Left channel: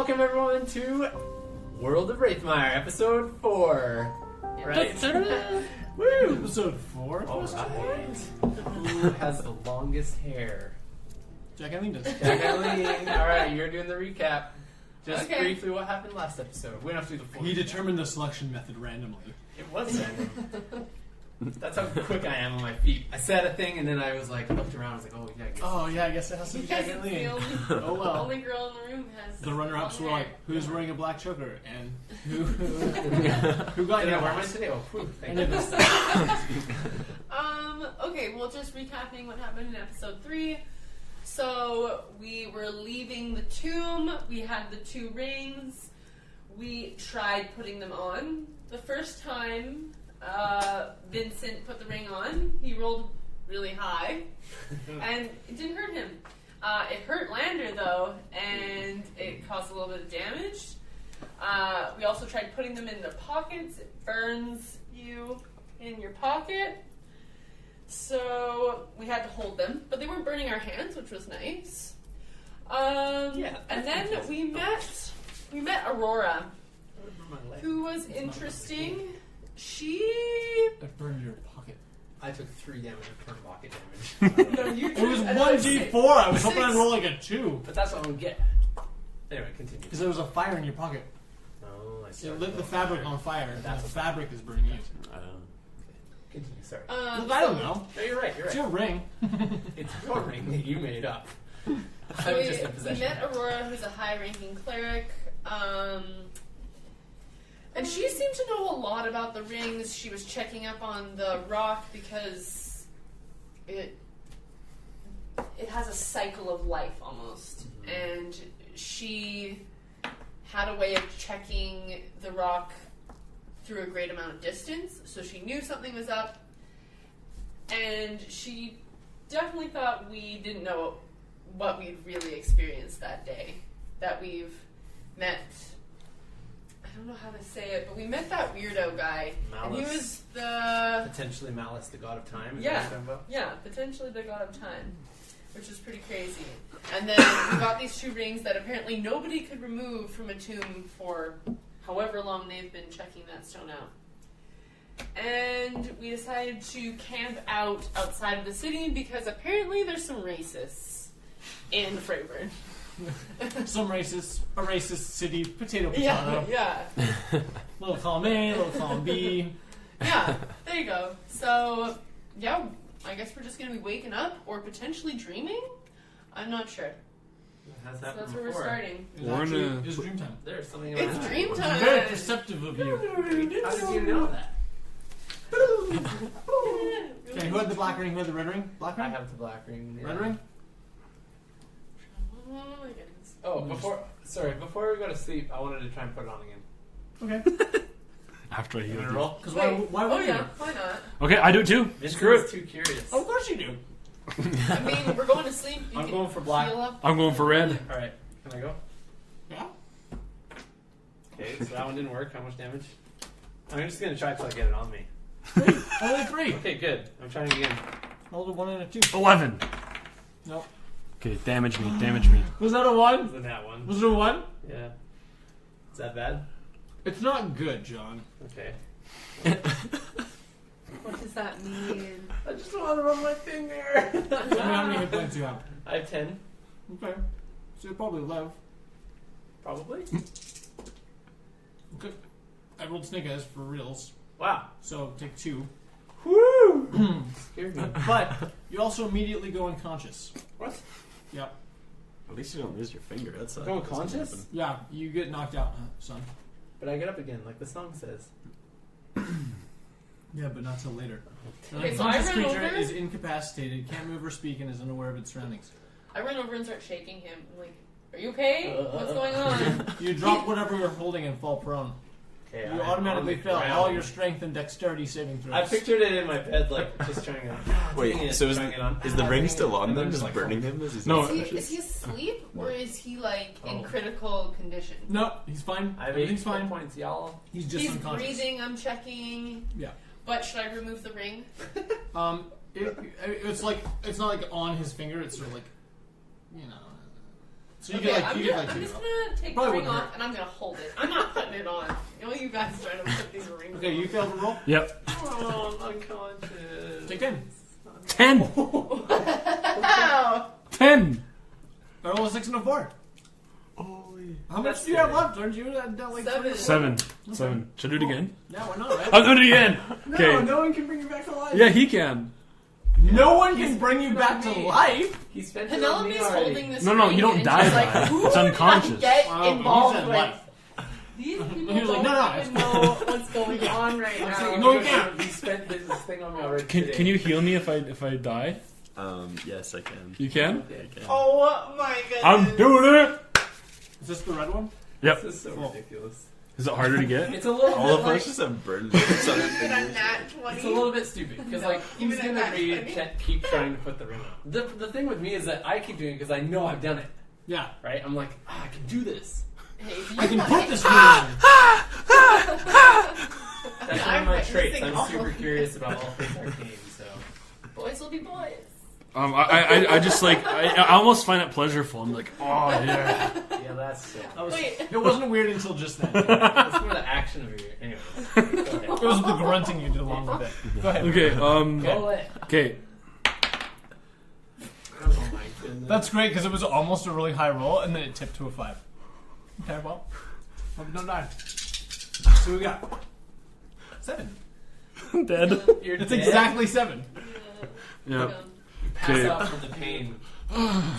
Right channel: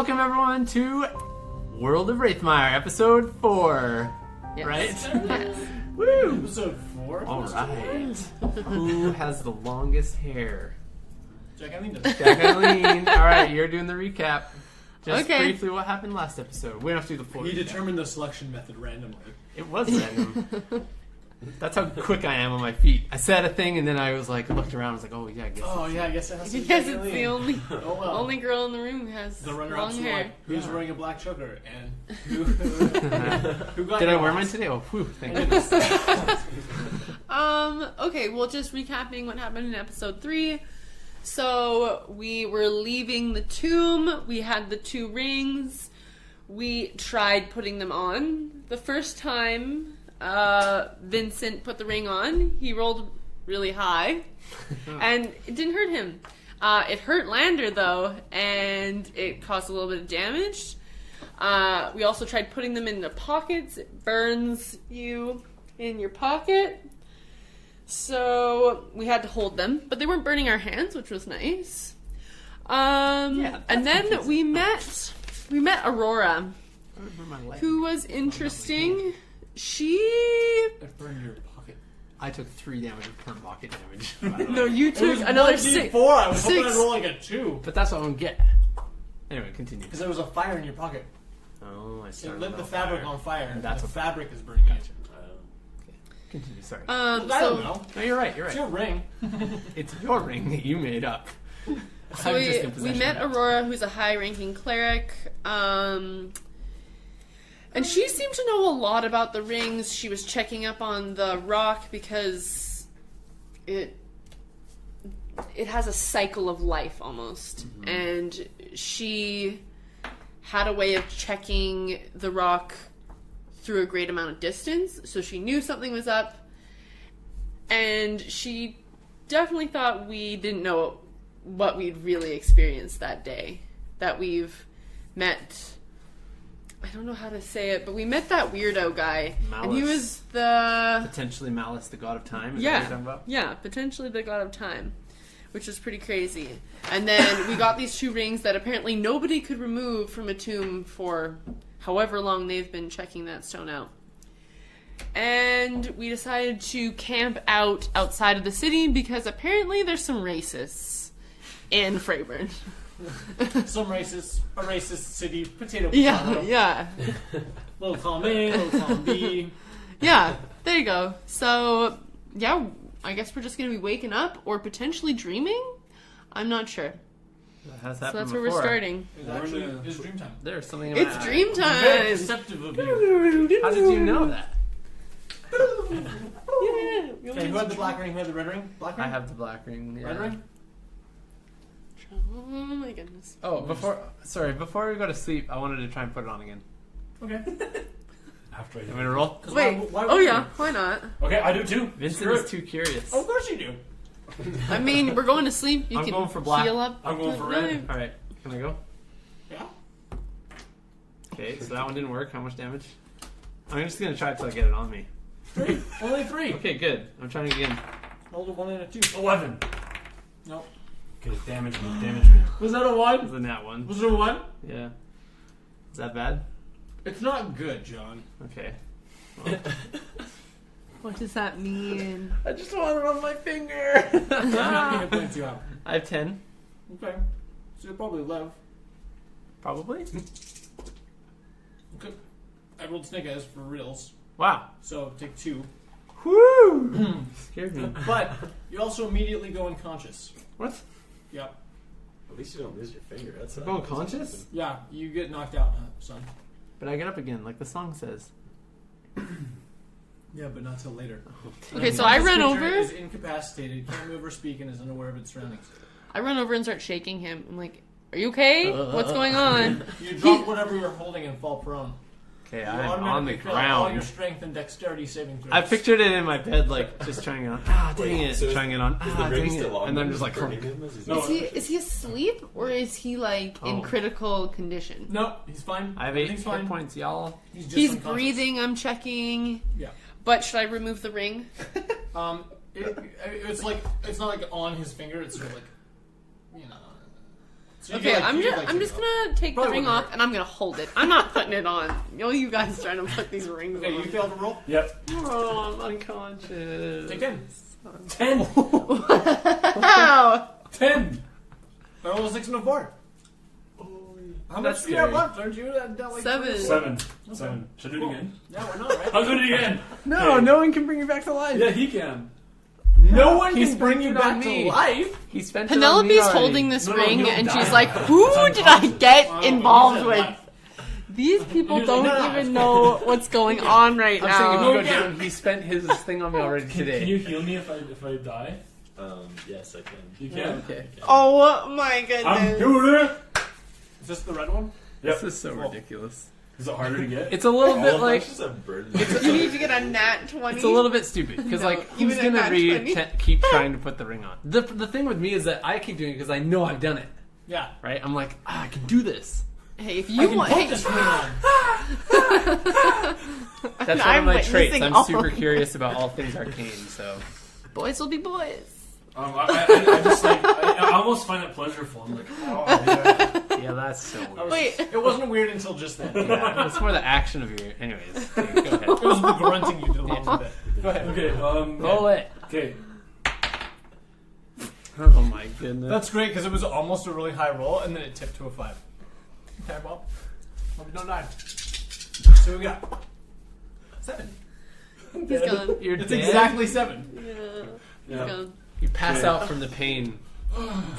welcome everyone to World of Raethmire, episode 4. Yes. Right? Woo! Episode 4? Alright. Who has the longest hair? Jack Eileen does. Jack Eileen. Alright, you're doing the recap. Just Okay. briefly what happened last episode. We don't have to do the full He recap. determined the selection method randomly. It was random. That's how quick I am on my feet. I said a thing and then I was like, looked around, I was like, oh yeah, I guess. Oh yeah, I guess it has to be Because Jack it's Eileen. the only Oh well. only girl in the room who has The runner-ups long were hair. like, who's Yeah. wearing a black choker and who got Did your I wear ass? mine today? Oh, whew, thank I you. did this. Okay, well, just recapping what happened in episode 3. So we were leaving the tomb. We had the 2 rings. We tried putting them on. The first time Vincent put the ring on, he rolled really high, and it didn't hurt him. It hurt Lander though, and it caused a little bit of damage. We also tried putting them in the pockets. It burns you in your pocket. So we had to hold them, but they weren't burning our hands, which was nice. And then we met Aurora, who was interesting. She I burned your pocket. I took 3 damage of current pocket damage. no, you It took was another 1d4. 6. I was hoping 6. I'd roll like a 2. But that's what I don't get. Anyway, continue. Because there was a fire in your pocket. Oh, I see. It lit the fabric on fire. And That's the a fabric is burning you. Continue, sorry. Well, I don't So- know. No, you're right, you're It's right. your ring. It's your ring that you made up. So I'm just in we possession met of it. Aurora, who's a high-ranking cleric, and she seemed to know a lot about the rings. She was checking up on the rock because it has a cycle of life almost, and she had a way of checking the rock through a great amount of distance, so she knew something was up, and she definitely thought we didn't know what we'd really experienced that day. That we've met, I don't know how to say it, but we met that weirdo guy, and he Malice. was the Potentially Malice, the god of time. Is that what you're talking about? yeah, potentially the god of time, which was pretty crazy. And then we got these 2 rings that apparently nobody could remove from a tomb for however long they've been checking that stone out. And we decided to camp outside of the city because apparently there's some racists in Freyburn. Some racist, a racist city, potato. Yeah. Little column A, little column B. Yeah, there you go. So, yeah, I guess we're just going to be waking up or potentially dreaming? I'm not sure. That has So happened that's where before. we're starting. It's We're actually in a- it's dream time. There's something It's about dream it. time! Very perceptive of you. How did you know that? Okay, who had the black ring? Who had the red ring? Black ring? I have the black ring. Yeah. Red ring? Oh my goodness. Oh, before we go to sleep, I wanted to try and put it on again. Okay. After I You hear want to roll? Because Wait, why oh would yeah, why not? Okay, I do too. Screw Vincent's it. too curious. Of course you do. I mean, we're going to sleep. You I'm can going for black. heal up. I'm going for red. All right, can I go? Yeah. Okay, so that one didn't work. How much damage? I'm just gonna try till I get it on me. 3. Only 3. Okay, good. I'm trying again. Rolled a 1 and a 2. 11. Nope. Okay, damage me, damage me. Was that a 1? Other than that one. Was it a 1? Yeah. Is that bad? It's not good, John. Okay. What does that mean? I just want to roll my finger. How many hit points do you have? I have 10. Okay. So you'll probably live. Probably. Okay. I rolled snake eyes for reals. Wow. So take 2. Woo! Scared me. But you also immediately go unconscious. What? Yeah. At least you don't lose your finger. That's Go unconscious? Yeah, you get knocked out, son. But I get up again, like the song says. Yeah, but not till later. Okay, An so I unconscious run creature over. Is incapacitated, can't move or speak, and is unaware of its surroundings. I run over and start shaking him. I'm like, "Are you okay? What's going on?" You drop whatever you're holding and fall prone. Okay, You I'm automatically on the fail all ground. your strength and dexterity saving throws. I pictured it in my bed, like just trying it on. Wait, Dang it, so is trying it on. Is the ring dang still it. on? And then them, just like burning him? As he's No. Is he asleep or is he like in Oh. critical condition? No, he's fine. I have 8 Everything's hit fine. points, y'all. He's just He's unconscious. breathing. I'm checking. Yeah. But should I remove the ring? It's like it's not like on his finger. It's sort of like, you know. So you Okay, get, like, I'm you get, just, like, I'm two just girls. gonna take Probably the ring wouldn't off hurt. and I'm gonna hold it. I'm not putting it on. You guys trying to put these rings Okay, on. you failed to roll. Yep. Oh, I'm unconscious. Take 10. 10. Wow. 10. I rolled a 6 and a 4. How much That's do you have scary. left? Aren't you at like 7. 7. 7. Should I do it again? Yeah, why not, right? I'll do it again. No, Okay. no one can bring you back to life. Yeah, he can. No one He's can bring you spent it on back to me. life. He spent it on me Penelope's already. holding this No, ring you don't and die she's like, by it. who It's did I unconscious. get Wow, involved he's at with? life. These people He was like, don't "No, no, even know what's going on right I'm saying, now. No, no, you can't. he spent his thing on me already today. Can you heal me if I die? Yes, I can. You can? Okay. Oh my goodness. I'm doing it. Is this the red one? Yep. This is so Cool. ridiculous. Is it harder to get? It's a little All bit of like us just have birds. You need to get a nat 20. it's a little bit stupid because No, like even who's a gonna nat read 20? keep trying to put the ring on? The thing with me is that I keep doing it because I know I've done it. Yeah. Right? I'm like, I can do this. Hey, if I you can want, put hey, this ring on. That's one I'm of my traits. witnessing I'm all super of curious about all things arcane. So boys will be boys. I just like I almost find it pleasureful. I'm like, oh yeah. yeah, that's so. That was- Wait. It wasn't weird until just then. It It's more the action of your. Anyways, go ahead. was the grunting you did along with it. Go ahead. Okay. Roll it. Okay. Oh my goodness. That's great because it was almost a really high roll and then it tipped to a 5. Okay, well, hope you don't die. So we got 7. He's Dead. gone. You're It's dead. exactly 7. Yeah. Yeah. Gone. You pass Okay. out from the pain.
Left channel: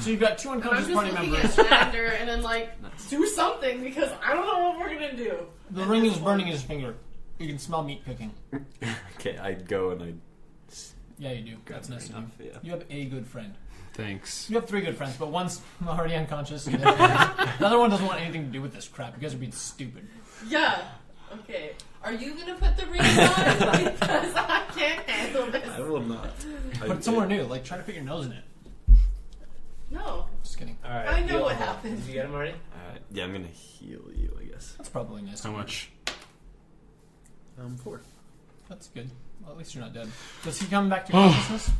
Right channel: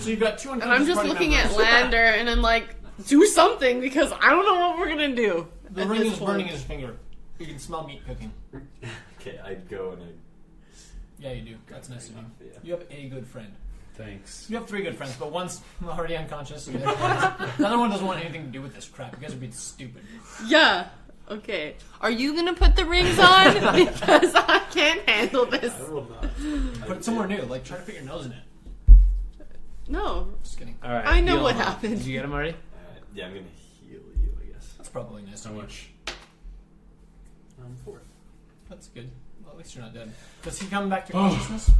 So you've got 2 And I'm unconscious just party looking members. at Lander and I'm like, do something because I don't know what we're gonna do. The at ring this is point. burning his finger. You can smell meat cooking. Okay, I'd go and I'd. Yeah, you do. That's nice of you. Yeah. You have a good friend. Thanks. You have 3 good friends, but one's already unconscious. And the other one doesn't want anything to do with this crap. You guys are being stupid. Yeah. Okay. Are you gonna put the rings on? Because I can't handle this. I will not. Put it somewhere new. Like, try to put your nose in it. No. Just kidding. All right. I know heal what him. happened. Did you get him already? Yeah, I'm gonna heal you, I guess. That's probably nice. How much? 4. That's good. Well, at least you're not dead. Does he come back to consciousness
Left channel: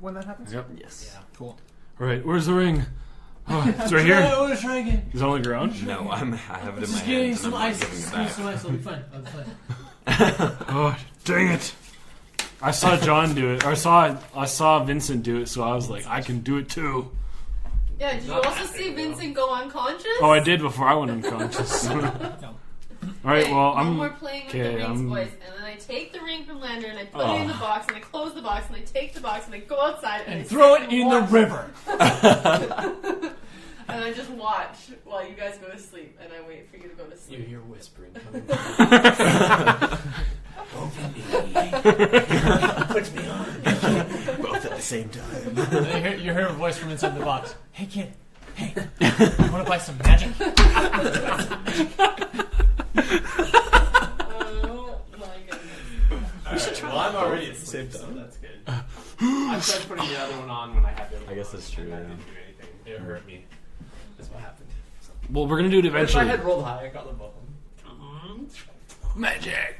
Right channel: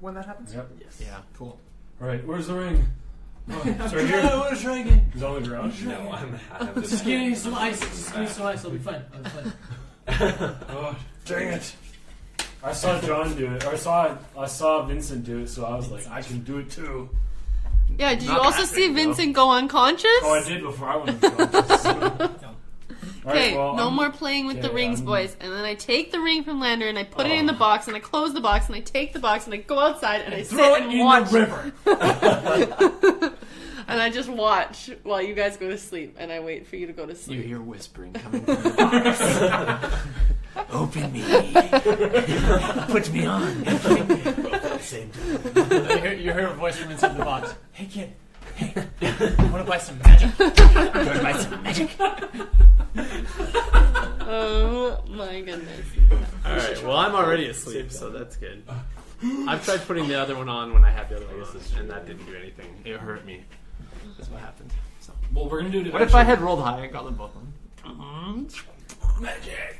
when that happens? Yep. Yes. Yeah. Cool. All right. Where's the ring? Oh, it's right here. I want to try again. Is it on the ground? No, I have it in Just my give me hand, some and I'm ice. putting it Just give me back. some ice. It'll be fine. It'll be fine. Oh, dang it! I saw John do it, or I saw Vincent do it, so I was like, I can do it too. Yeah, did you Not also that see big, though. Vincent go unconscious? Oh, I did before I went unconscious. All right, Okay, well, no I'm more playing with the okay, rings, I'm- boys. And then I take the ring from Lander and I put it Oh. in the box and I close the box and I take the box and I go outside and I And sit throw it and in watch. the river. And I just watch while you guys go to sleep and I wait for you to go to You sleep. hear whispering coming. Open me. Put me on. Both at the same time. You hear a voice from inside the box. Hey, kid. Hey, you want to buy some magic? Buy some magic. Oh my goodness. Alright, well, I'm already asleep, so that's good. I tried putting the other one on when I had the other one I guess on, that's true, and that yeah. didn't do anything. It hurt me. That's what happened. So. Well, we're gonna do it But if eventually. I had rolled high, I got them both. magic.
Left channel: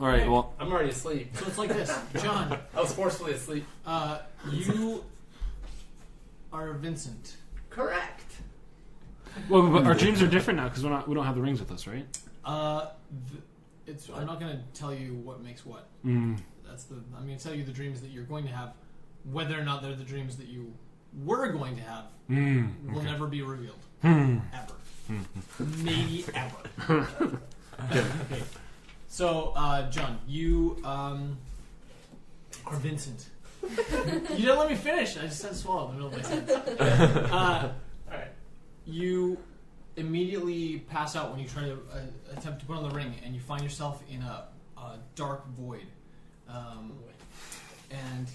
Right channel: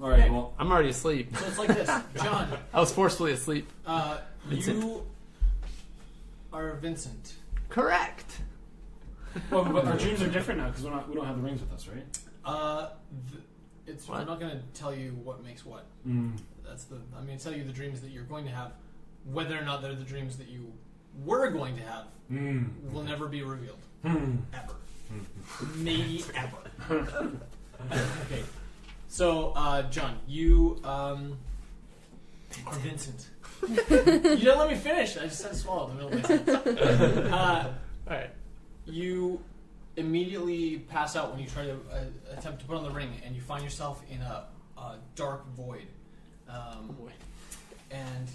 All right, well, Oh. I'm already asleep. So it's like this. John, I was forcefully asleep. you are Vincent. Correct. but our dreams are different now because we don't have the rings with us, right? I'm not going to tell you what makes what. Mm. I'm going to tell you the dreams that you're going to have. Whether or not they're the dreams that you were going to have will never be revealed. Ever. Maybe ever. Okay. So, John, you are Vincent. You didn't let me finish. I just had to swallow in the middle of my sentence. Alright. You immediately pass out when you try to attempt to put on the ring, and you find yourself in a dark void. And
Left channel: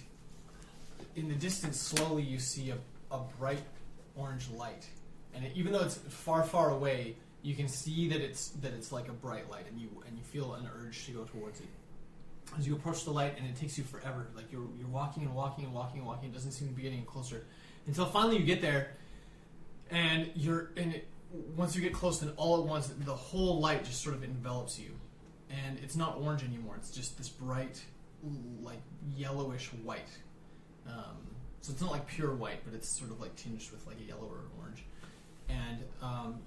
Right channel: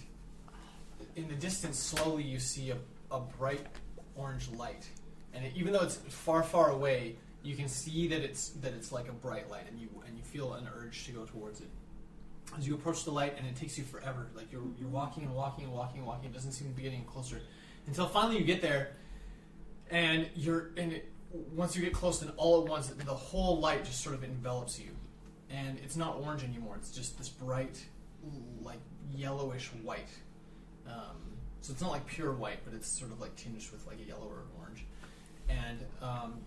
in the distance, slowly you see a bright orange light. And even though it's far, far away, you can see that it's like a bright light, and you feel an urge to go towards it. As you approach the light, and it takes you forever. Like you're walking and walking and walking and walking. It doesn't seem to be getting closer until finally you get there, and you're in it. Once you get close, then all at once the whole light just sort of envelops you, and it's not orange anymore. It's just this bright, like yellowish white. So it's not like pure white, but it's sort of like tinged with like a yellow or orange. and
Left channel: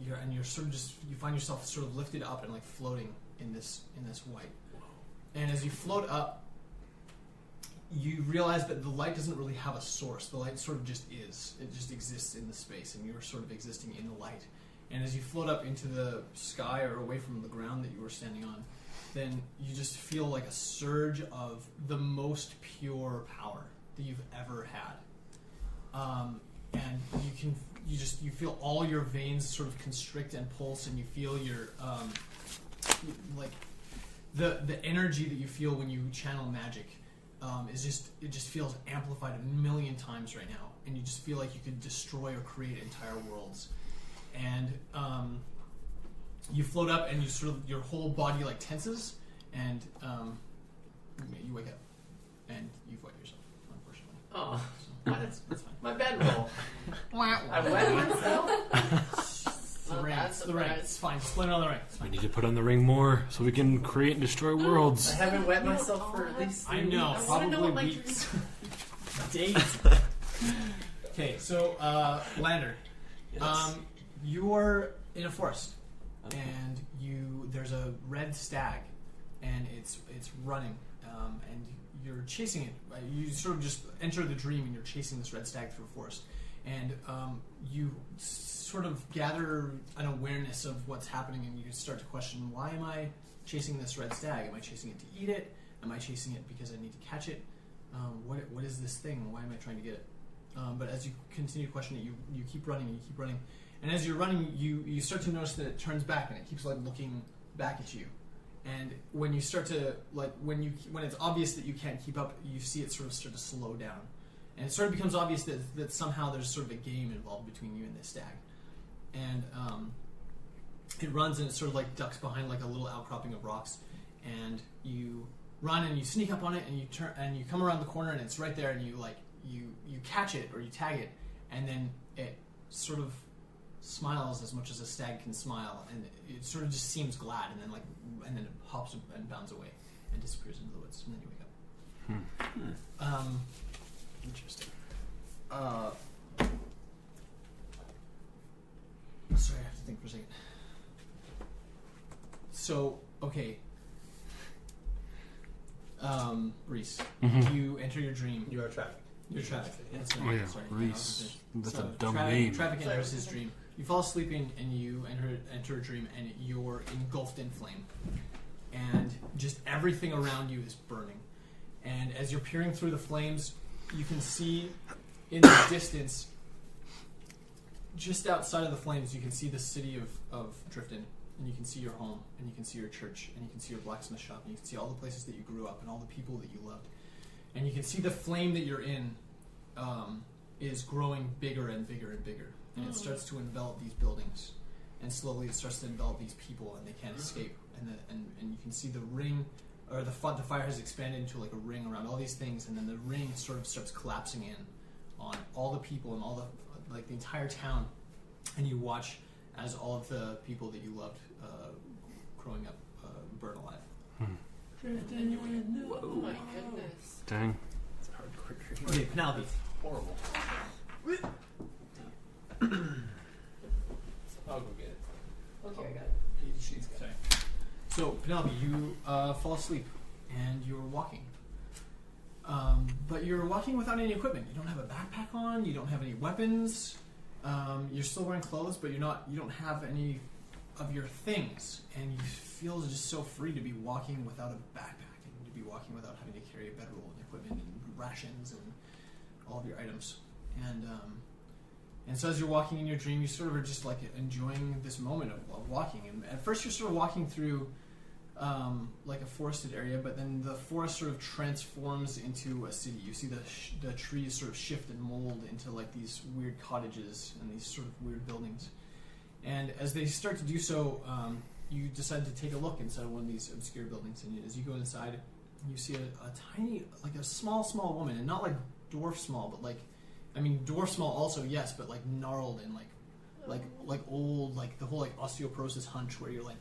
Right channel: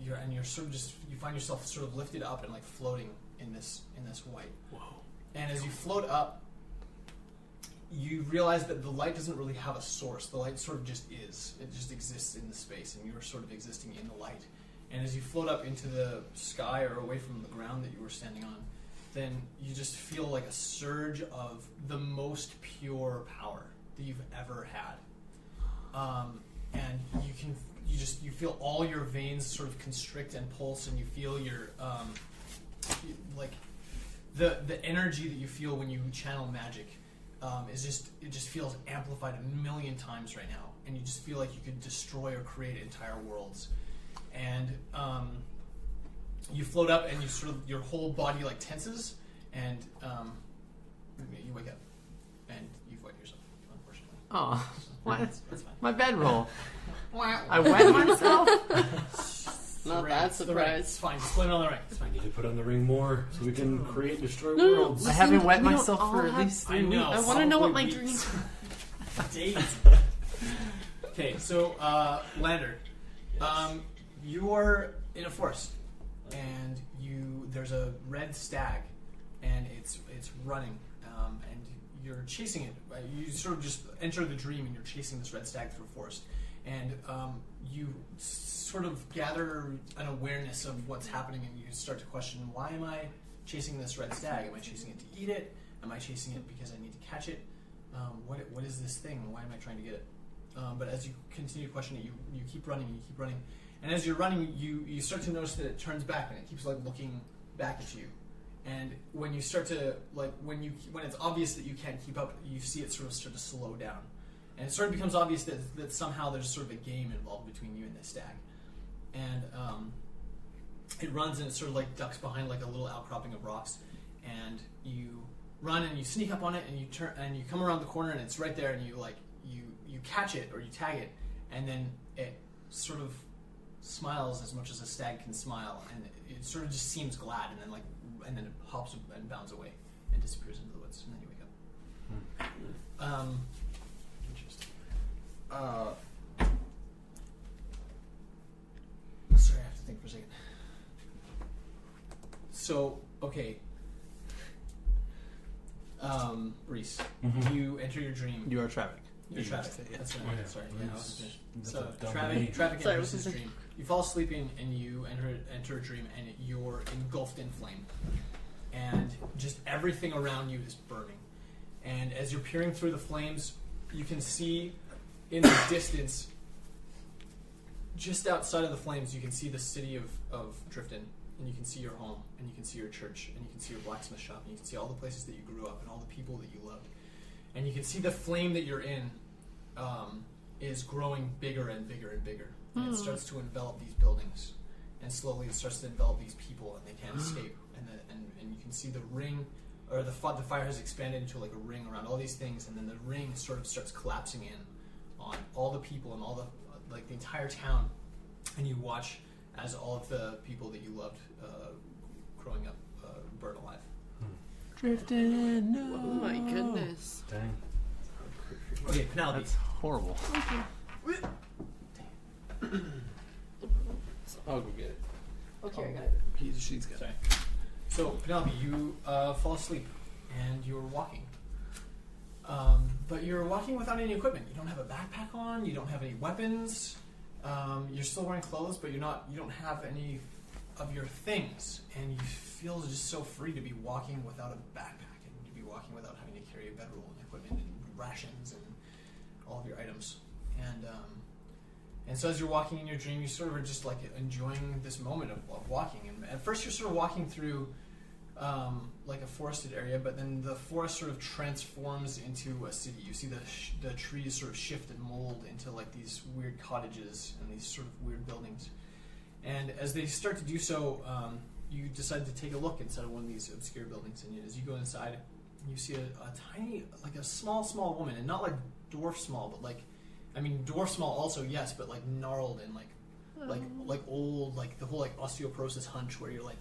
you're sort of just you find yourself sort of lifted up and like floating in this white. Whoa. And as you float up, you realize that the light doesn't really have a source. The light sort of just is. It just exists in the space, and you're sort of existing in the light. And as you float up into the sky or away from the ground that you were standing on, then you just feel like a surge of the most pure power that you've ever had. And you feel all your veins sort of constrict and pulse, and you feel your like the energy that you feel when you channel magic it just feels amplified a million times right now, and you just feel like you could destroy or create entire worlds. And you float up, and you sort of your whole body like tenses, and you wake up, and you've wet yourself, unfortunately. Oh, So, what? that's fine. My bedroll. I wet myself. Not The that ring. surprised. It's fine. Just blame it on the ring. It's I fine. need to put on the ring more so we can create and destroy No, worlds. I haven't wet We don't myself all for at have- least I 3 know. I weeks. want to know what my Probably dreams. Days. Okay, so Lander, you are in a forest, and there's a red stag, and it's running, and you're chasing it. You sort of just enter the dream, and you're chasing this red stag through a forest, and you sort of gather an awareness of what's happening, and you start to question, why am I chasing this red stag? Am I chasing it to eat it? Am I chasing it because I need to catch it? What is this thing? Why am I trying to get it? But as you continue to question it, you keep running, and as you're running, you start to notice that it turns back, and it keeps like looking back at you. And when you start to when it's obvious that you can't keep up, you see it sort of start to slow down, and it sort of becomes obvious that somehow there's sort of a game involved between you and this stag. And it runs, and it sort of like ducks behind like a little outcropping of rocks, and you run and you sneak up on it, and you turn and you come around the corner, and it's right there, and you catch it or you tag it, and then it sort of smiles as much as a stag can smile, and it sort of just seems glad, and then it hops and bounds away and disappears into the woods, and then you wake up. Interesting. Sorry, I have to think for a second. So, okay. Reese, Mhm. you enter your dream. You are traffic. You're traffic. That's Oh, yeah, sorry. Reese. That's So a dumb traffic, name. traffic Sorry, enters what his was it? dream. You fall asleep and you enter a dream, and you're engulfed in flame, and just everything around you is burning. And as you're peering through the flames, you can see in the distance, just outside of the flames, you can see the city of Drifton, and you can see your home, and you can see your church, and you can see your blacksmith shop, and you can see all the places that you grew up and all the people that you loved. And you can see the flame that you're in is growing bigger and bigger and bigger. And it starts to envelop these buildings. And slowly it starts to envelop these people, and they can't escape. And you can see the ring, or the fire has expanded into like a ring around all these things, and then the ring sort of starts collapsing in on all the people and all the, like the entire town. And you watch as all of the people that you loved growing up burn alive. Oh my goodness. Dang. Okay, Penelope. Horrible. I'll go get it. Okay, I got it. She's got Sorry. So, Penelope, you fall asleep, and you're walking. But you're walking without any equipment. You don't have a backpack on. You don't have any weapons. You're still wearing clothes, but you don't have any of your things. And you feel just so free to be walking without a backpack, and to be walking without having to carry a bedroll and equipment and rations and all of your items. And so as you're walking in your dream, you sort of are just like enjoying this moment of walking. And at first you're sort of walking through like a forested area, but then the forest sort of transforms into a city. You see the trees sort of shift and mold into like these weird cottages and these sort of weird buildings. And as they start to do so, you decide to take a look inside of one of these obscure buildings. And as you go inside, you see a tiny, like a small woman, and not like dwarf small, but like, I mean, dwarf small also, yes, but like gnarled and like old, like the whole like osteoporosis hunch where you're like,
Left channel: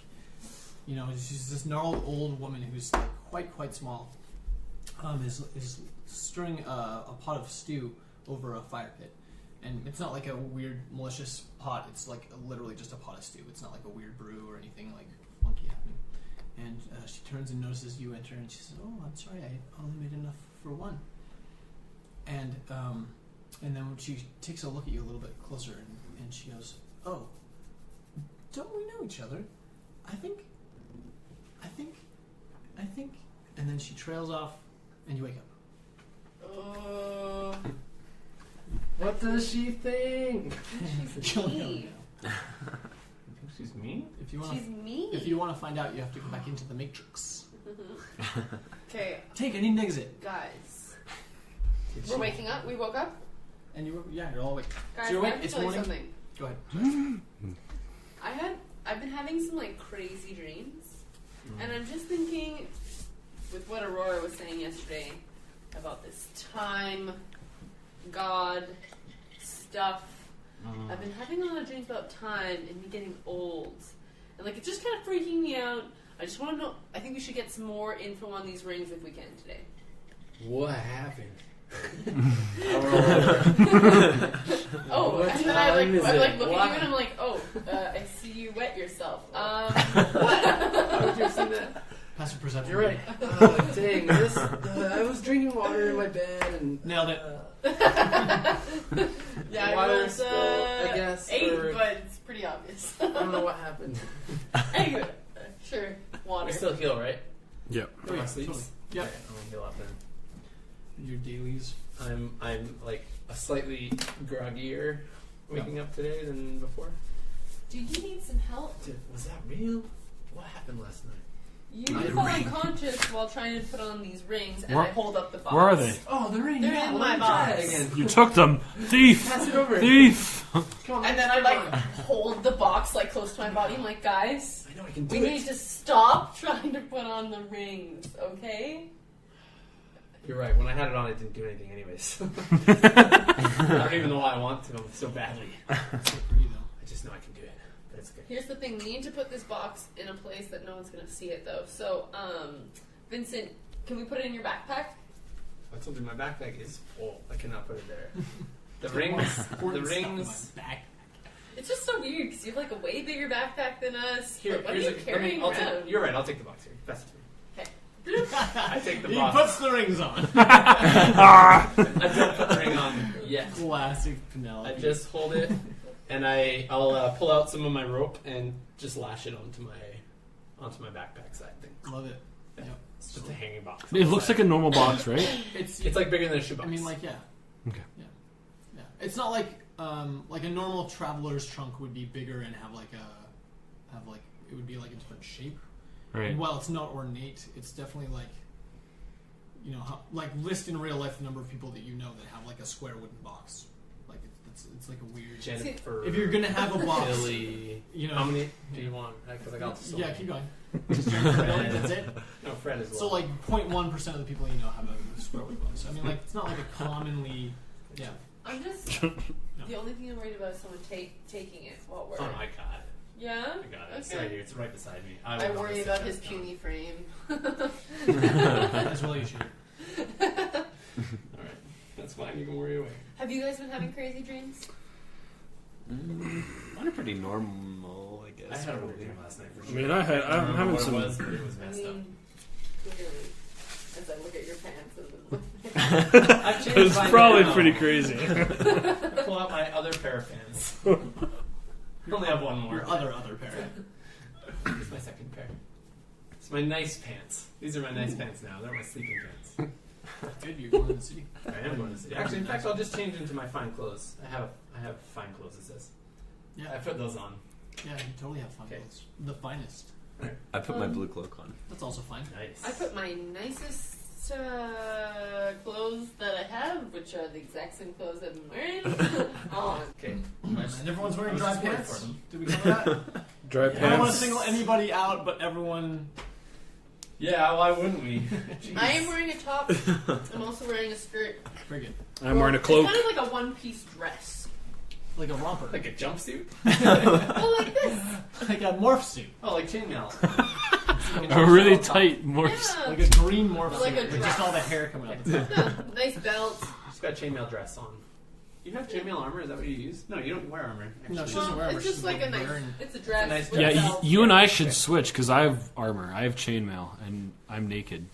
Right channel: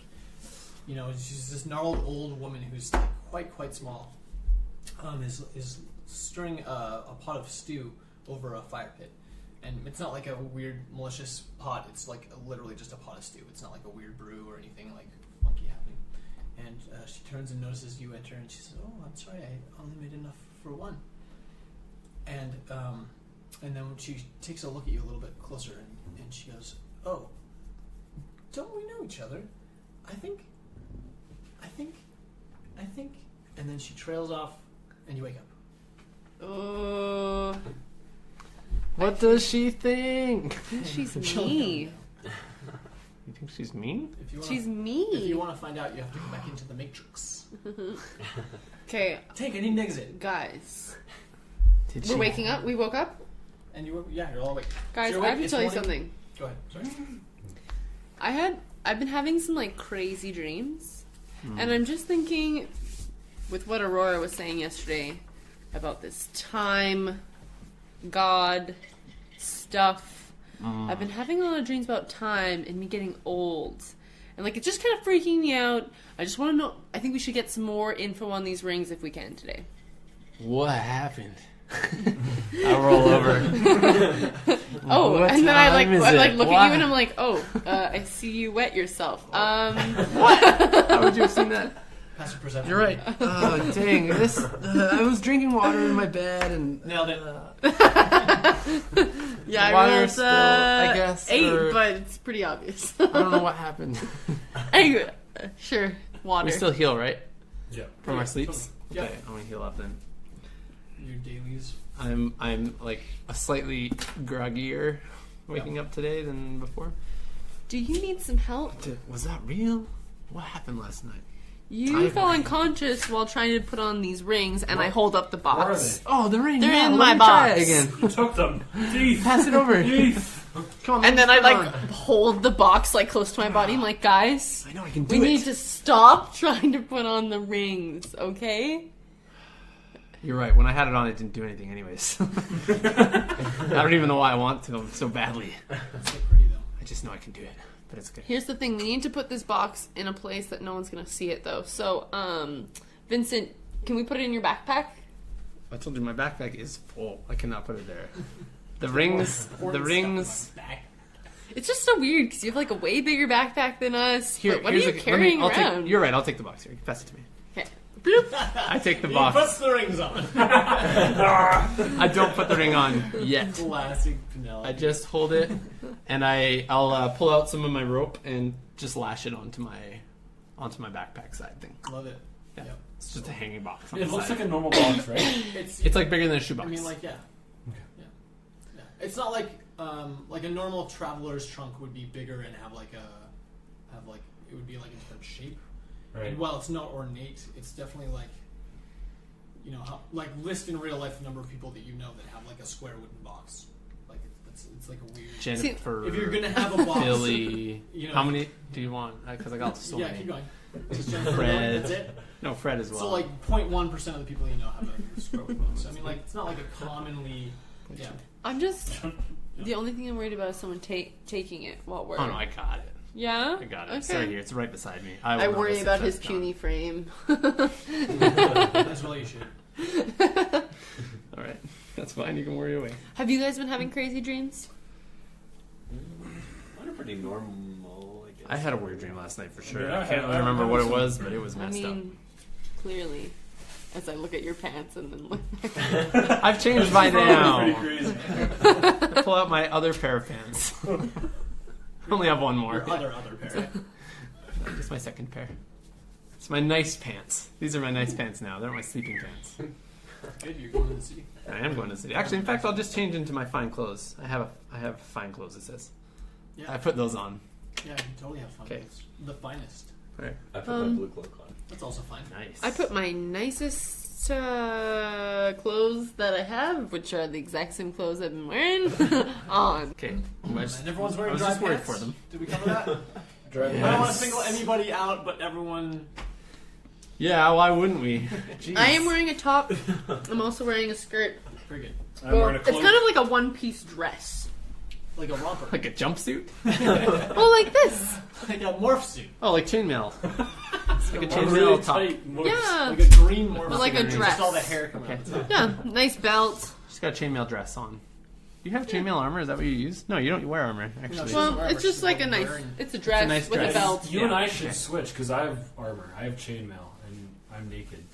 you know, she's this gnarled old woman who's like quite small, is stirring a pot of stew over a fire pit, And it's not like a weird malicious pot. It's like literally just a pot of stew. It's not like a weird brew or anything like funky happening. And she turns and notices you enter, and she says, "Oh, I'm sorry, I only made enough for one." And then when she takes a look at you a little bit closer, and she goes, "Oh, don't we know each other? I think. And then she trails off, and you wake up. What does she think? She's You'll never mean. know. You think she's mean? If you want, She's mean. if you want to find out, you have to go back into the Matrix. Okay, Take any exit, guys. Did We're waking up. We woke up. and you're all awake. Guys, you're I awake, have to it's tell you morning. something. Go ahead. Sorry. I've been having some like crazy dreams, and I'm just thinking, with what Aurora was saying yesterday about this time, God, stuff. I've been having a lot of dreams about time and me getting old, and like it's just kind of freaking me out. I just want to know. I think we should get some more info on these rings if we can today. What happened? I'll roll over. Oh, What and then I time is like it? look at What? you and I'm like, oh, I see you wet yourself. What? How would you have seen that? Passive perception. You're right. Oh, dang. This. I was drinking water in my bed and. Nailed it. Yeah, I Water rolled still, I guess, 8, or- but it's pretty obvious. I don't know what happened. Anyway, sure, water. We still heal, right? Yep. From Yeah, our sleeps? totally. Yep. Okay, I'm gonna heal up then. Your dailies. I'm like a slightly groggier waking up today than before. Do you need some help? Was that real? What happened last night? You I fell agree. unconscious while trying to put on these rings, and Where- I hold up the box. Where are they? Oh, the ring. They're yeah, in let my me try box. it again. You took them. Thief. Pass it over. Thief. Come on. And then let's I put it like on. hold the box like close to my body. I'm like, guys, I know I can we do need it. to stop trying to put on the rings, okay? You're right. When I had it on, it didn't do anything, anyways. I don't even know why I want to so badly. They're pretty though. I just know I can do it, but it's good. Here's the thing: we need to put this box in a place that no one's gonna see it, though. So, Vincent, can we put it in your backpack? I told you my backpack is full. I cannot put it there. The rings. The rings. Back. It's just so weird because you have like a way bigger backpack than us. Here, but what are here's you carrying I'll around? You're right. I'll take the box here. Pass it to me. Okay. I take the He box. puts the rings on. I don't put the ring on yet. Classic Penelope. I just hold it, and I'll pull out some of my rope and just lash it onto my backpack side thing. love it. Yeah. Yep. It's just a hanging box. on It the looks side. like a normal box, right? It's like bigger than a shoebox. I mean, like, yeah. Okay. Yeah. It's not like a normal traveler's trunk would be bigger and have it would be like a different shape. Right. And while it's not ornate, it's definitely like, you know, like list in real life the number of people that you know that have like a square wooden box. Like it's like a weird. Jennifer. If you're gonna have a box, Billy. you know, How many do you want? Because I got so yeah, many. keep going. Just Jennifer Billy, that's it. No, Fred as well. So like 0.1% of the people you know have a square wooden box. So I mean, like it's not like a commonly, yeah. I'm just the only thing I'm worried about is someone taking it while we're. Oh no, I got it. Yeah. I got it. Okay. It's right here. It's right beside me. I will worry notice about if his it's puny frame. As well you should. not. All right, that's fine. You can worry away. Have you guys been having crazy dreams? Mine are pretty normal, I guess. I had a weird dream last night for sure. Yeah, I don't remember I'm what it some- was, but it was I messed mean, clearly, as I look at your pants and then look. up. I've It's changed by probably now. pretty crazy. I pull out my other pair of pants. I only have one more. Your other pair. It's my second pair. It's my nice pants. These are my nice pants now. They're my sleeping pants. Good, you're going to the city. I am going to the city. Actually, in fact, I'll just change into my fine clothes. I have fine clothes. It says. Yeah, I put those on. yeah, you totally have fun. Okay. It's the finest. I put my blue cloak on. That's also fine. Nice. I put my nicest clothes that I have, which are the exact same clothes I've been wearing, on. Okay. And everyone's I wearing was dry just worried pants. for them. Did we cover that? Dry I don't want to pants. single anybody out, but everyone. Yeah. Why wouldn't we? I am wearing a top. I'm also wearing a skirt. Very good. I'm wearing a cloak. It's kind of like a one-piece dress. Like a romper. Like a jumpsuit? Well, like this. Like a morph suit. Oh, like chainmail. Like a really top. tight morph. Yeah. Like a green morph But like suit. a with dress. Just all the hair coming out the top. Yeah, nice belt. Just got a chainmail dress on. you have chainmail armor? Is that what you use? No, you don't wear armor. Actually, No, she doesn't Well, wear armor, it's just she's like a nice. wearing- It's a dress nice with dress. a Yeah, belt. you and I Yeah. should switch because I have armor. I have chainmail, and I'm naked.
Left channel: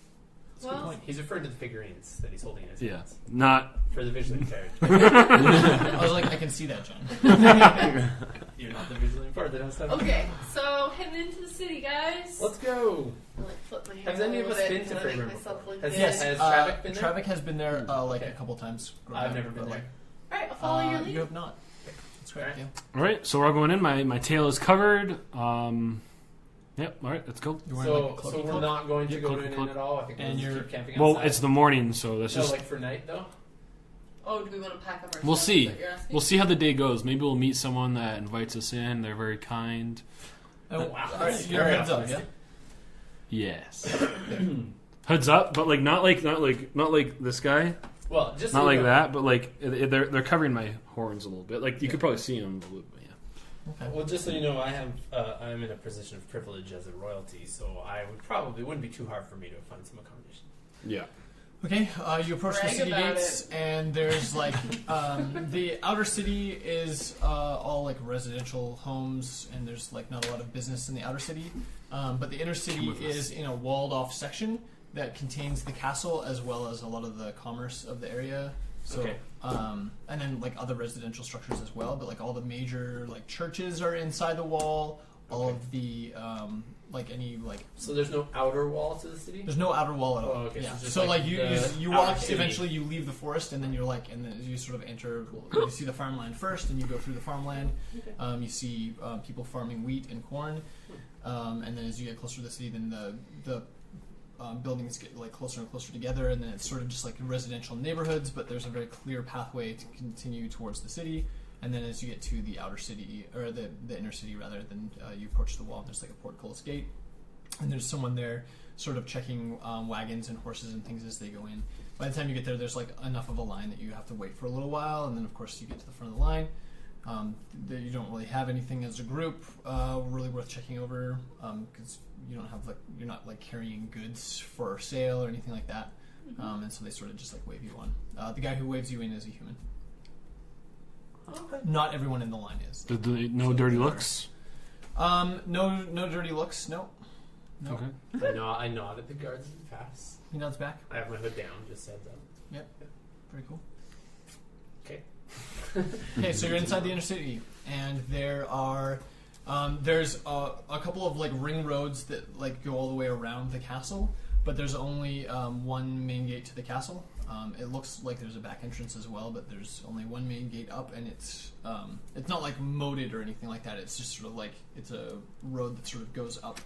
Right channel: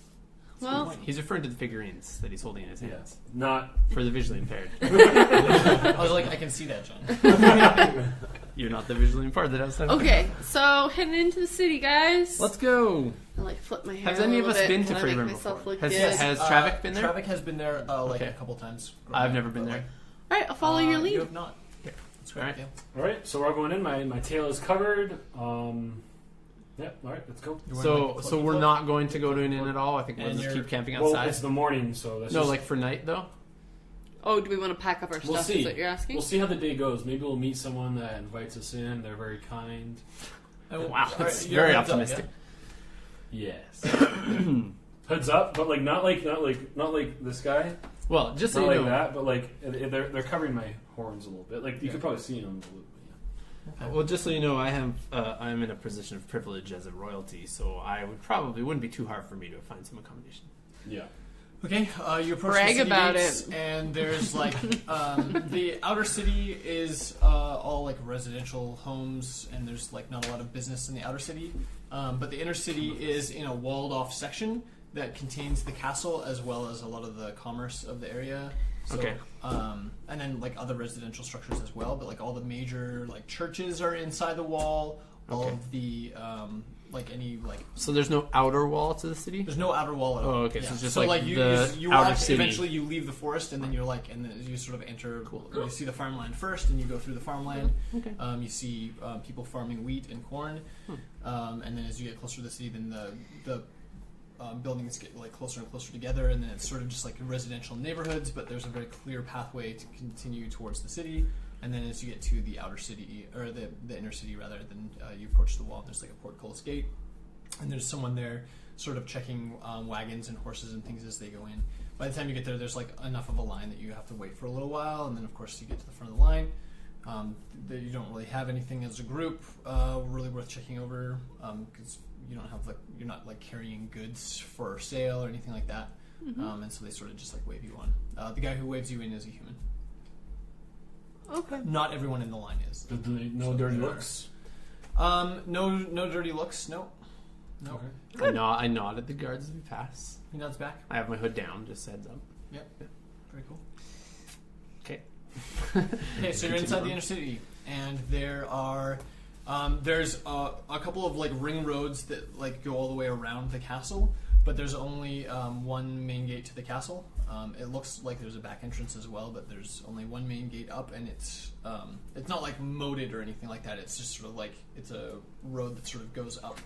Well, he's referring to the figurines that he's holding in his Yeah, hands not. for the visually impaired. I was like, I can see that, John. You're not the visually impaired that I was talking okay, so heading into the city, guys. Let's go. I like flip my hair Has any a of little us bit, been to kinda make Freyburn myself before? look Has- good. yes. Has Travik been there? Travik has been there like Okay. a couple times. growing I've up, never been but, there. All right, I'll follow your lead. You have not. That's correct. Alright. Yeah. All right, so we're all going in. My tail is covered. Yep. All right, let's go. You're wearing, like, a So cloaky we're cloak? not going to go to cloaky an inn cloak. at all. I think we'll And just you're- keep camping outside. Well, it's the morning, so that's no, just. like for night though. Oh, do we want to pack up our We'll stuff? see. Is that what you're asking? We'll see how the day goes. Maybe we'll meet someone that invites us in. They're very kind. Oh, Wow, all that's right, you're very heads up, optimistic. Yes. Hoods up, but like not like this guy. Well, just so Not you like know, that, but like they're covering my horns a little bit. Like you could probably see them. Yeah. Well, just so you know, I'm in a position of privilege as a royalty, so wouldn't be too hard for me to find some accommodation. Yeah. Okay, you approach Brag the city about gates, and there's like the outer city is all like residential homes, and there's like not a lot of business in the outer city. But the inner city is in a walled-off section that contains the castle as well as a lot of the commerce of the area. So, Okay. and then like other residential structures as well. But like all the major like churches are inside the wall. All Okay. of the like any like So there's no outer wall to the city. there's no outer wall at all. Oh, okay, so Yeah. it's just so like like you the you outer walk. city. Eventually, you leave the forest, and then you're like, and then you sort of enter. You see the farmland first, and you go through the farmland. Okay. You see people farming wheat and corn, and then as you get closer to the city, then the buildings get like closer and closer together, and then it's sort of just like residential neighborhoods. But there's a very clear pathway to continue towards the city. And then as you get to the outer city, or the inner city rather, then you approach the wall. And there's like a portcullis gate, and there's someone there sort of checking wagons and horses and things as they go in. By the time you get there, there's like enough of a line that you have to wait for a little while, and then of course you get to the front of the line. You don't really have anything as a group really worth checking over because you don't have like you're not like carrying goods for sale or anything like that, and so they sort of just like wave you on. The guy who waves you in is a human. Okay. Not everyone in the line is. No So dirty there are- looks. No dirty looks. No. No. Okay. I nod at the guards as we pass. He nods back. I have my hood down, just heads up. Very cool. Okay. Okay, so you're inside the inner city, and there are there's a couple of like ring roads that like go all the way around the castle, but there's only one main gate to the castle. It looks like there's a back entrance as well, but there's only one main gate up, and it's not like moated or anything like that. It's just sort of like it's a road that sort of goes up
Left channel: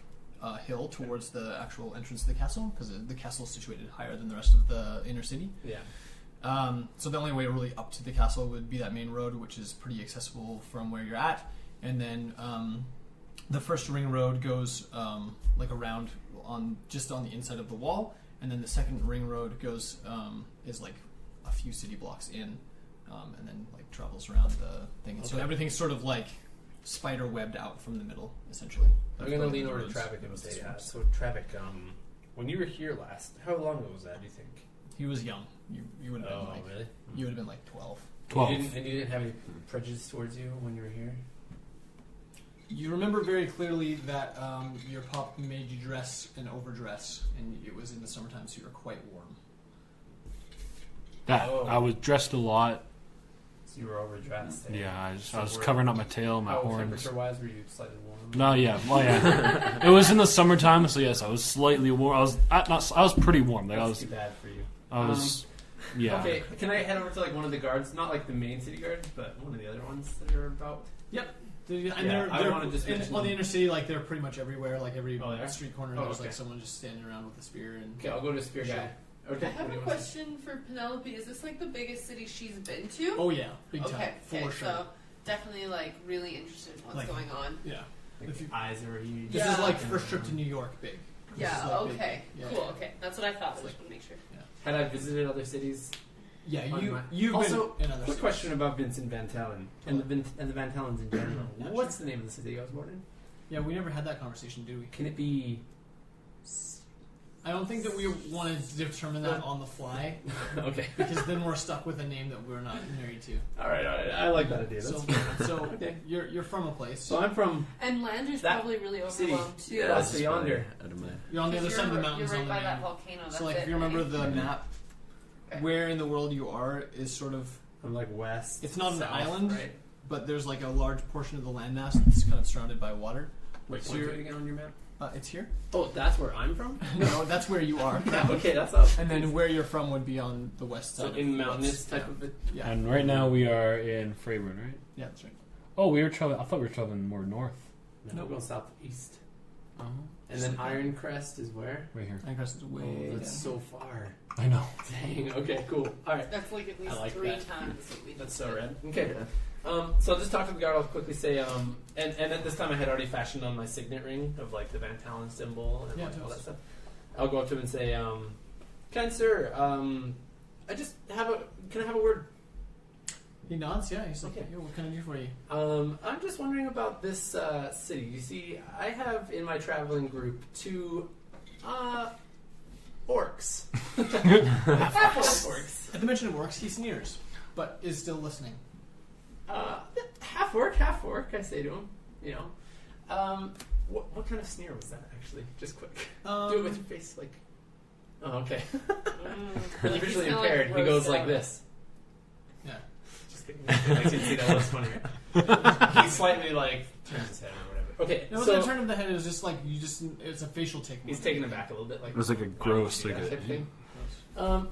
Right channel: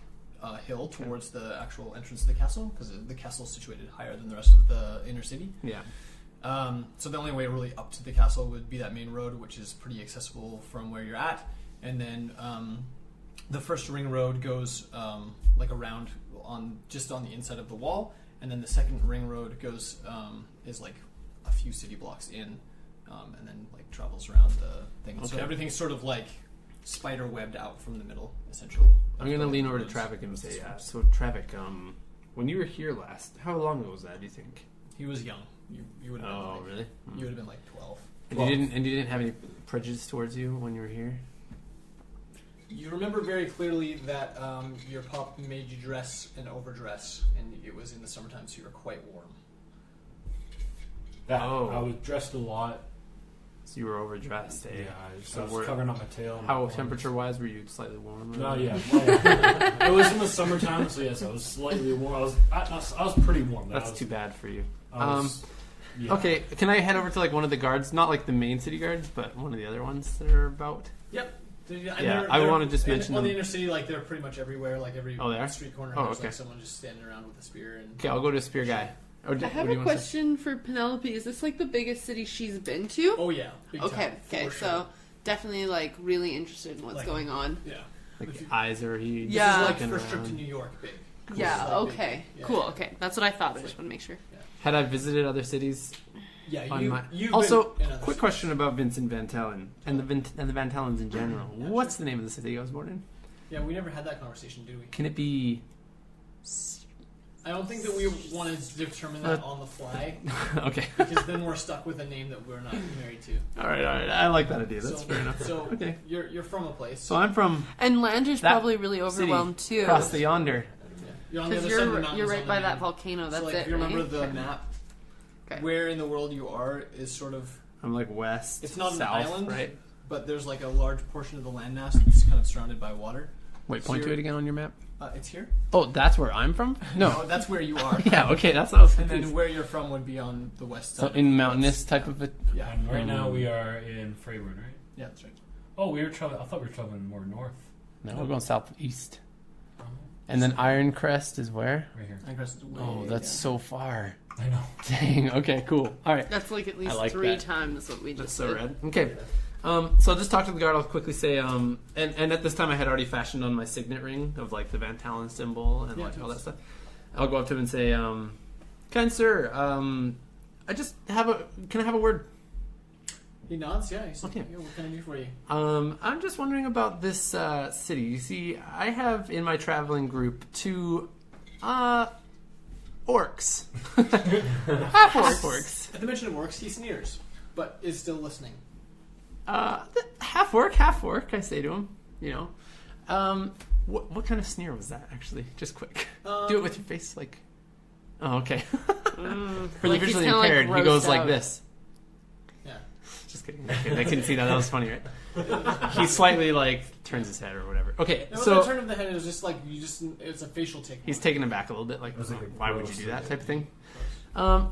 a hill towards the actual entrance to the castle, because the castle is situated higher than the rest of the inner city. Yeah. So the only way really up to the castle would be that main road, which is pretty accessible from where you're at. And then the first ring road goes like around just on the inside of the wall, and then the second ring road goes is like a few city blocks in, and then like travels around the thing. So Okay. everything's sort of like spider webbed out from the middle, essentially. I'm gonna That's lean what over to the Travik and roads say, describe. so Travik, when you were here last, how long ago was that? Do you think? He was young. You would have been Oh, like really? you would have been like 12. And you didn't have any prejudice towards you when you were here? You remember very clearly that your pop made you dress and overdress, and it was in the summertime, so you were quite warm. Oh. I was dressed a lot. So you were overdressed. Eh? Yeah, So I was we're- covering up my tail. And my How horns. temperature-wise were you slightly warm? No, yeah, well, yeah. It was in the summertime, so yes, I was slightly warm. I was pretty warm. Like, That's I was, too bad for you. I was, yeah. Okay, can I head over to like one of the guards? Not like the main city guards, but one of the other ones that are about. Yep. Yeah, I wanna just mention on the them. inner city, like they're pretty much everywhere. Like every Oh, they are? street corner, Oh, there's okay. like someone just standing around with a spear. And Okay, I'll go to Spear Guy. Or I have what do a you wanna say? question for Penelope. Is this like the biggest city she's been to? Oh yeah, big okay, time. okay, For sure. so definitely like really interested in what's Like- going on. Yeah. Like If you- eyes are huge. This Yeah. is like Looking first trip around. to New York, big. This Yeah, is, like, big. okay, Yeah, cool, yeah. okay. That's what I thought. I just want to make sure. Had I visited other cities? Yeah, on my- you've also, been in other quick cities. question about Vincent Van Talen and the Van Talens in general. Yeah, What's the name of the city I was born in? Yeah, we never had that conversation, did we? Can it be? I don't think that we want to determine that on the fly, Okay. because then we're stuck with a name that we're not married to. All right. I like that idea. That's So, fair enough. so Okay. you're from a place. So I'm from And Lander's That probably really overwhelmed too. across the yonder. You're on the other Because side of the mountains. you're right on the by main. that volcano. That's so, like, it. if you remember right? the map, Okay. where in the world you are is sort of, I'm like west. it's not an south, island, right? but there's like a large portion of the landmass that's kind of surrounded by water. Wait, So point to you're- it again on your map. It's here. Oh, that's where I'm from. No, that's where you are. Yeah. Okay, that's what I was And thinking. then where you're from would be on the west So side. in mountainous type of a. Yeah. And right now we are in Freyburn, right? Yeah, that's right. Oh, we were traveling. I thought we were traveling more north. No, we're going southeast. Oh. And then Iron Crest is where? Right here. Anchorage is way Oh, that's down. so far. I know. Dang. Okay. Cool. All right. That's like at least I like 3 that. times what we That's just so did. rad. Okay. So I'll just talk to the guard. I'll quickly say, and at this time I had already fashioned on my signet ring of like the Van Talon symbol and Yeah, like all that totally. stuff. I'll go up to him and say, kind sir, I just can I have a word? He nods, yeah. He's like, Okay. "Yeah, what can I do for you?" I'm just wondering about this city. You see, I have in my traveling group 2 orcs. Half Orcs. At the mention of orcs, he sneers, but is still listening. Half orc, I say to him. You know, what kind of sneer was that? Actually, just quick. Do it with your face, like. Oh, okay. For the Like he's visually kinda, like, impaired, he grossed goes like out. this. Yeah. Just kidding. I couldn't see that. That was funny, right? He slightly like turns his head or whatever. Okay, No, so the turn of the head is just like it's a facial tick. he's taken aback a little bit, like It was like a why would gross you do that thing. type of thing. Gross.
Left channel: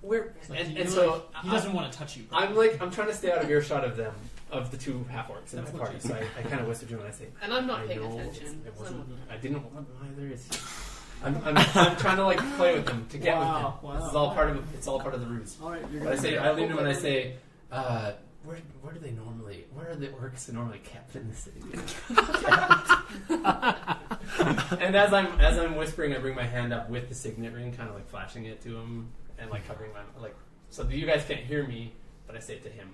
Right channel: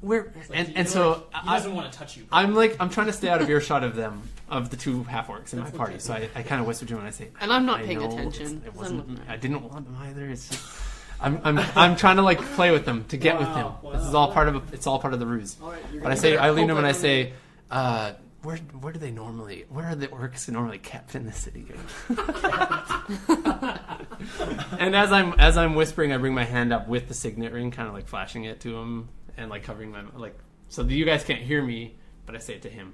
Where It's like, and so he doesn't want to touch you. I'm trying to stay out of earshot of them, of the 2 half orcs in my That's party. okay. So I kind of whisper to him and I say, And I'm not I paying know attention. It 'cause wasn't. I'm looking I at didn't want them either. It's just, I'm trying to like play with them to get Wow, with him. This is wow. all part of it's all part of the ruse. All right, you're But I gonna say get I it. lean to him and I say, where do they normally? Where are the orcs normally kept in the city? And as I'm whispering, I bring my hand up with the signet ring, kind of like flashing it to him and like covering my like so that you guys can't hear me, but I say it to him.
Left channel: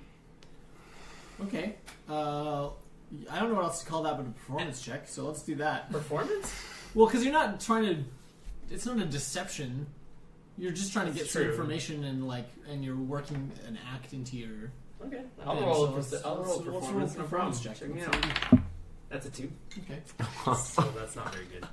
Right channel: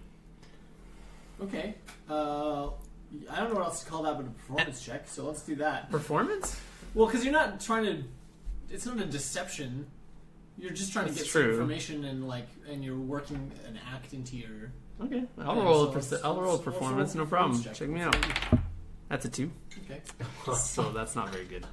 Okay. I don't know what else to call that but a performance check, so let's do that. Performance? Well, because you're not trying to. It's not a deception. You're just trying to That's get some true. information and you're working an act into your. Okay, thing, I'll roll so a let's roll performance, a no problem. performance check. Check me Let's out. see. That's a 2. Okay. So that's not very good.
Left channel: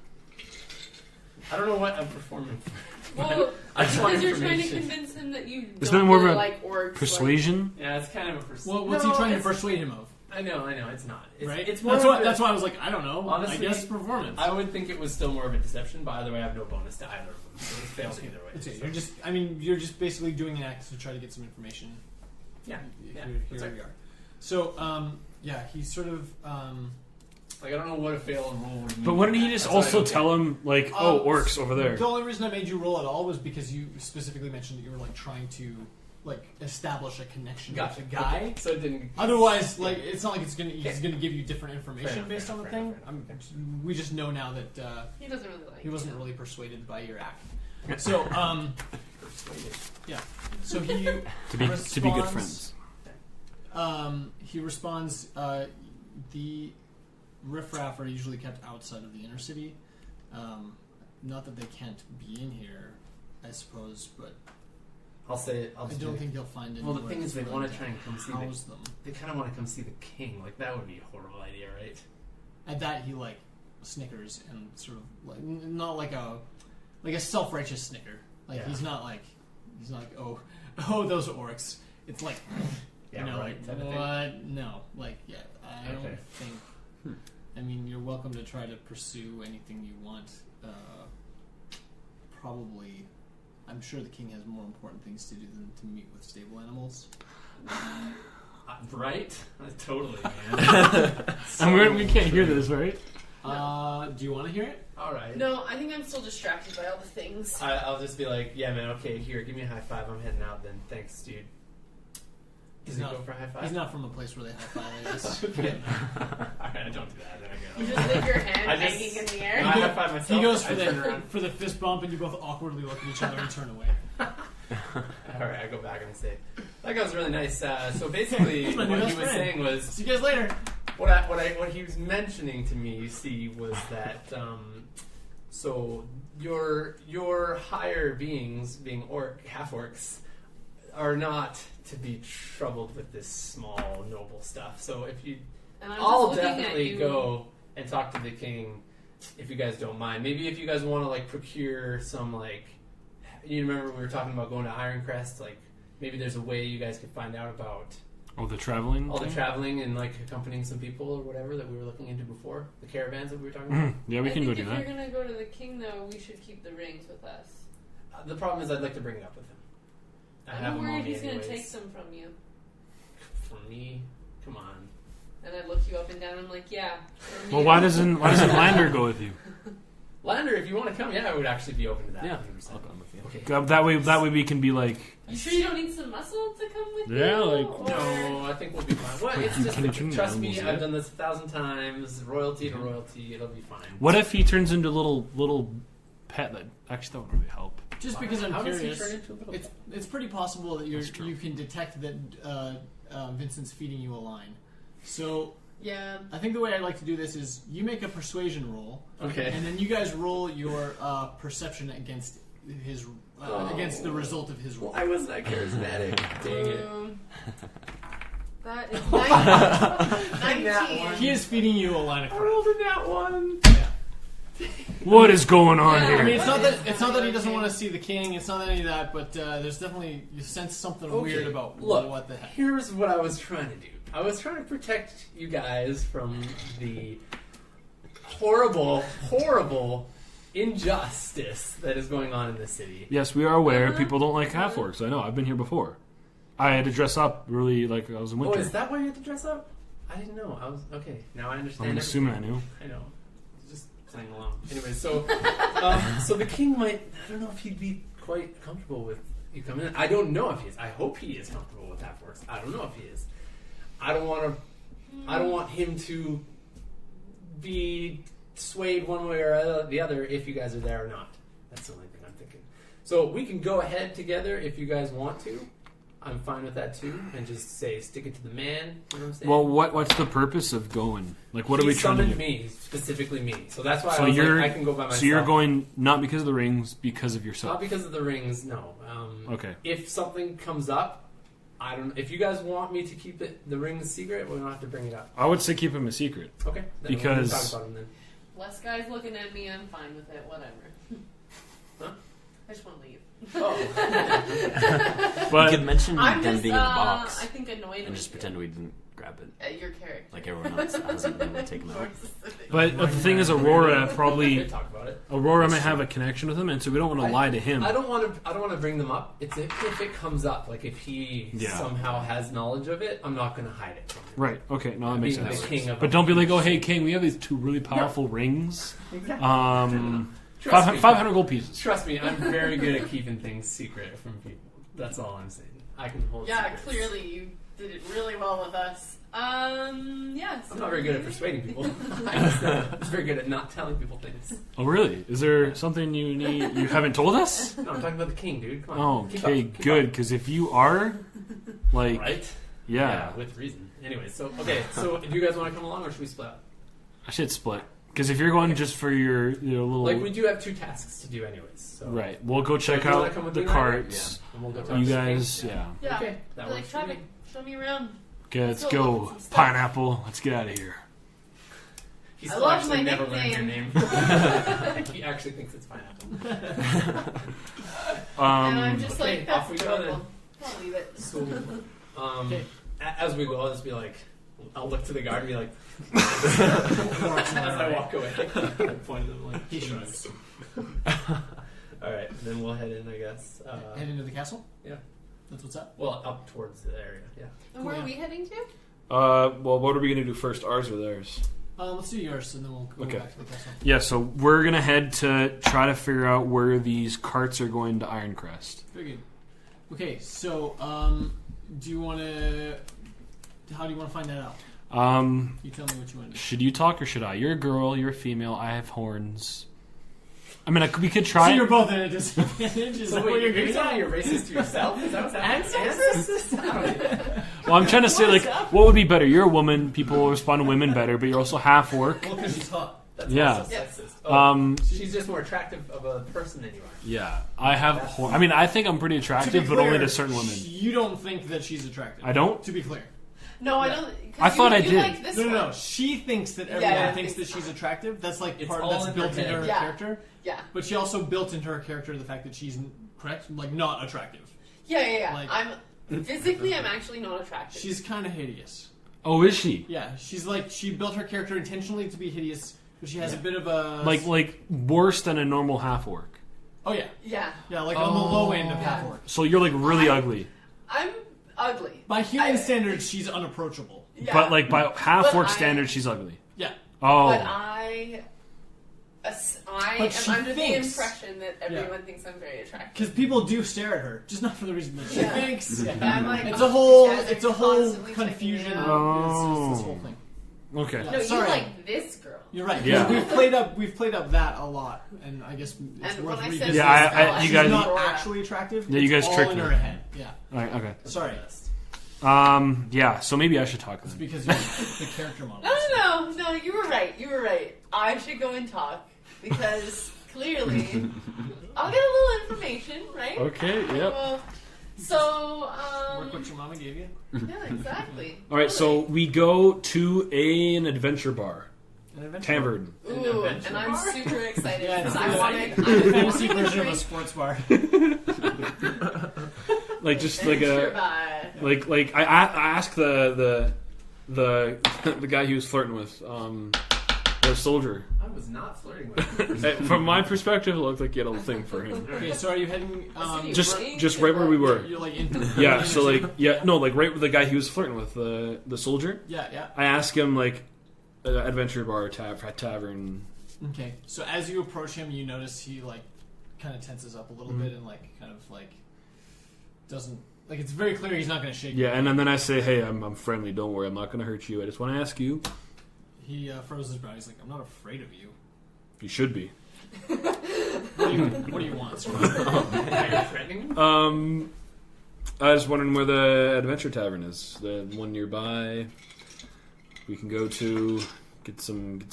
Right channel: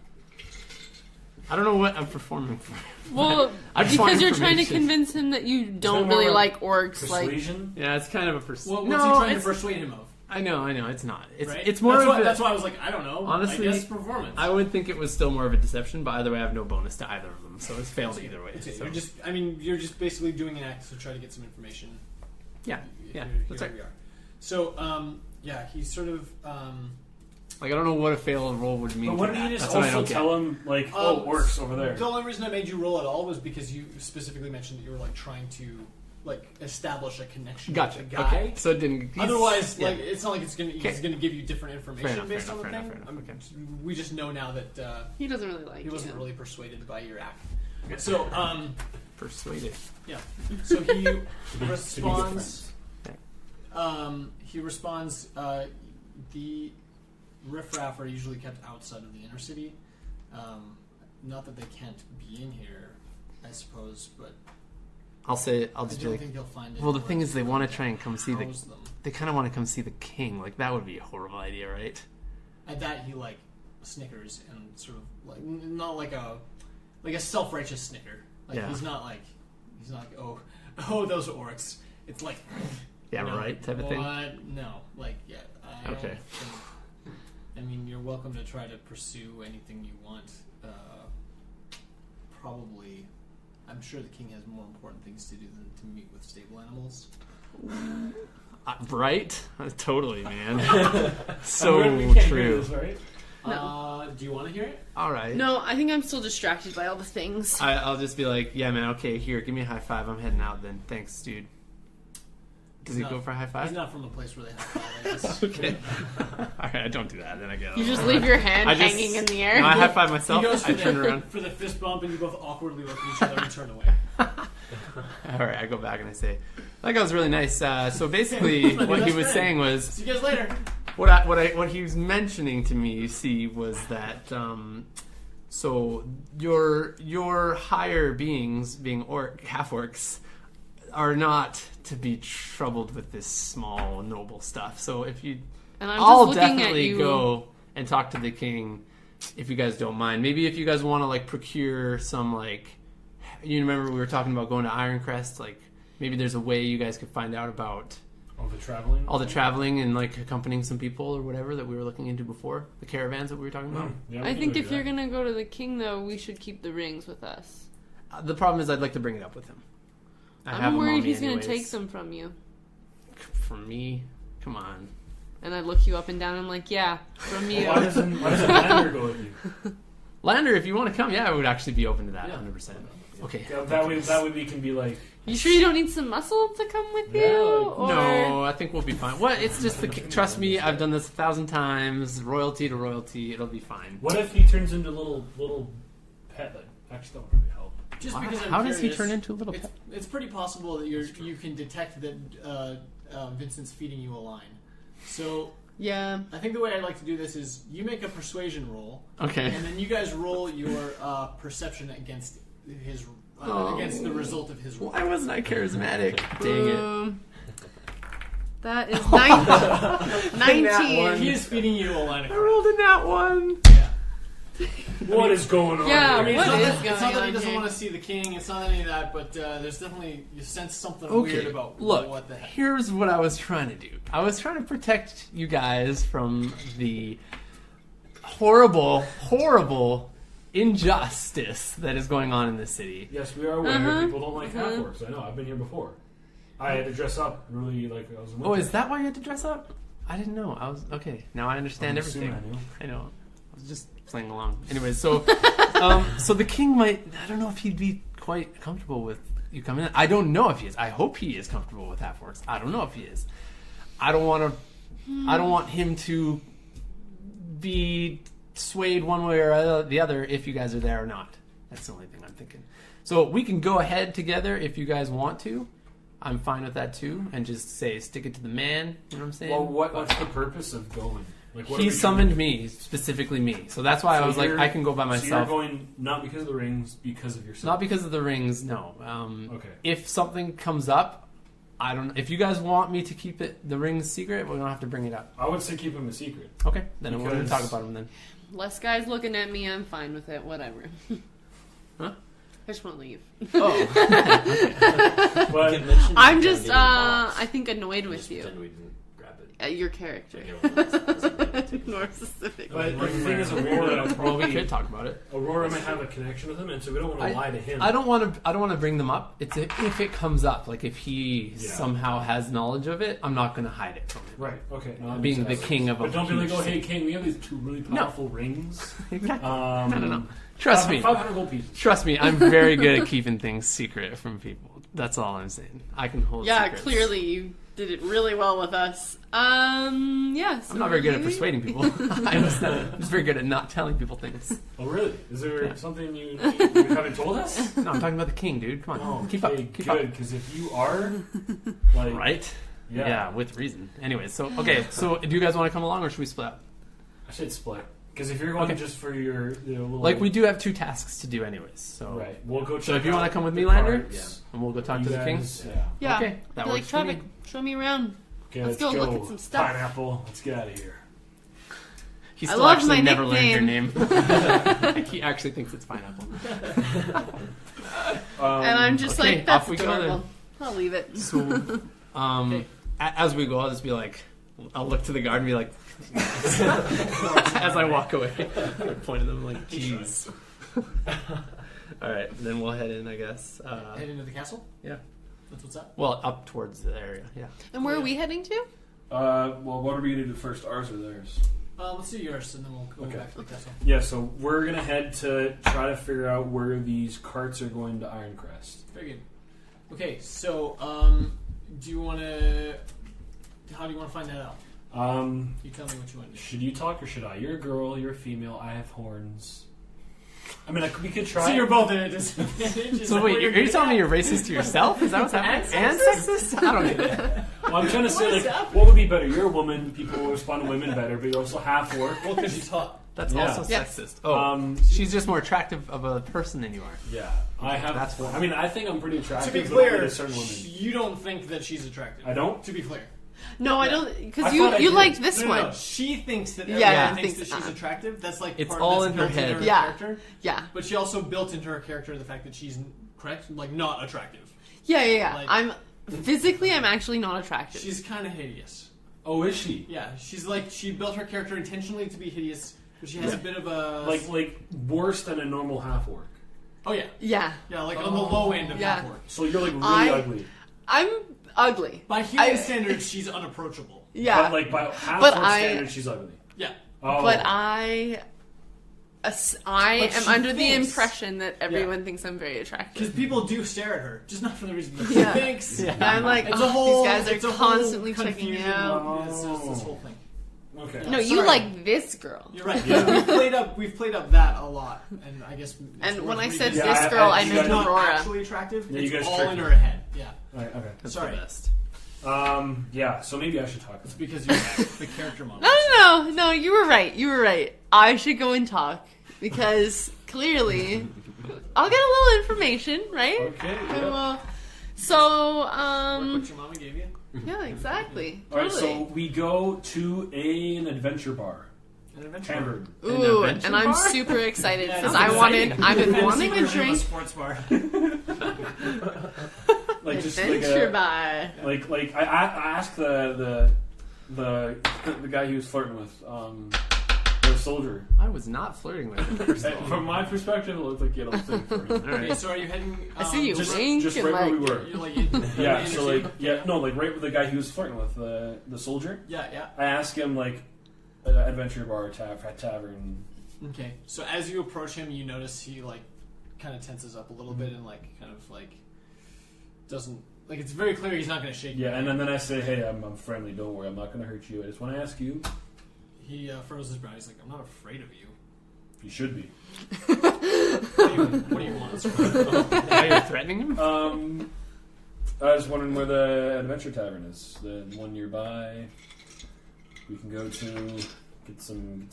I don't know what I'm performing for. Well, I just want because you're trying to information. convince him that you that don't more really of a like orcs. Persuasion. Yeah, it's kind of a Well, what's he trying to persuade him of? I know, it's not. It's, Right? it's more That's of why. a- That's why I was like, I don't know. Honestly, I guess performance. I would think it was still more of a deception, but either way, I have no bonus to either of them, so it's failed either way. It's okay. So- You're just basically doing an act to try to get some information. Yeah, yeah, Here that's we right. are. So, yeah, he's sort of. Like, I don't know what a failed roll would mean. But wouldn't you just That's what I also don't get. tell him like, oh, orcs over there? The only reason I made you roll at all was because you specifically mentioned that you were like trying to like establish a connection Gotcha. with the guy. Okay. So it didn't. he's- Otherwise, yeah. like it's not like he's gonna give you different information Fair enough, based fair on the enough, thing. fair enough. We just know now that He doesn't really like he wasn't you. really persuaded by your act. Okay. So Persuaded. so he To be good responds. friends. He responds. The riffraff are usually kept outside of the inner city. Not that they can't be in here, I suppose, but I'll say. I'll I just. don't be like, think you'll find it. well, the thing is, they want to try and come see the. house them. They kind of want to come see the king. Like that would be a horrible idea, right? At that, he like snickers and sort of like not like a self-righteous snicker. Like Yeah. he's not like oh those orcs. It's like Yeah, you know, right. Type of thing. what? No, like yeah. I don't Okay. think. I mean, you're welcome to try to pursue anything you want. Probably, I'm sure the king has more important things to do than to meet with stable animals. Right? Totally, man. And we can't true. hear this, right? Do you want to hear it? All right. No, I think I'm still distracted by all the things. I'll just be like, yeah, man. Okay, here, give me a high five. I'm heading out. Then, thanks, dude. Does He's he not- go for a high five? He's not from a place where they high five. I guess. Okay. All right, I don't do that. Then I go. You just leave your hand I just- hanging in the air. I high five myself. He goes I turn around. for the fist bump, and you both awkwardly look at each other and turn away. All right, I go back and I say, that guy was really nice. So basically, My new what he best was friend. saying was, See you guys later. what he was mentioning to me, you see, was that So your higher beings, being half orcs, are not to be troubled with this small noble stuff. So if you, And I'm I'll just looking at definitely you. go and talk to the king if you guys don't mind. Maybe if you guys want to like procure some like, you remember we were talking about going to Ironcrest. Like maybe there's a way you guys could find out about All the traveling. all the traveling and like accompanying some people or whatever that we were looking into before, the caravans that we were talking about. Yeah, we I can think go if do you're that. gonna go to the king, though, we should keep the rings with us. The problem is I'd like to bring it up with him. I have I'm them on worried me he's gonna anyways. take them from you. From me? Come on. And I look you up and down. I'm like, yeah, from you. Well, why doesn't Lander go with you? Lander, if you want to come, yeah, I would actually be open to that. Yeah. 100%. Okay. That way we can be like. You sure you don't need some muscle to come with Yeah, you? like- Or... No, I think we'll be fine. What? It's just trust me. I've done this 1,000 times. Royalty to royalty. It'll be fine. What if he turns into a little pet that actually that would really help? Just because I'm How curious, does he turn into a little? it's pretty possible that That's true. you can detect that Vincent's feeding you a line. So Yeah. I think the way I'd like to do this is you make a persuasion roll, Okay. and then you guys roll your perception against his against the result of his roll. Why wasn't I charismatic? Dang it. That is That 19. one. He is feeding you a line of I crap. rolled in that one. Yeah. What is going on Yeah, here? I mean, it's What not is that going he on doesn't here? want to see the king. It's not any of that. But there's definitely you sense something Okay, weird about look, what the heck. Here's what I was trying to do. I was trying to protect you guys from the horrible, horrible injustice that is going on in this city. Yes, we are aware Uh-huh. people don't like half orcs. I know. I've been here before. I had to dress up really like I was in Oh, winter. is that why you had to dress up? I didn't know. I was okay. Now I understand I'm everything. assuming I knew. I know. I was just playing along. Anyways, so so the king might. I don't know if he'd be quite comfortable with you coming in. I don't know if he is. I hope he is comfortable with half orcs. I don't know if he is. I don't want to. I don't want him to be swayed one way or the other if you guys are there or not. That's the only thing I'm thinking. So we can go ahead together if you guys want to. I'm fine with that too, and just say stick it to the man. You know what I'm saying? Well, what's the purpose of going? Like, what He are we trying to summoned do? me, specifically me. So that's why So I was like, you're- I can go by myself. So you're going not because of the rings, because of yourself. Not because of the rings, no. Okay. If something comes up, I don't know. If you guys want me to keep the rings secret, we don't have to bring it up. I would say keep him a secret. Okay, then we'll Because- talk about them then. Less guys looking at me, I'm fine with it. Whatever. Huh? I just want to leave. Oh, But you could mention I'm the just, candy in the box I think, annoyed and with just you. pretend we didn't grab it Your character. like everyone else. I was like, maybe take them More out. specific. but the thing is, Aurora we probably could talk about it. Aurora might have a connection with him, and so we don't want to lie to him. I don't want to bring them up. It's if it comes up, like if he Yeah. somehow has knowledge of it, I'm not going to hide it from him. Right. Okay. No, that makes Being the sense. king of. But a don't be like, huge oh, hey, city. king, we have these two really powerful rings. Exactly. I don't know. Trust me. 500 gold pieces. Trust me, I'm very good at keeping things secret from people. That's all I'm saying. I can hold. Yeah, secrets. clearly you did it really well with us. Yeah. So I'm not very good at maybe- persuading people. I'm just very good at not telling people things. Oh, really? Is there something you haven't told us? No, I'm talking about the king, dude. Come on. Oh, Keep okay, up. Keep good. Because if you are, like, Up. Right? yeah, with reason. Anyways, so so do you guys want to come along or should we split up? I should split. Because if you're going Okay. just for your little Like we do have 2 tasks to do anyways. So right, we'll go So check if you out want to come with the me, Lander, carts. and we'll go talk You to guys, the king. yeah. Yeah. Okay, that Be like, works for me. Trevor, show me around. Okay, let's Let's go look go. at some stuff. Pineapple. Let's get out of here. He I still love actually my never learned your nickname. name. He actually thinks it's pineapple. And I'm just okay, like, that's off we go then. adorable. I'll leave it. So, Okay. as we go, I'll just be like, I'll look to the guard and be like, as I walk away, point at them like, He jeez. All right, then we'll head in, I guess. Head into the castle. Yeah. That's what's up. Well, up towards the area. Yeah. And where Yeah. are we heading to? Well, what are we gonna do first? Ours or theirs? Let's do yours, and then we'll go Okay. back to the castle. Yeah, so we're gonna head to try to figure out where these carts are going to Ironcrest. Very good. Okay, so do you want to? How do you want to find that out? You tell me what you want to do. Should you talk or should I? You're a girl. You're a female. I have horns. I mean, we could try. So you're both at a disadvantage. So wait, you're telling me you're racist to yourself? Is that what's happening? And sexist? I don't get it. Well, I'm trying to say, What like, is happening? what would be better? You're a woman. People will respond to women better, but you're also half orc. Well, because you talk. That's Yeah. also Yeah. sexist. Oh, Um, she's just more attractive of a person than you are. yeah, I have. That's I mean, I think I'm pretty To be attractive, but clear, only to certain women. you don't think that she's attractive. I don't. To be clear. No, I Yeah. don't. I Because thought I you did. like this No, one. no, she thinks that Yeah, everyone yeah, thinks that thinks- she's attractive. That's like It's part all that's in her built into head. her Yeah. character. Yeah. But she also built into her character the fact that she's correct, like not attractive. Yeah. Like- I'm physically, I'm actually not attractive. She's kind of hideous. Oh, is she? Yeah, she's like she built her character intentionally to be hideous, but she has a bit of a Like worse than a normal half orc. Oh yeah, Yeah. yeah, like on the low end of Yeah. half orc. So you're like really I- ugly. I'm ugly. By human I- standards, she's unapproachable. Yeah. But like by half But orc I- standards, she's ugly. Yeah, Oh. But I But am she under the thinks- impression that everyone thinks I'm very attractive. because people do stare at her, just not for the reason that she Yeah. thinks. And I'm like, It's oh, a whole, these guys are it's a whole constantly checking me confusion. out. It's just this whole thing. Okay. Yeah. No, you Sorry. like this girl. You're right. Yeah. We've played up that a lot, and I guess. It's And worth when I said revisiting. Yeah, this girl, I you she's guys- meant not Aurora. actually attractive. Yeah, you it's guys all tricked in her. her head. Yeah. Alright, okay. That's Sorry. the best. Yeah, so maybe I should talk. It's because you're the character model. No, you were right. You were right. I should go and talk because clearly I'll get a little information, right? Okay, I yep. will. So, Work what your mama gave you. yeah, exactly. Alright, so Totally. we go to an adventure bar. An adventure Tavern. Ooh, adventure and I'm bar? super excited Yeah, because it's I a wanted, I've been fancy wanting a version of a drink. sports bar. Like just like Adventure a bar. like I asked the guy he was flirting with, the soldier. I was not flirting with her. From my perspective, it looked like you had a thing for him. Okay, so are you heading? I see you. Just Wink just and right where we like- were. You're like in. Yeah, in so the like scene? yeah, no, like right with the guy he was flirting with, the soldier. Yeah. I asked him like adventure bar tavern. Okay, so as you approach him, you notice he like kind of tenses up a little bit and like kind of like doesn't like it's very clear he's not going to shake. Yeah, you. and then I say, hey, I'm friendly. Don't worry, I'm not going to hurt you. I just want to ask you. He furrows his brow. He's like, I'm not afraid of you. You should be. What do you want? Are you threatening him? I was wondering where the adventure tavern is. The one nearby. We can go to get some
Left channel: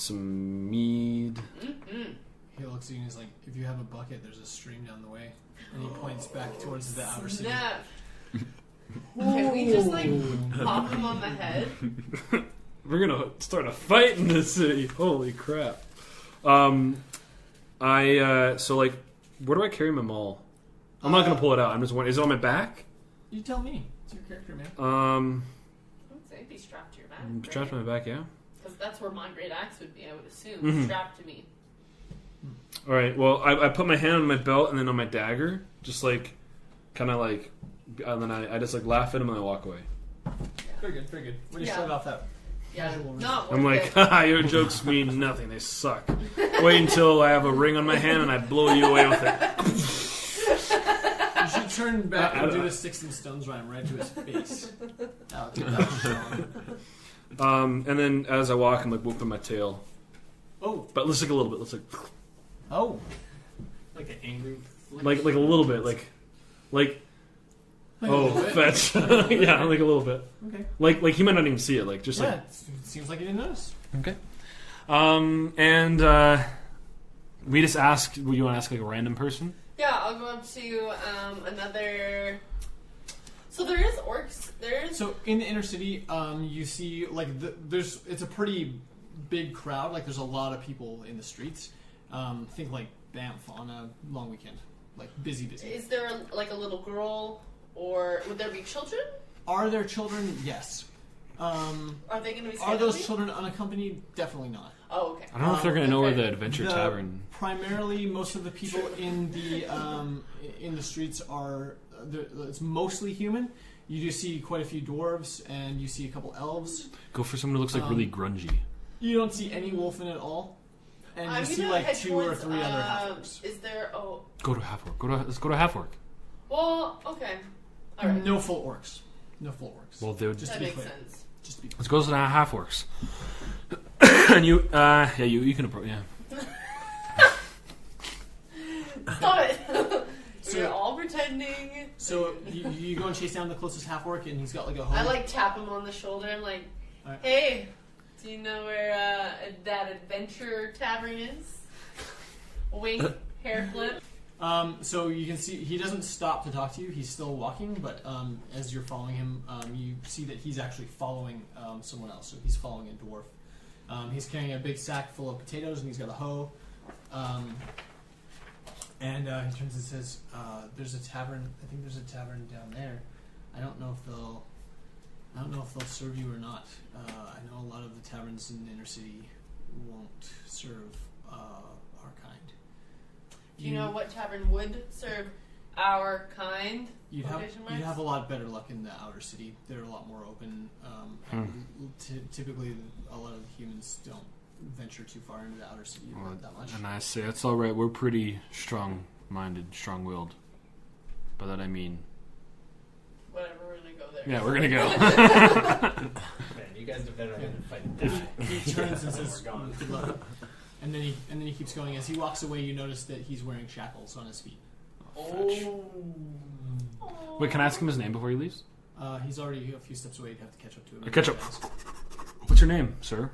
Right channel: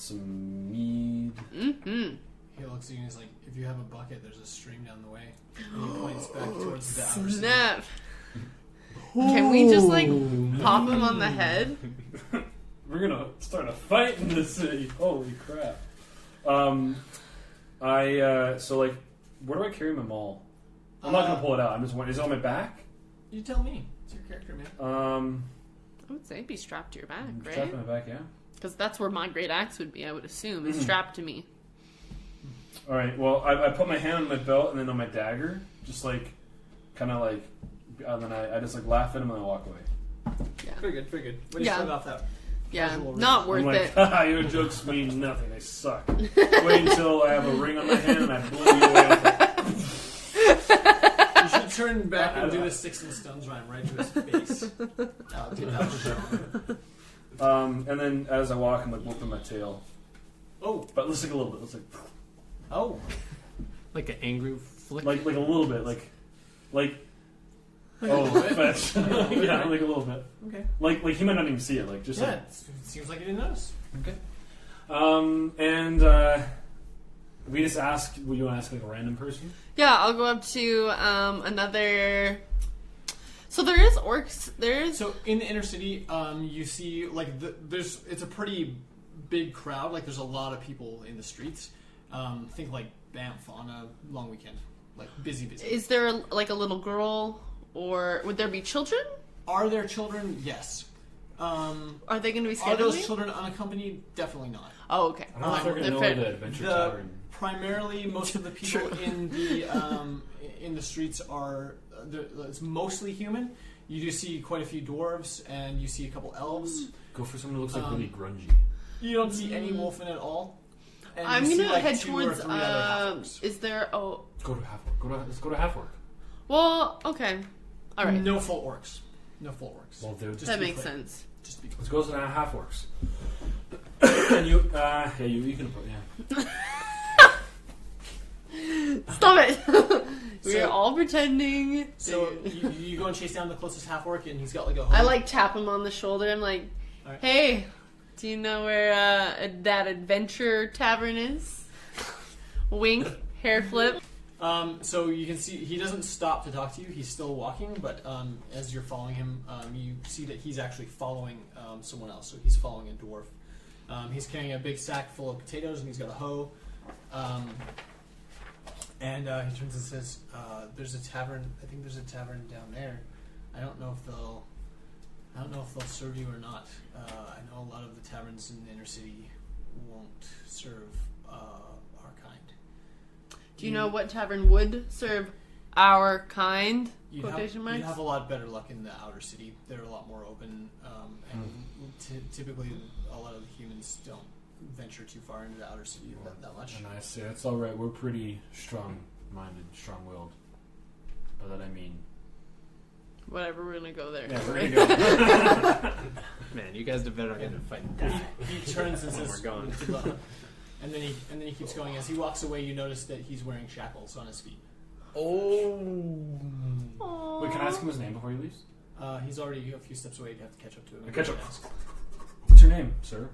mead. Mm-hmm. He looks at you and he's like, if you have a bucket, there's a stream down the way. And he points back towards the outer city. Snap. Can we just like pop him on the head? We're gonna start a fight in this city. Holy crap! So like, where do I carry my maul? I'm not gonna pull it out. I'm just wondering, is it on my back? You tell me. It's your character, man. I would say be strapped to your back, Strapped right? to my back, yeah. Because that's where my great axe would be, I would assume. Mhm. Strapped to me. All right. Well, I put my hand on my belt and then on my dagger, just like, kind of like, and then I just like laugh at him and I walk away. Very good, very good. When you Yeah. start off that. Yeah, Casual not worth I'm like, it. haha, your jokes mean nothing. They suck. Wait until I have a ring on my hand and I blow you away with it. You should turn back I and don't do know. the sticks and stones rhyme right to his face. That was strong. And then as I walk, I'm like whooping my tail. Oh, But let's like a little bit. Let's oh. Like an angry flick? like a little bit. Like A oh, little bit. fetch. Yeah, like a little bit. Okay. Like he might not even see it. Like just Yeah, like. it seems like you didn't notice. Okay. And we just asked. Would you want to ask like a random person? Yeah, I'll go up to another. So there is orcs. There's So in the inner city, you see like it's a pretty big crowd. Like there's a lot of people in the streets. Think like Banff on a long weekend, like busy. Is there like a little girl, or would there be children? Are there children? Yes. Are they going to be Are scared of those me? children unaccompanied? Definitely not. Oh, okay. I don't know if they're gonna know where the adventure The- tavern. Primarily, most of the people in the streets are it's mostly human. You do see quite a few dwarves, and you see a couple elves. Go for someone who looks like really grungy. You don't see any wolfen at all. And I'm you see gonna like head 2 or towards. 3 other half-orcs. Is there? Oh, Go to half work. Let's go to half work. well, okay. All right. No full orcs. No full orcs. Well, dude, Just That to be makes clear. sense. Just to be clear. let's go to the half works. And you, you can approach. Yeah. Stop it. We're So- all pretending. So you go and chase down the closest half orc, and he's got like a hoe. I like tap him on the shoulder. I'm like, Alright. hey, Do you know where that adventure tavern is? Wink, hair flip. So you can see he doesn't stop to talk to you. He's still walking, but as you're following him, you see that he's actually following someone else. So he's following a dwarf. He's carrying a big sack full of potatoes, and he's got a hoe. And he turns and says, "There's a tavern. I think there's a tavern down there. I don't know if they'll serve you or not. I know a lot of the taverns in the inner city won't serve our kind." Do you know what tavern would serve our kind? You'd Quotation marks? have a lot better luck in the outer city. They're a lot more open. And typically, a lot of the humans don't venture too far into the outer city that much. And I say, that's all right. We're pretty strong-minded, strong-willed. By that I mean... Whatever, we're gonna go there. Yeah, we're gonna go. Man, you guys did better than fight and die. He turns and That's when says, we're going. "Good luck." And then he keeps going. As he walks away, you notice that he's wearing shackles on his feet. Aww. Wait, can I ask him his name before he leaves? He's already a few steps away. You have to catch up to him. Catch up. What's your name, sir?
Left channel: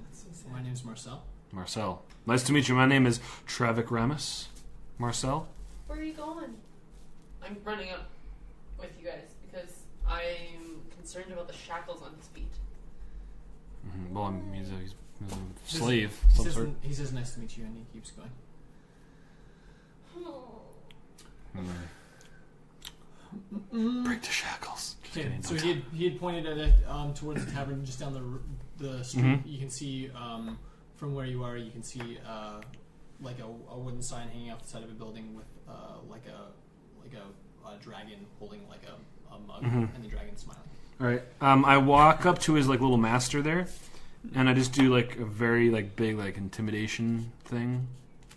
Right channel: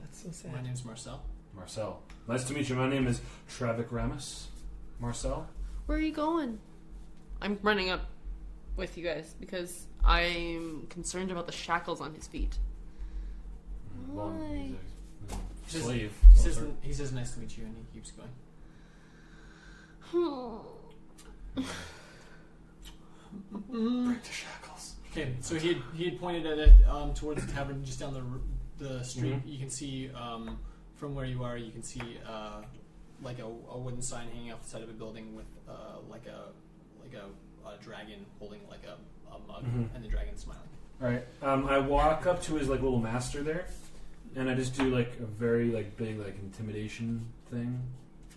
That's so sad. My name's Marcel. Marcel. Nice to meet you. My name is Travik Ramis. Marcel? Where are you going? I'm running up with you guys because I'm concerned about the shackles on his feet. Well, he's a slave. He says, "Nice to meet you," and he keeps going. Break the shackles. Okay, so he had pointed at it towards the tavern just down the street. Mhm. You can see from where you are. You can see like a wooden sign hanging off the side of a building with like a dragon holding like a mug, and the dragon smiling. All right. I walk up to his like little master there, and I just do like a very like big like intimidation thing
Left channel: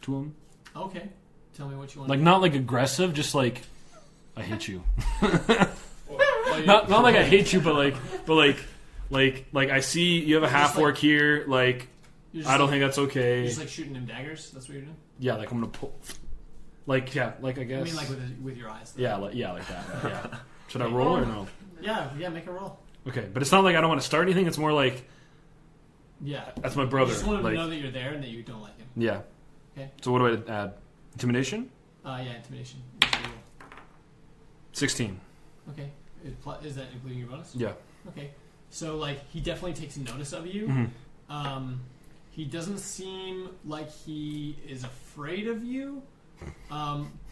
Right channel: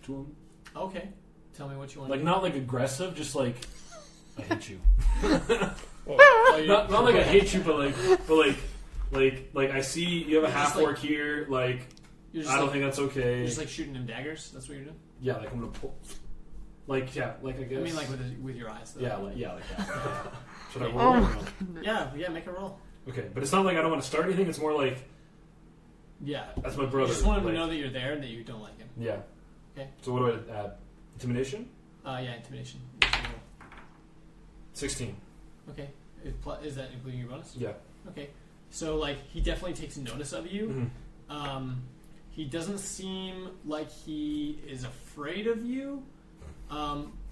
to him. Okay, tell me what you want. Like not like aggressive, just like I hate you. Well, not like I hate you, but like I see you have a You're half just, like- orc here. Like you're just I don't like, think that's You're okay. just like shooting him daggers. That's what you're doing. Yeah, like I'm gonna pull. Like yeah, like I guess. I mean, like with your eyes. Though. yeah, like that. Yeah. Should I Okay. roll or no? Yeah. Make a roll. Okay, but it's not like I don't want to start anything. It's more like Yeah. that's my You brother. just want him like, to know that you're there and that you don't like him. Yeah. Okay. So what do I add? Intimidation? Yeah, intimidation. You should roll. 16. Okay. Is that including your bonus? Yeah. Okay. So like he definitely takes notice of you. Mm-hmm. He doesn't seem like he is afraid of you.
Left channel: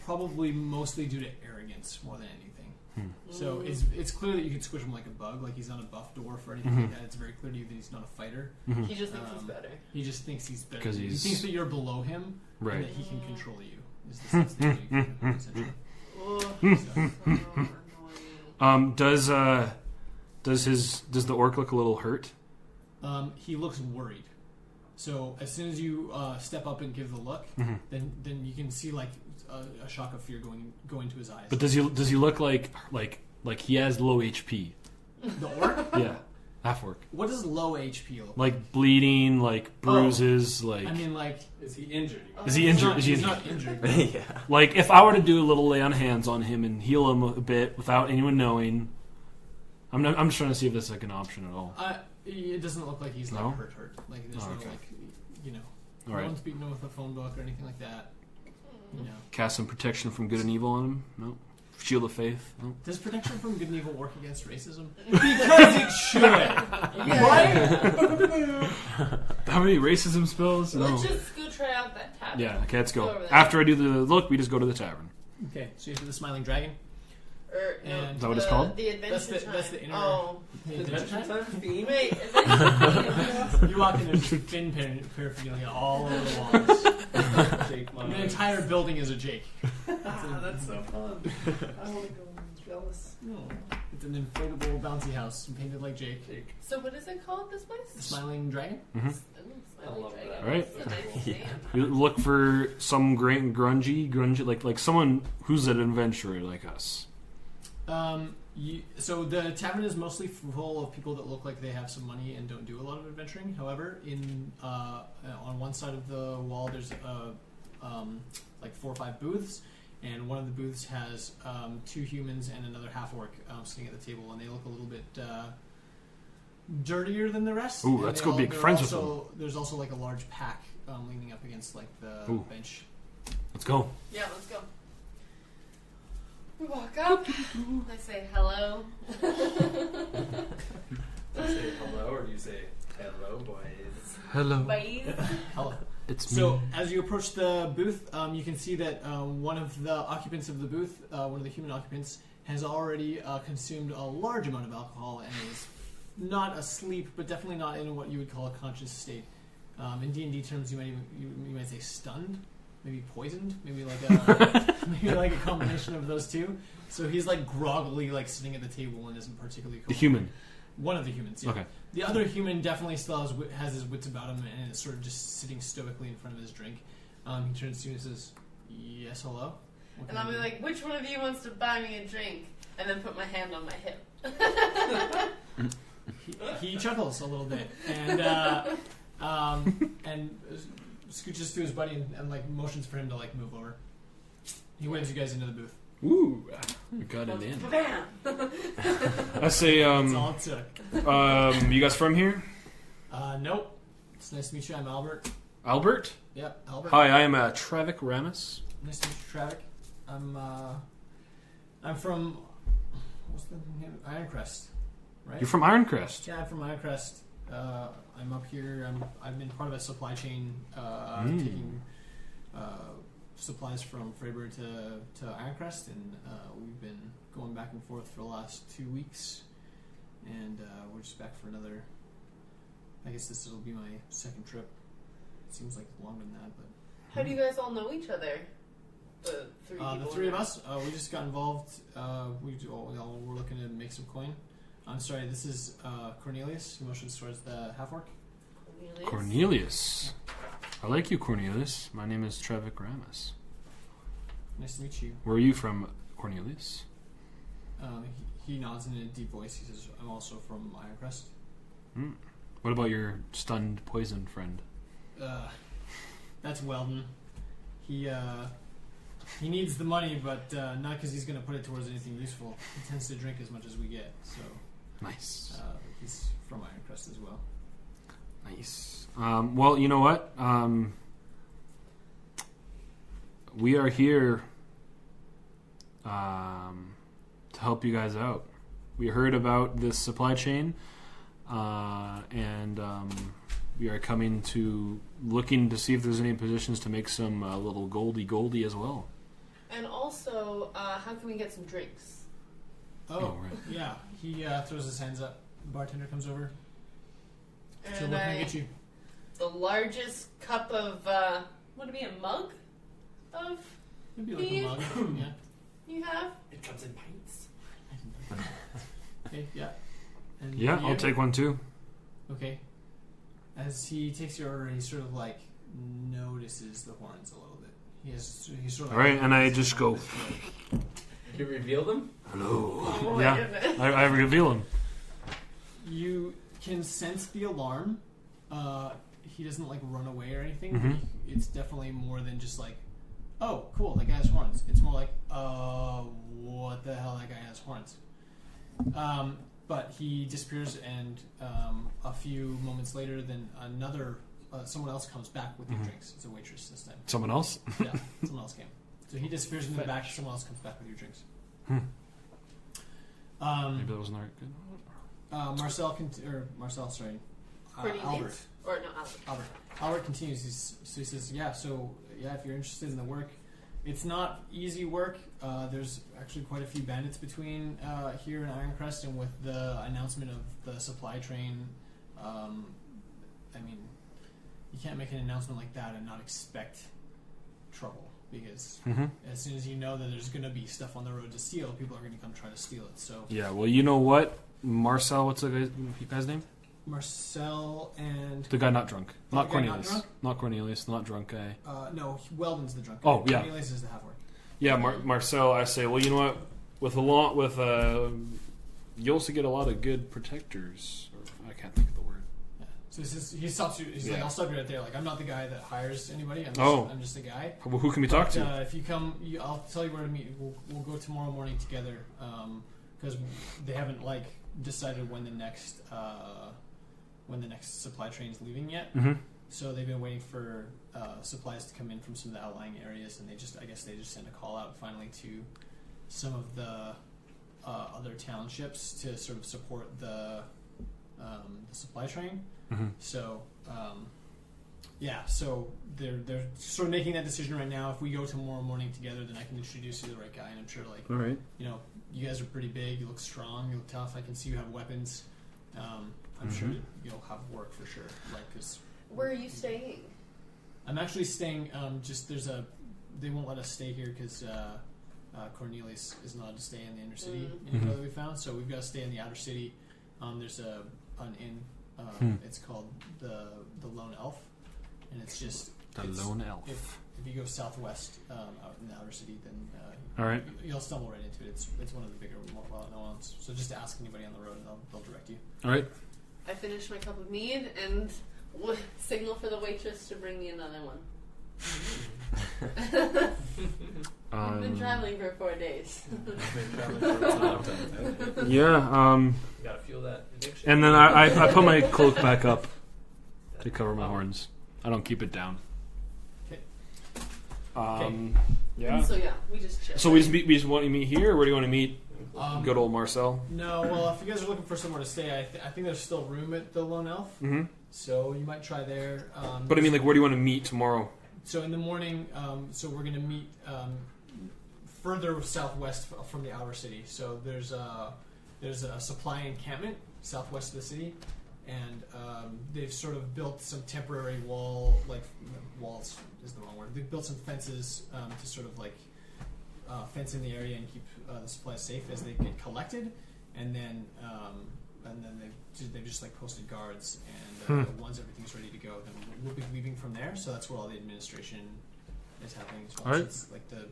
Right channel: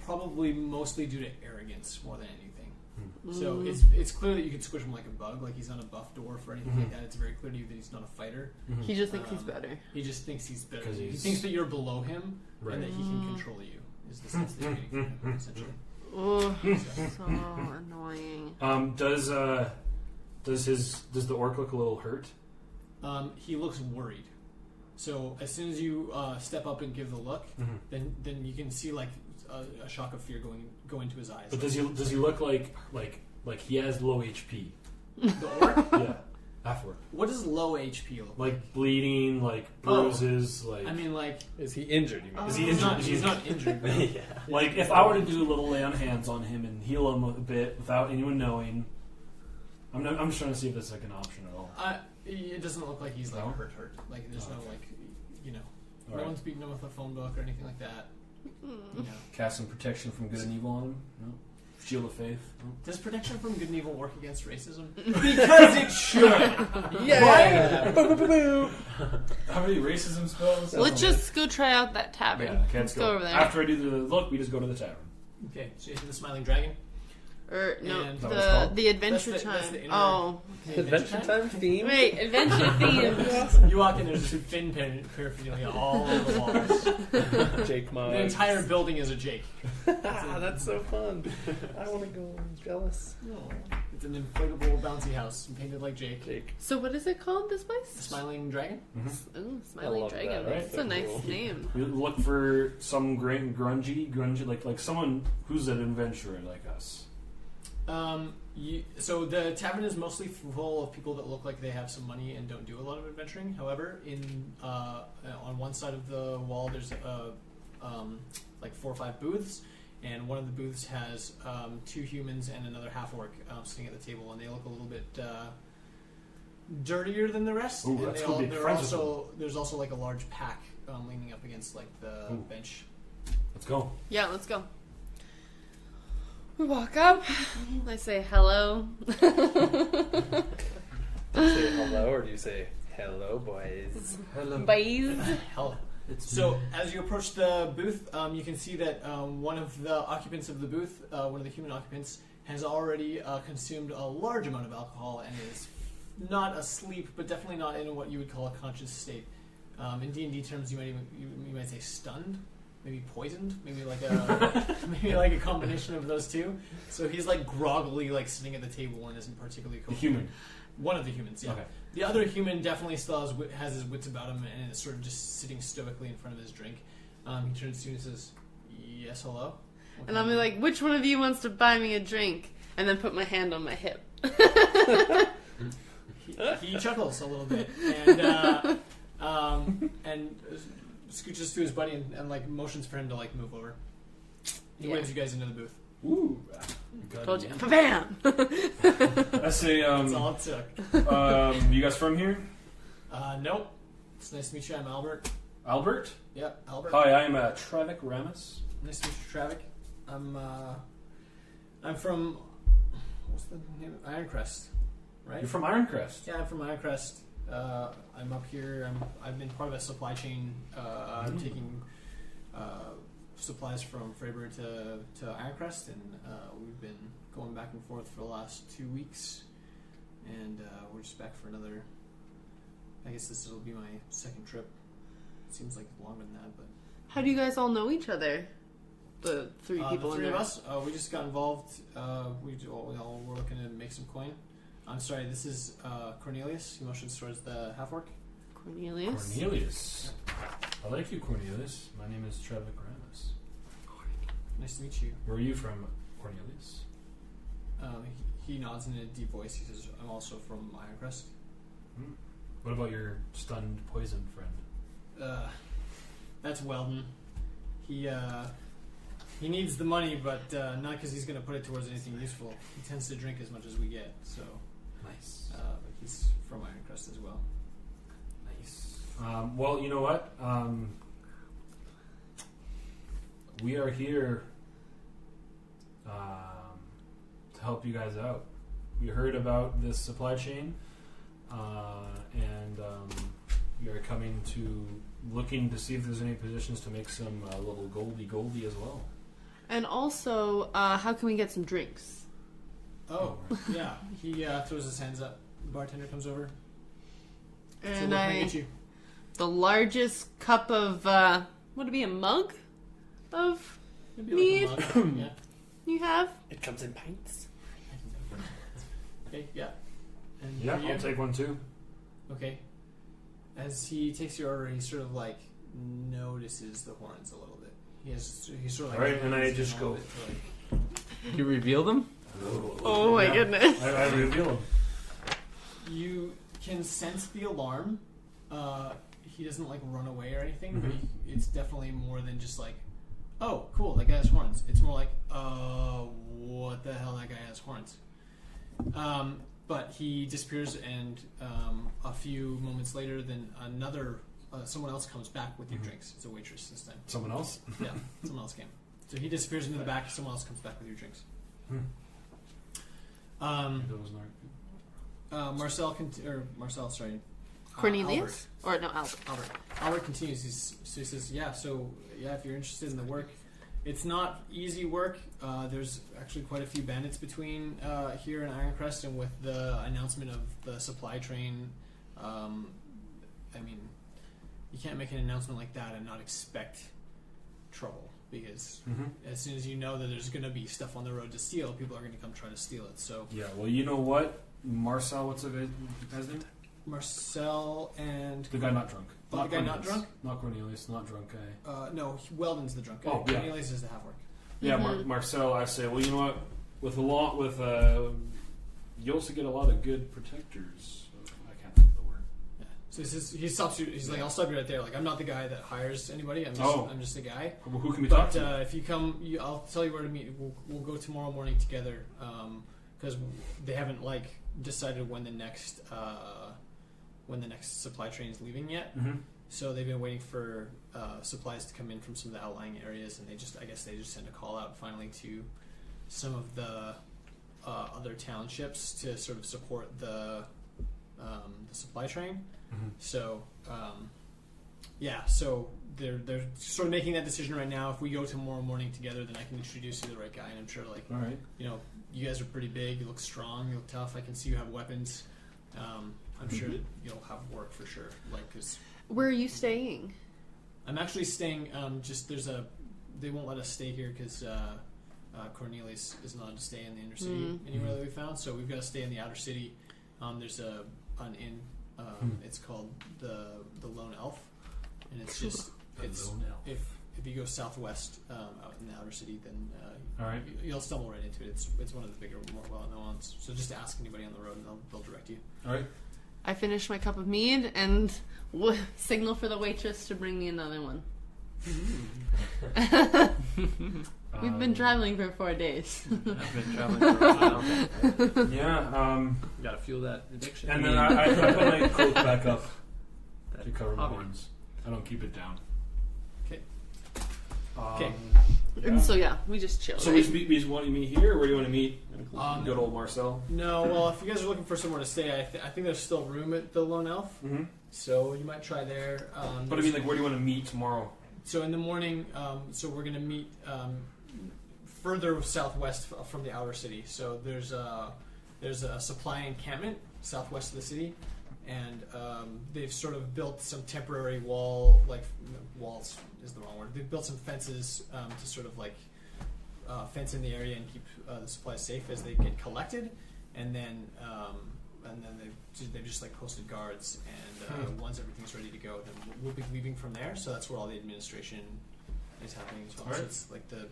Probably mostly due to arrogance more than anything. So it's clear that you can squish him like a bug. Like he's not a buff dwarf or anything like that. It's very clear to you that he's not a fighter. He just thinks he's better. He just thinks he's better. 'Cause He he's- thinks that you're below him Right. and that he can control you. Is the sense that you're getting from him, essentially. Oh, so annoying. Does the orc look a little hurt? He looks worried. So as soon as you step up and give the look, then you can see like a shock of fear go into his eyes. But does he look like he has low HP? The orc? Yeah, half orc. What does low HP look like? Like bleeding, like bruises, like. I mean, like Is he injured? Is he injured? He's not injured. Yeah. Like if I were to do a little lay on hands on him and heal him a bit without anyone knowing, I'm just trying to see if that's like an option at all. It doesn't look like he's like No? hurt. Like there's no Okay. like no All right. one's beating him with a phone book or anything like that. No. Cast some protection from good and evil on him. No. Shield of faith. No. Does protection from good and evil work against racism? Because it should. Yeah. How many racism spells? Let's just go try out that tavern. Yeah. Okay, let's Go go. over there. After I do the look, we just go to the tavern. Okay, so you see the smiling dragon. Or no, And- Is that what it's called? the adventure That's the- time. that's the inner- Oh, The Adventure Time theme? wait, adventure theme. You walk in, there's Finn paraphernalia all over the walls. Jake Mom. The entire building is a Jake. That's so fun. I want to go. I'm jealous. It's an inflatable bouncy house painted like Jake. So what is it called? This The place? smiling dragon. Ooh, I Smiling love Dragon. that. Right. That's a nice name. We look for some grungy, like someone who's an adventurer like us. So the tavern is mostly full of people that look like they have some money and don't do a lot of adventuring. However, on one side of the wall, there's like 4 or 5 booths, and one of the booths has 2 humans and another half orc sitting at the table, and they look a little bit dirtier than the rest. Ooh, and let's they go all- be they're friends with also, There's also like a large pack leaning up against like the Ooh. bench. Let's go. Yeah, let's go. We walk up. I say hello. Do you say hello or do you say hello, boys? Hello. Boys. Hello. It's So as you approach the booth, you can see that one of the occupants of the booth, one of the human occupants, has already consumed a large amount of alcohol and is not asleep, but definitely not in what you would call a conscious state. In D&D terms, you might say stunned, maybe poisoned, maybe like a combination of those two. So he's like groggily like sitting at the table and isn't particularly the human. One of the humans, yeah. Okay. The other human definitely still has his wits about him and is sort of just sitting stoically in front of his drink. He turns to you and says, "Yes, hello." What And can I'll I be do? like, which one of you wants to buy me a drink? And then put my hand on my hip. He chuckles a little bit and scooches to his buddy and like motions for him to like move over. He waves you guys into the booth. Ooh, we got it in. Bam! I say, That's all it took. you guys from here? Nope. It's nice to meet you. I'm Albert. Albert? Yep, Albert. Hi, I am Travic Ramus. Nice to meet you, Travic. I'm from what's the name? Ironcrest, right? You're from Ironcrest. Yeah, I'm from Ironcrest. I'm up here. I've been part of a supply chain, taking supplies from Freyburn to Ironcrest, and we've been going back and forth for the last 2 weeks, and we're just back for another. I guess this will be my second trip. Seems like longer than that, but How do you guys all know each other? The three people. the three of us, we just got involved. We all were looking to make some coin. I'm sorry, this is Cornelius. He motions towards the half-orc. Cornelius. Cornelius. I like you, Cornelius. My name is Travic Ramus. Nice to meet you. Where are you from, Cornelius? He nods in a deep voice. He says, "I'm also from Ironcrest." What about your stunned poison friend? That's Weldon. He needs the money, but not because he's going to put it towards anything useful. He tends to drink as much as we get, so Nice. he's from Ironcrest as well. Nice. Well, you know what? We are here to help you guys out. We heard about this supply chain, and we are coming to looking to see if there's any positions to make some little goldie as well. And also, how can we get some drinks? Oh, right. yeah. He throws his hands up. The bartender comes over. So what And can I get you? the largest cup of would it be a mug of Maybe Me? like a mug. Yeah. you have? It comes in pints. Okay. Yeah. And Yeah, for you? I'll take one too. Okay. As he takes your order, he sort of like notices the horns a little bit. He's sort of like, Right, and I just go, You reveal them? hello. Oh my Yeah. goodness! I reveal him. You can sense the alarm. He doesn't like run away or anything. But it's definitely more than just like, oh, cool, that guy has horns. It's more like, what the hell, that guy has horns. But he disappears, and a few moments later, then someone else comes back with your drinks. It's a waitress this time. Someone else? Yeah, someone else came. So he disappears into the back. Someone else comes back with your drinks. Maybe that wasn't good. Marcel, sorry. Cornelius or no Albert? Albert continues. He says, if you're interested in the work, it's not easy work. There's actually quite a few bandits between here in Ironcrest, and with the announcement of the supply train, I mean, you can't make an announcement like that and not expect trouble, because as soon as you know that there's going to be stuff on the road to steal, people are going to come try to steal it. So Yeah, well, you know what? Marcel, what's the guy's name? Marcel and The guy not drunk. Oh, Not the guy not Cornelius. drunk? Not Cornelius, not drunk guy. no, Weldon's the drunk. Oh, yeah. Cornelius is the half-orc. Yeah, Marcel, I say, well, you know what? You also get a lot of good protectors. I can't think of the word. Yeah. So he stops you. He's like, I'll stop you right there. Like, I'm not the guy that hires anybody. I'm just a guy. Well, who can we talk But to? if you come, I'll tell you where to meet. We'll go tomorrow morning together. because they haven't like decided when the next supply train is leaving yet. Mm-hmm. So they've been waiting for supplies to come in from some of the outlying areas, and I guess they just sent a call out finally to some of the other townships to sort of support the supply train. Mm-hmm. So so they're sort of making that decision right now. If we go tomorrow morning together, then I can introduce you to the right guy, and I'm sure All right. you guys are pretty big, you look strong, you look tough. I can see you have weapons. I'm sure you'll have work for sure. Like, 'cause Where are you staying? I'm actually staying. They won't let us stay here because Cornelius is not allowed to stay in the inner city anywhere that we found. So we've got to stay in the outer city. There's an inn. It's called the Lone Elf, and it's just Lone Elf. If you go southwest out in the outer city, then All right. you'll stumble right into it. It's one of the bigger, more well-known ones. So just ask anybody on the road, and they'll direct you. All right. I finished my cup of mead and signal for the waitress to bring me another one. We've been traveling for 4 days. I've been traveling for a while. Yeah. Gotta fuel that addiction. And then I put my cloak back up to cover my horns. I don't keep it down. Okay. Okay. And so we just chill. So we just want to meet here, or where do you want to meet? Good old Marcel. No, well, if you guys are looking for somewhere to stay, I think there's still room at the Lone Elf. Mm-hmm. So you might try there. But I mean, like, where do you want to meet tomorrow? So in the morning, so we're going to meet further southwest from the outer city. So there's a supply encampment southwest of the city, and they've sort of built some temporary walls is the wrong word. They've built some fences to sort of like fence in the area and keep the supplies safe as they get collected, and then they've just like posted guards, and once everything's ready to go, then we'll be leaving from there. So that's where all the administration is happening as well. Right. So it's like the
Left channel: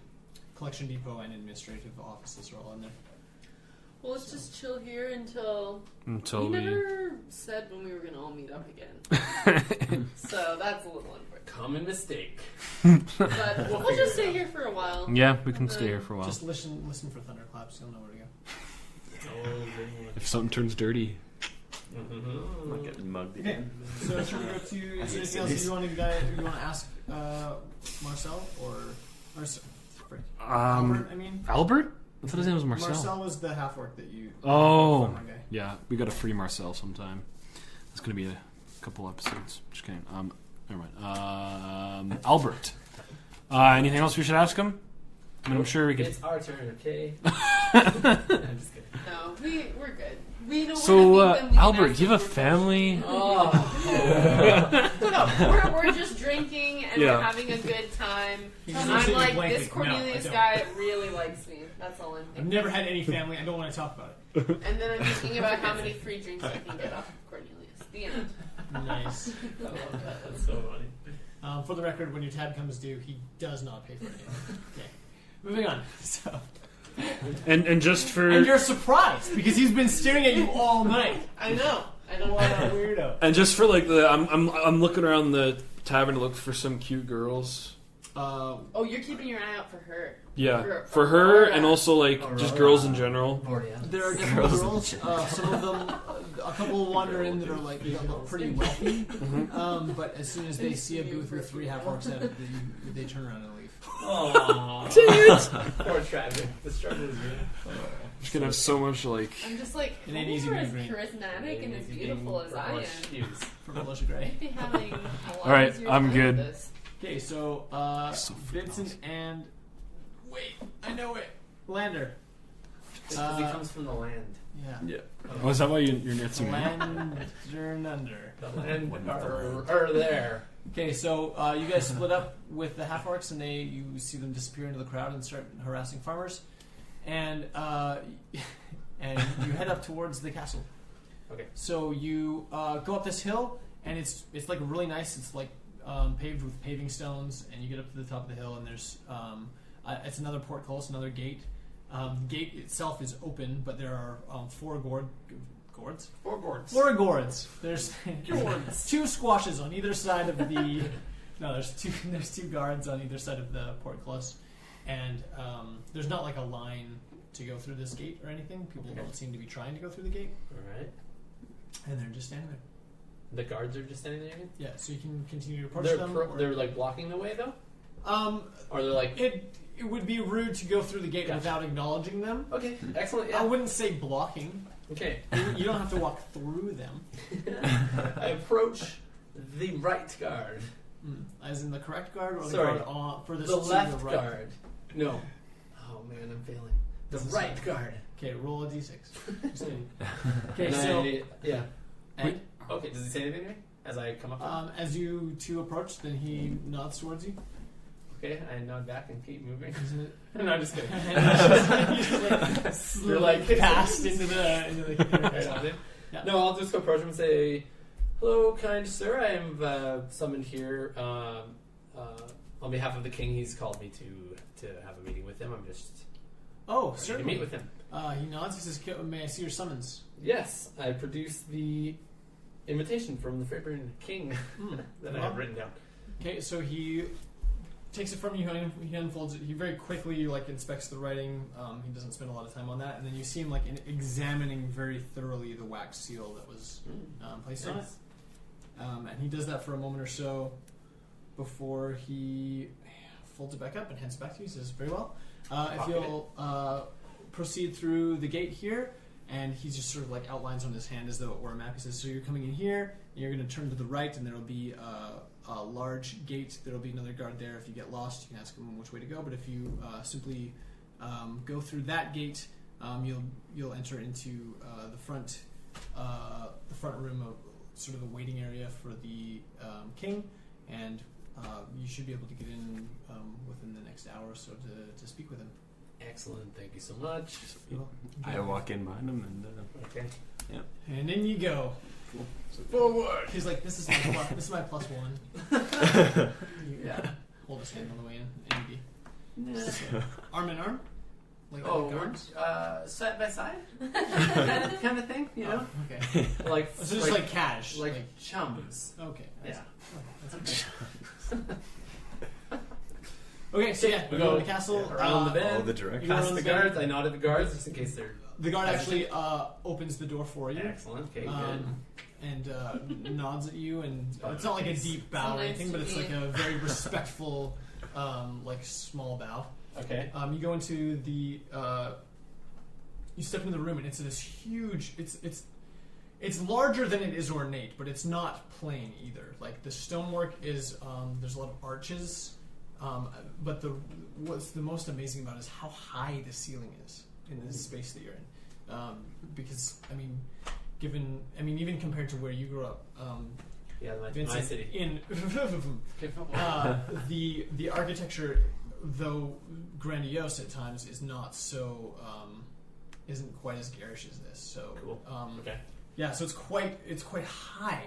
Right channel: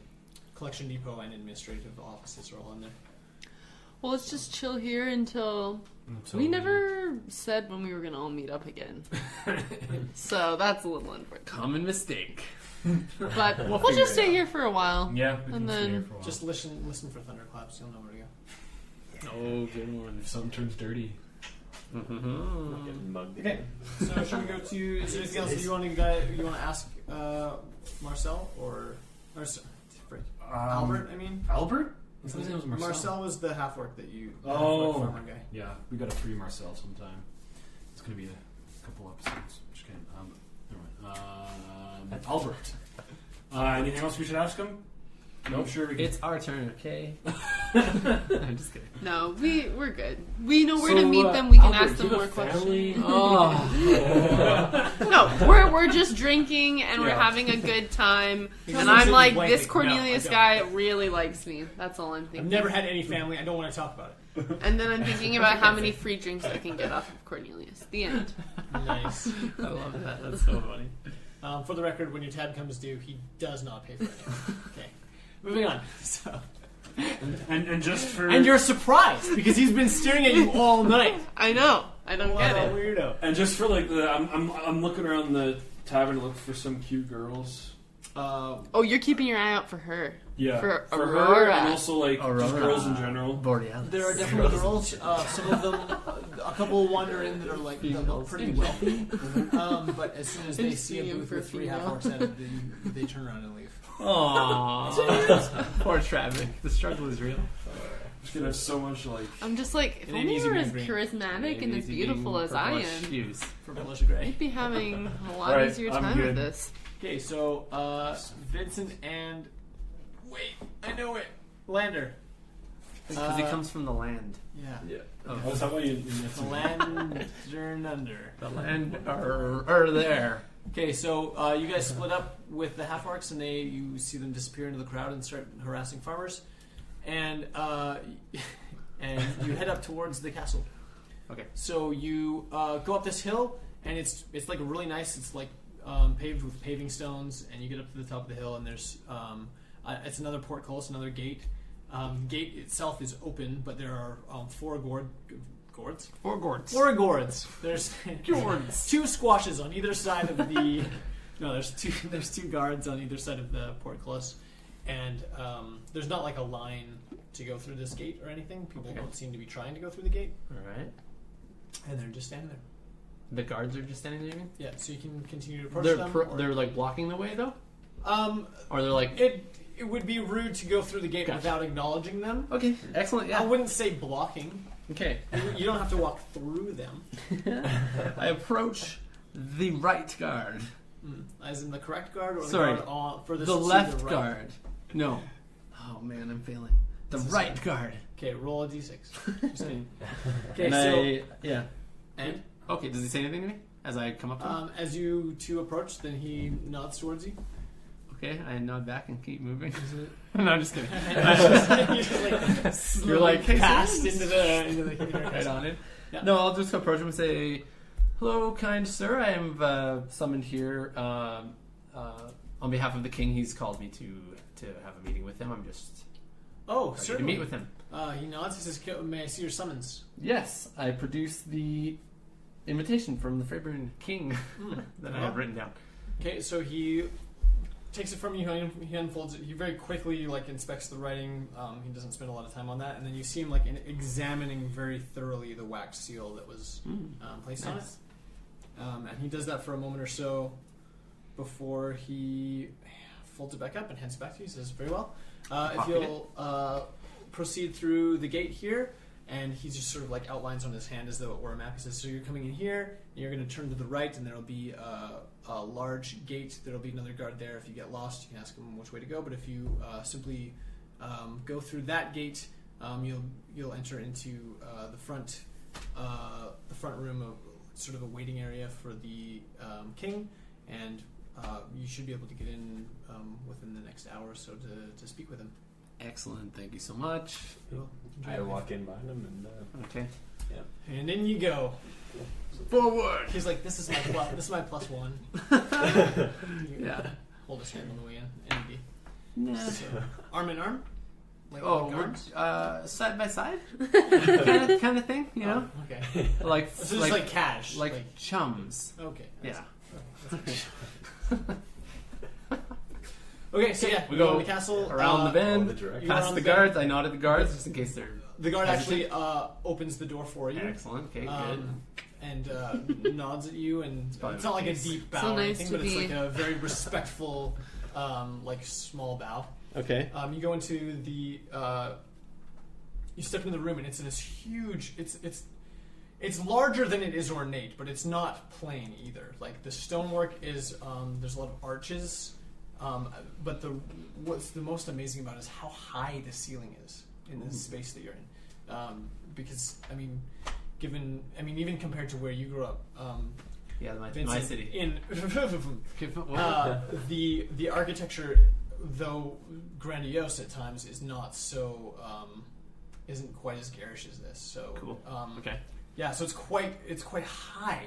collection depot and administrative offices are all in there. Well, let's just chill here until we never said when we were gonna all meet up again. So that's a little unfortunate. Common mistake. But we'll just stay here for a while. Yeah, we can stay here for a while. Just listen for thunderclaps. You'll know where to go. Oh, good one. If something turns dirty. Mm-hmm. Getting mugged Okay, again. so should we go to? Is there anything else you want to ask Marcel or Albert? I mean, Albert? I thought his name was Marcel. Marcel was the half orc that you. Oh, farmer guy. yeah. We got to free Marcel sometime. It's gonna be a couple episodes. Just kidding. Never mind. Albert. Anything else we should ask him? I'm sure we can. It's our turn, okay? I'm just kidding. No, we're good. We know where to meet them. We can Albert, ask do you them have a more family? No, we're just drinking and we're having a good time. He And just I'm looks like, at you this blankly. Cornelius No, I guy don't. really likes me. That's all I'm I've thinking. never had any family. I don't want to talk about it. And then I'm thinking about how many free drinks I can get off of Cornelius. The end. Nice. I love that. That's so funny. For the record, when your tab comes due, he does not pay for anything. Okay. Moving on. So. And just for And you're surprised because he's been staring at you all night. I know. I don't What get a it. weirdo. and just for like I'm looking around the tavern to look for some cute girls. Oh, you're keeping your eye out for her. Yeah, For for her Aurora. Oh, and also like just Aurora. girls in general. Borealis. There are definitely girls. Some of them, a couple wander in that are like look pretty wealthy. But as soon as they see a booth with 3 half orcs at it, they turn around and leave. Aww. Poor traffic. The struggle is real. Just gonna have so much like. I'm just like, if It ain't only easy you were being as green. charismatic and as beautiful as I am, For Militia Gray. I'd be having a lot Alright, easier I'm time good. with this. Okay, so Vincent and I know it. Lander. Because he comes from the land. Yeah. Yeah. Oh, is that why you're dancing? Lantern under. The land are there. Okay, so you guys split up with the half orcs, and you see them disappear into the crowd and start harassing farmers, and you head up towards the castle. Okay. So you go up this hill, and it's like really nice. It's like paved with paving stones, and you get up to the top of the hill, and there's it's another portcullis, another gate. The gate itself is open, but there are 4 gourds. Four gourds. 4 gourds. There's 2 squashes on either side of the. No, there's two guards on either side of the portcullis, and there's not like a line to go through this gate or anything. People don't seem to be trying to go through the gate. All right. And they're just standing there. The guards are just standing there. You mean? Yeah, so you can continue to approach They're them. they're like blocking the way though, or they're like It would be rude to go through the gate Gotcha. without acknowledging them. okay, excellent. I Yeah. wouldn't say blocking. Okay. You don't have to walk through them. I approach the right guard. As in the correct guard or the Sorry. guard on furthest The to left the right? guard. No. Oh man, I'm failing. The This is right guard. Okay, roll a d6. Just kidding. Okay, And so yeah. And okay, does he say anything to me as I come up to him? as you two approach, then he nods towards you. Okay, I nod back and keep moving. No, I'm just kidding. You just, like, You're like passed into the right on it. Yeah. No, I'll just go approach him and say, "Hello, kind sir. I am summoned here on behalf of the king. He's called me to have a meeting with him. I'm just Oh, ready to certainly. meet with him." He nods. He says, "May I see your summons?" Yes, I produced the invitation from the Freyburn king that I have written down. Okay, so he takes it from you. He unfolds it. He very quickly inspects the writing. He doesn't spend a lot of time on that, and then you see him examining very thoroughly the wax seal that was placed on it. Nice. And he does that for a moment or so before he folds it back up and hands it back to you. He says, "Very well. If you'll proceed through the gate here," and he just sort of outlines on his hand as though it were a map. He says, "So you're coming in here, and you're going to turn to the right, and there will be a large gate. There will be another guard there. If you get lost, you can ask him which way to go. But if you simply go through that gate, you'll enter into the front room of sort of a waiting area for the king, and you should be able to get in within the next hour or so to speak with him." Excellent. Thank you so much. I walk in behind him and Okay. And in you go. Forward. He's like, "This is my plus one." You, hold his hand on the way in, and arm in arm, like guards. Side by side, kind of thing. You know, Okay. like So just like cash, like chums. okay. Yeah. Okay, so we we go go to the castle around the bend. all the direct. You go Past around the the bend. guards. I nodded the guards just in case they're The guard hesitant. actually opens the door for you. Excellent. Okay, good. And nods at you, and Fine. it's not like a deep bow So or nice anything, to but it's be- like a very respectful, small bow. Okay. You go into the, you step into the room, and it's this huge. It's larger than it is ornate, but it's not plain either. Like the stonework is, there's a lot of arches, but what's the most amazing about it is how high the ceiling is in this space that you're in, because even compared to where you grew up, Yeah, my Vincent, city. in the architecture, though grandiose at times, is not so isn't quite as garish as this. So Cool. Okay. yeah, so it's quite high,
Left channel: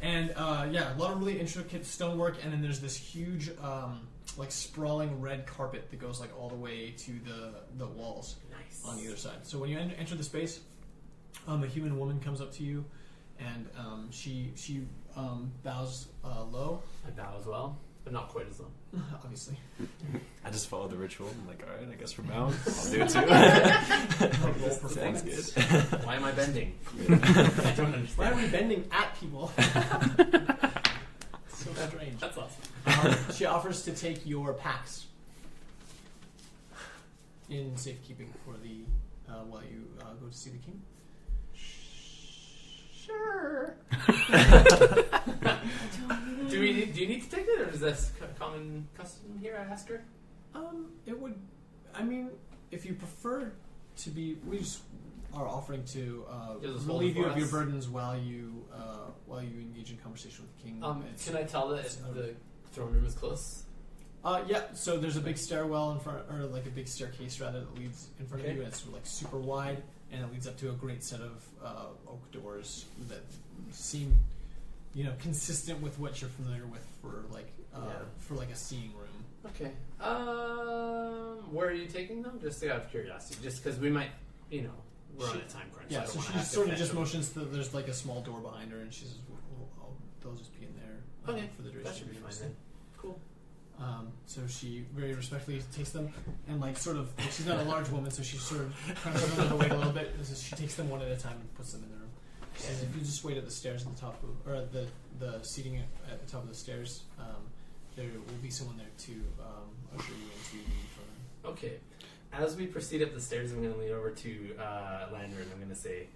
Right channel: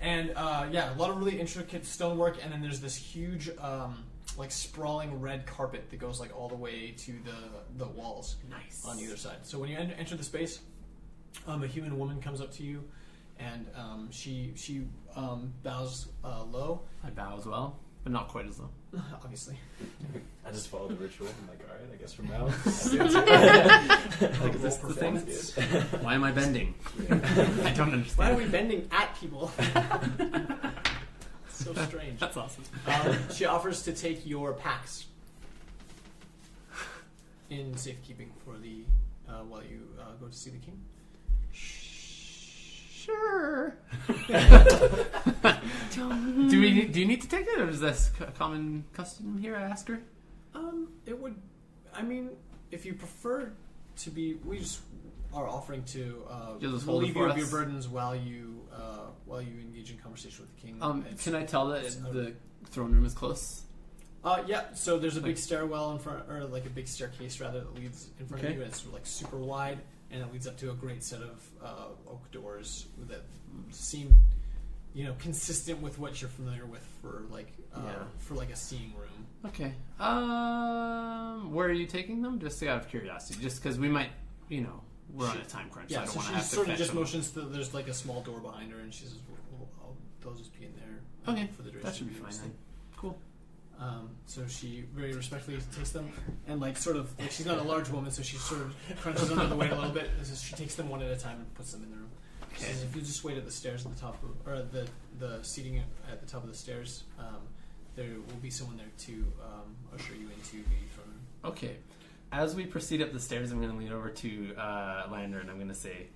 and a lot of really intricate stonework, and then there's this huge sprawling red carpet that goes all the way to the walls Nice. on either side. So when you enter the space, a human woman comes up to you, and she bows low. I bow as well, but not quite as low. Obviously. I just follow the ritual. I'm like, all right, I guess we're bound. I'll do it too. Roll performance. Why am I bending? I don't understand. Why are we bending at people? So strange. That's awesome. She offers to take your packs in safekeeping for the while you go to see the king. Sure. Do you need to take it, or is this common custom here? I ask her. It would. I mean, if you prefer to be, we just are offering to Just hold relieve it you for of your us. burdens while you engage in conversation with the king. It's- Can I tell that it's the throne room is close? Yeah, so there's a big stairwell in front, or a big staircase rather, that leads in front of Okay. you, and it's super wide, and it leads up to a great set of oak doors that seem, consistent with what you're familiar with for a seeing room. Okay. Where are you taking them? Just out of curiosity, just because we might, we're on a time crunch. Yeah, I so don't she wanna have to sort of fetch just them. motions that there's a small door behind her, and she says, "They'll just be in there Okay, for the duration." That should be of the fine stay." then. Cool. So she very respectfully takes them, and like sort of, like, she's not a large woman, so she sort of crunches under the weight a little bit. So she takes them one at a time and puts them in the room. She says, if you just wait at the stairs at the top of, or at the seating at the top of the stairs, there will be someone there to usher you into the throne room. Okay. As we proceed up the stairs, I'm going to lean over to Lander and I'm going to say,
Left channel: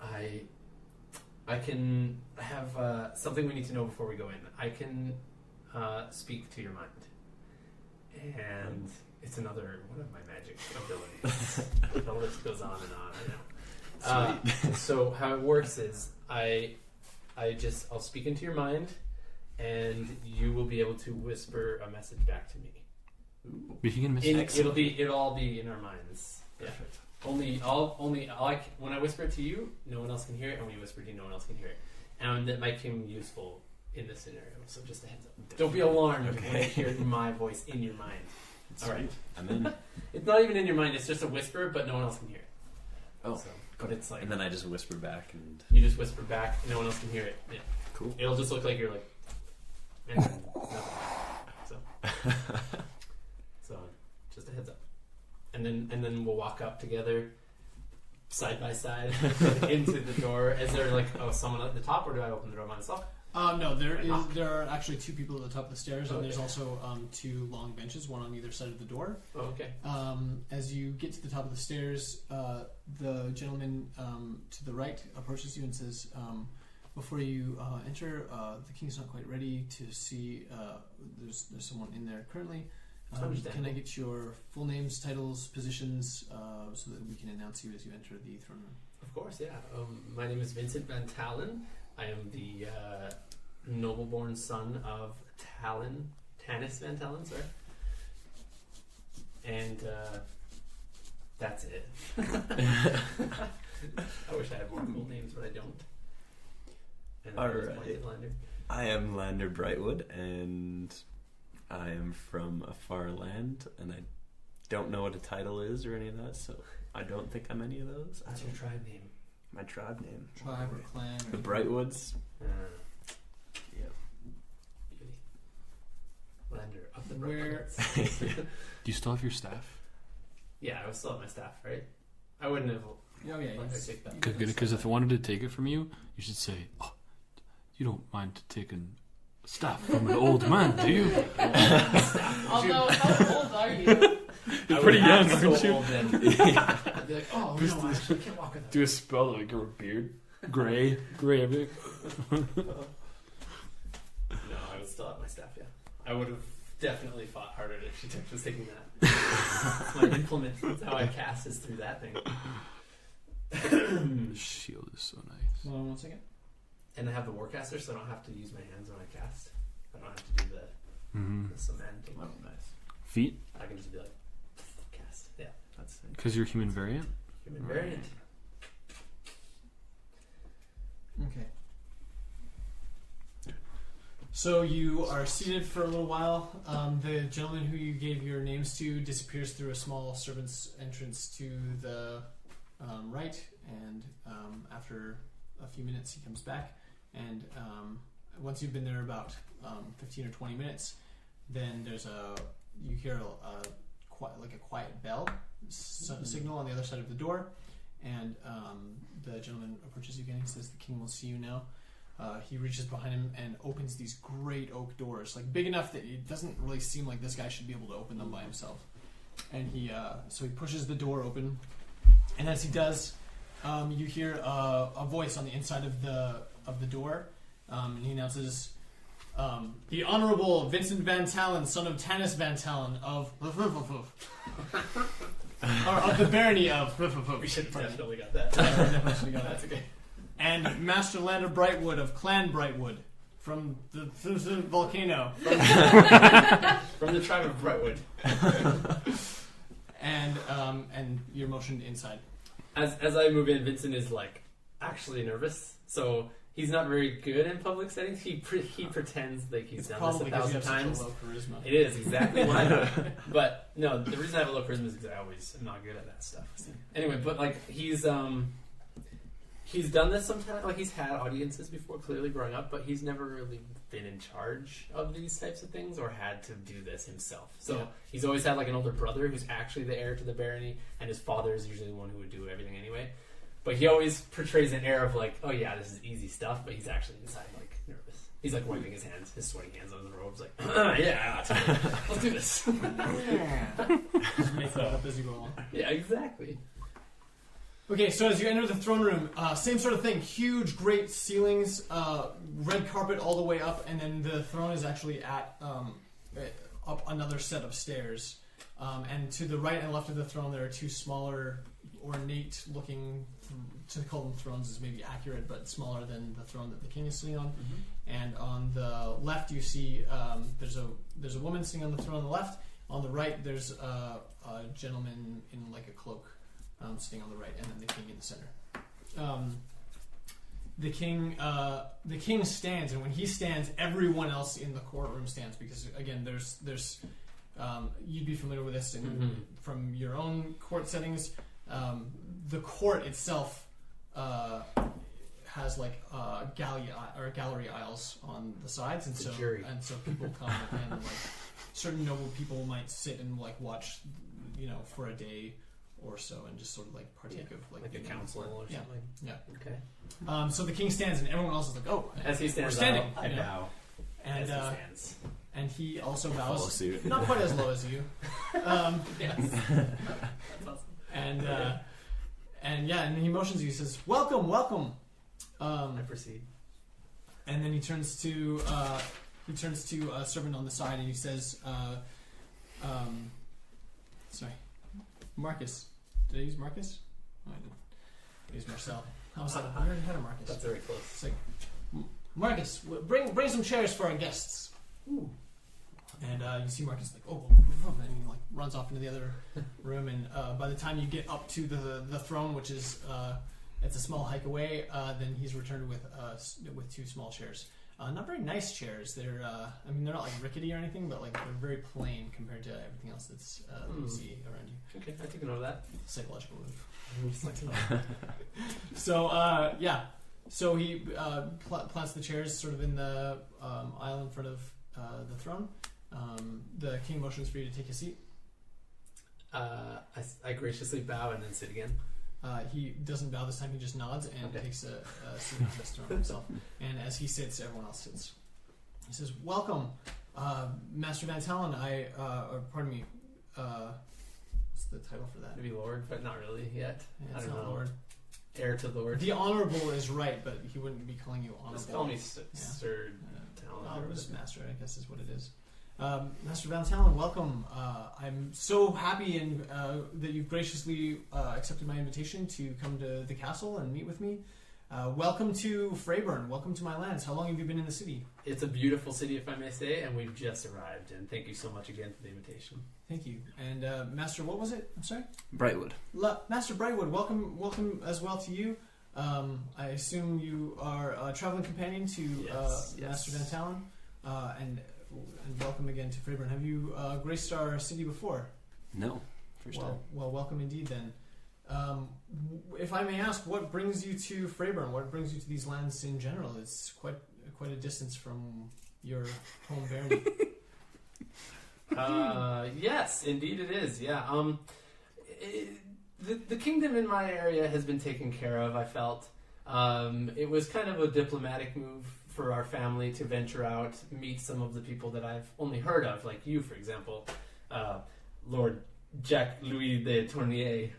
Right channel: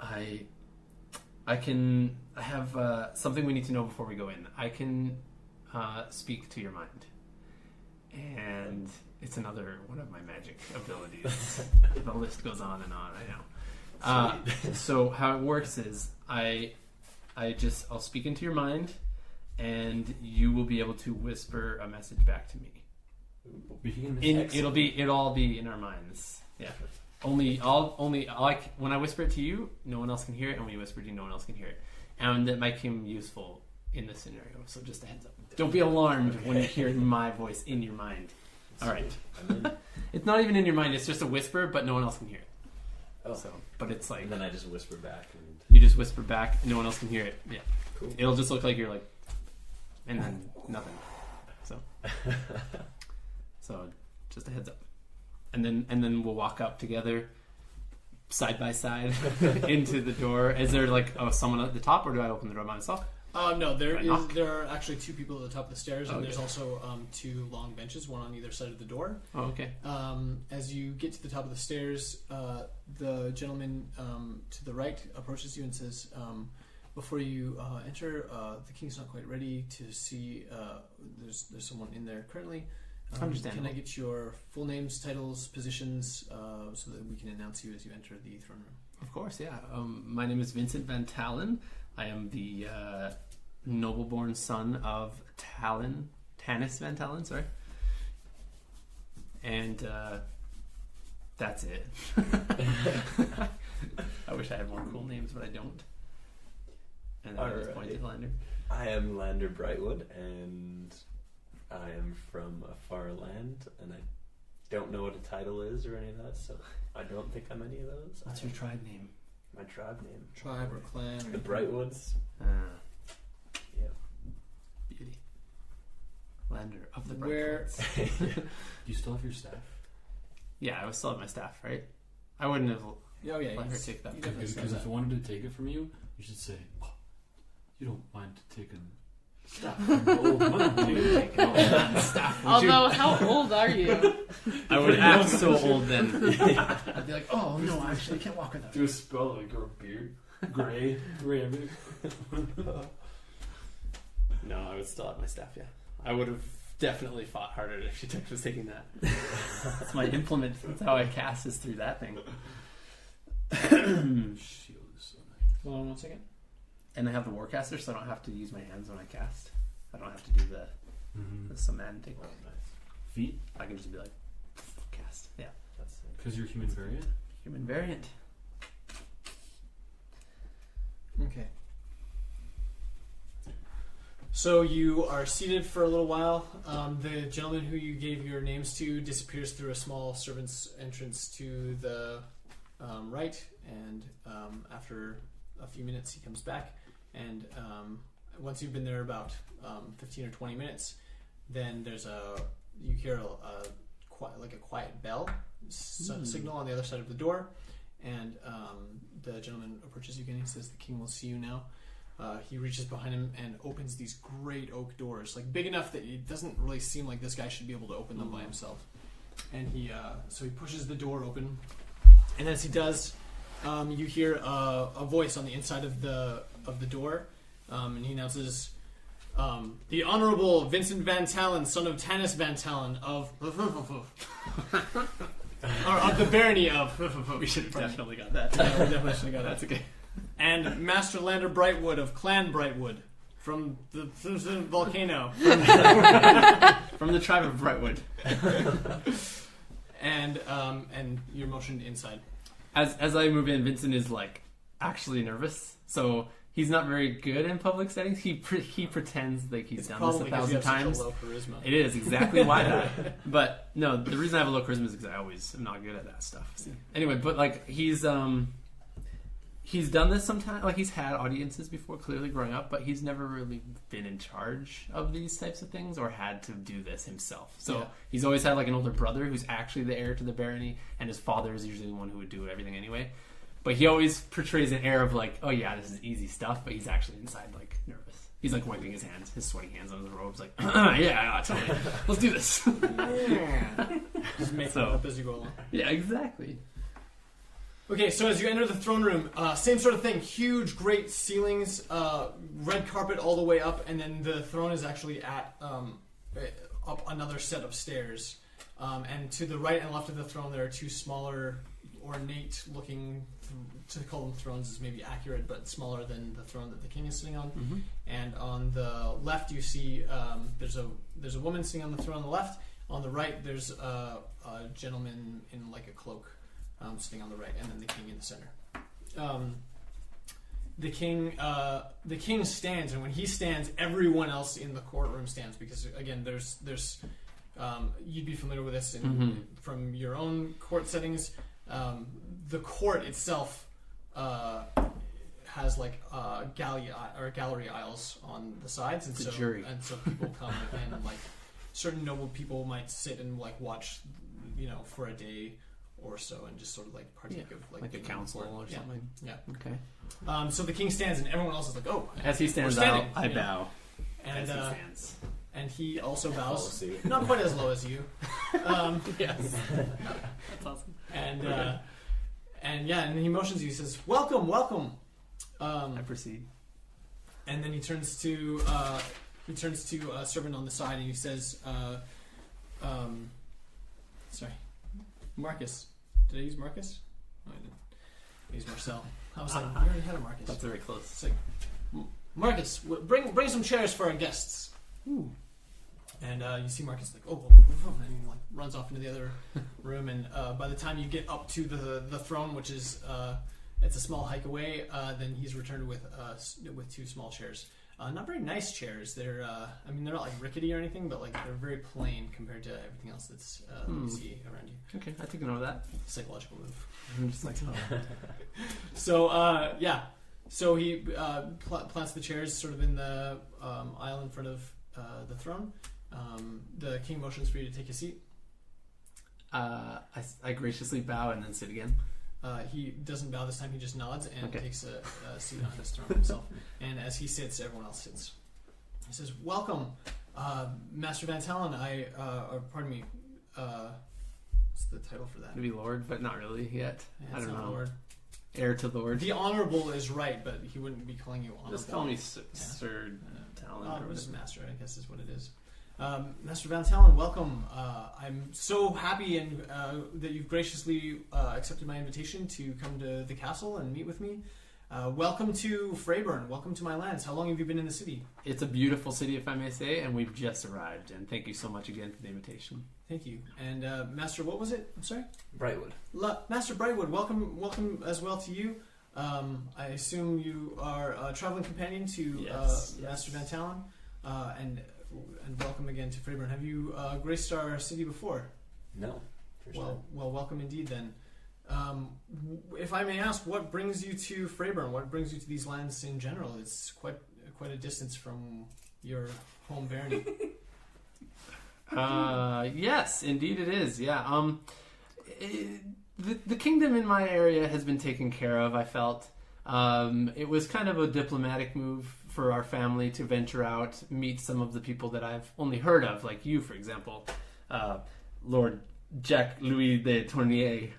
I have something we need to know before we go in. I can speak to your mind. And it's another one of my magic abilities. The list goes on and on, I know. So how it works is I'll speak into your mind and you will be able to whisper a message back to me. It'll all be in our minds. Yeah. When I whisper it to you, no one else can hear it, and when you whisper it to you, no one else can hear it. And that might come useful in this scenario. So just a heads up. Don't be alarmed when you hear my voice in your mind. All right. I'm in. It's not even in your mind. It's just a whisper, but no one else can hear it. Oh. So, but it's like... And then I just whisper back. And you just whisper back, and no one else can hear it. Yeah. Cool. It'll just look like you're like... And then nothing. So just a heads up. And then we'll walk up together, side by side, into the door. Is there like someone at the top, or do I open the door by myself? No, there are actually two people at the top of the stairs, and there's also two long benches, one on either side of the door. Oh, okay. As you get to the top of the stairs, the gentleman to the right approaches you and says, before you enter, the king's not quite ready to see. There's someone in there currently. Can I get your full names, titles, positions, so that we can announce you as you enter the throne room? Of course, yeah. My name is Vincent Van Talon. I am the noble-born son of Tanis Van Talon, sorry. And that's it. I wish I had more cool names, but I don't. And I was pointed Lander. I am Lander Brightwood, and I am from a far land, and I don't know what a title is or any of that, so I don't think I'm any of those. What's your tribe name? My tribe name. Tribe or clan? The Brightwoods. Yeah. Beauty. Lander of the Where? Brightwoods. Do you still have your staff? Yeah, I would still have my staff, right? I wouldn't have Oh yeah, let her take that. Because if I wanted to take it from you, you should say, "Oh, you don't mind taking staff from the old man, do you?" Although, how old are you? I would act so old then. I'd be like, oh no, I actually can't walk with that. Do a spell like grow a beard, gray. No, I would still have my staff. Yeah, I would have definitely fought harder if she was taking that. That's my implement. That's how I cast is through that thing. Shield is so nice. Hold on 1 second. And I have the Warcaster, so I don't have to use my hands when I cast. I don't have to do the semantic. Oh, nice. Feet? I can just be like, cast. Yeah, that's it. Because you're human variant? Human variant. Okay. So you are seated for a little while. The gentleman who you gave your names to disappears through a small servant's entrance to the right, and after a few minutes he comes back, and once you've been there about 15 or 20 minutes, then you hear a quiet bell signal on the other side of the door, and the gentleman approaches you again. He says, "The king will see you now." He reaches behind him and opens these great oak doors, like big enough that it doesn't really seem like this guy should be able to open them by himself. And he pushes the door open, and as he does, you hear a voice on the inside of the door, and he announces, "The Honorable Vincent Van Talon, son of Tanis Van Talon of or of the barony of." We should have definitely got that. Definitely should have got that. That's okay. And Master Lander Brightwood of Clan Brightwood from the volcano. From the tribe of Brightwood. And you're motioned inside. As I move in, Vincent is like actually nervous. So he's not very good in public settings. He pretends like he's done this 1,000 times. Such a low charisma. It is exactly why not. But no, the reason I have a low charisma is because I always am not good at that stuff. Anyway, but like he's He's done this sometimes. Like he's had audiences before, clearly growing up, but he's never really been in charge of these types of things or had to do this himself. So he's always had like an older brother who's actually the heir to the barony, and his father is usually the one who would do everything anyway. But he always portrays an air of like, oh yeah, this is easy stuff, but he's actually inside like nervous. He's like wiping his hands, his sweaty hands on his robes, like, yeah, totally. Let's do this. Just make it up as you go along. Yeah, exactly. Okay, so as you enter the throne room, same sort of thing. Huge, great ceilings, red carpet all the way up, and then the throne is actually at up another set of stairs. And to the right and left of the throne, there are two smaller, ornate-looking, to call them thrones is maybe accurate, but smaller than the throne that the king is sitting on. Mm-hmm. And on the left, you see there's a woman sitting on the throne on the left. On the right, there's a gentleman in like a cloak. Sitting on the right, and then the king in the center. The king stands, and when he stands, everyone else in the courtroom stands because again, there's you'd be familiar with this from your own court settings. The court itself has like gallery aisles on the sides, and so people come and like certain noble people might sit and like watch, for a day or so, and just sort of like partake of like a council or something. Yeah. Okay. So the king stands, and everyone else is like, "Oh!" As he stands, we're standing. I bow. And as he stands. And he also Follow bows, suit. not quite as low as you. Yes. That's awesome. And he motions you. He says, "Welcome, welcome." I proceed. And then he turns to a servant on the side, and he says, "Sorry, Marcus. Did I use Marcus? Oh, I didn't. I used Marcel. I was like, we already had a Marcus." That's very close. It's like, "Marcus, bring some chairs for our guests." Ooh. And you see Marcus like, "Oh," and he like runs off into the other room. And by the time you get up to the throne, which is it's a small hike away, then he's returned with two small chairs. Not very nice chairs. They're they're not like rickety or anything, but like they're very plain compared to everything else that's that you see around you. Okay, I take a note of that. Psychological move. I'm just like, So so he plants the chairs sort of in the aisle in front of the throne. The king motions for you to take a seat. I graciously bow and then sit again. He doesn't bow this time. He just nods and takes a seat on his throne himself. And as he sits, everyone else sits. He says, "Welcome, Master Van Talon. Pardon me. What's the title for that? Maybe Lord, but not really yet. Yeah, I it's don't not know. Lord. Heir to the Lord. The honorable is right, but he wouldn't be calling you honorable. Just call me Sir Talon. Or just Master, I guess is what it is. Master Van Talon, welcome. I'm so happy and that you've graciously accepted my invitation to come to the castle and meet with me. Welcome to Freyburn. Welcome to my lands. How long have you been in the city? It's a beautiful city, if I may say, and we've just arrived. And thank you so much again for the invitation. Thank you. And Master, what was it? I'm sorry? Brightwood. Master Brightwood, welcome as well to you. I assume you are a traveling companion to Yes. Master Van Talon. And welcome again to Freyburn. Have you graced our city before? No. First time. Well, welcome indeed then. If I may ask, what brings you to Freyburn? What brings you to these lands in general? It's quite a distance from your home barony. Yes, indeed it is. Yeah. The kingdom in my area has been taken care of, I felt. It was kind of a diplomatic move for our family to venture out, meet some of the people that I've only heard of, like you, for example, Lord Jacques Louis de Tournier.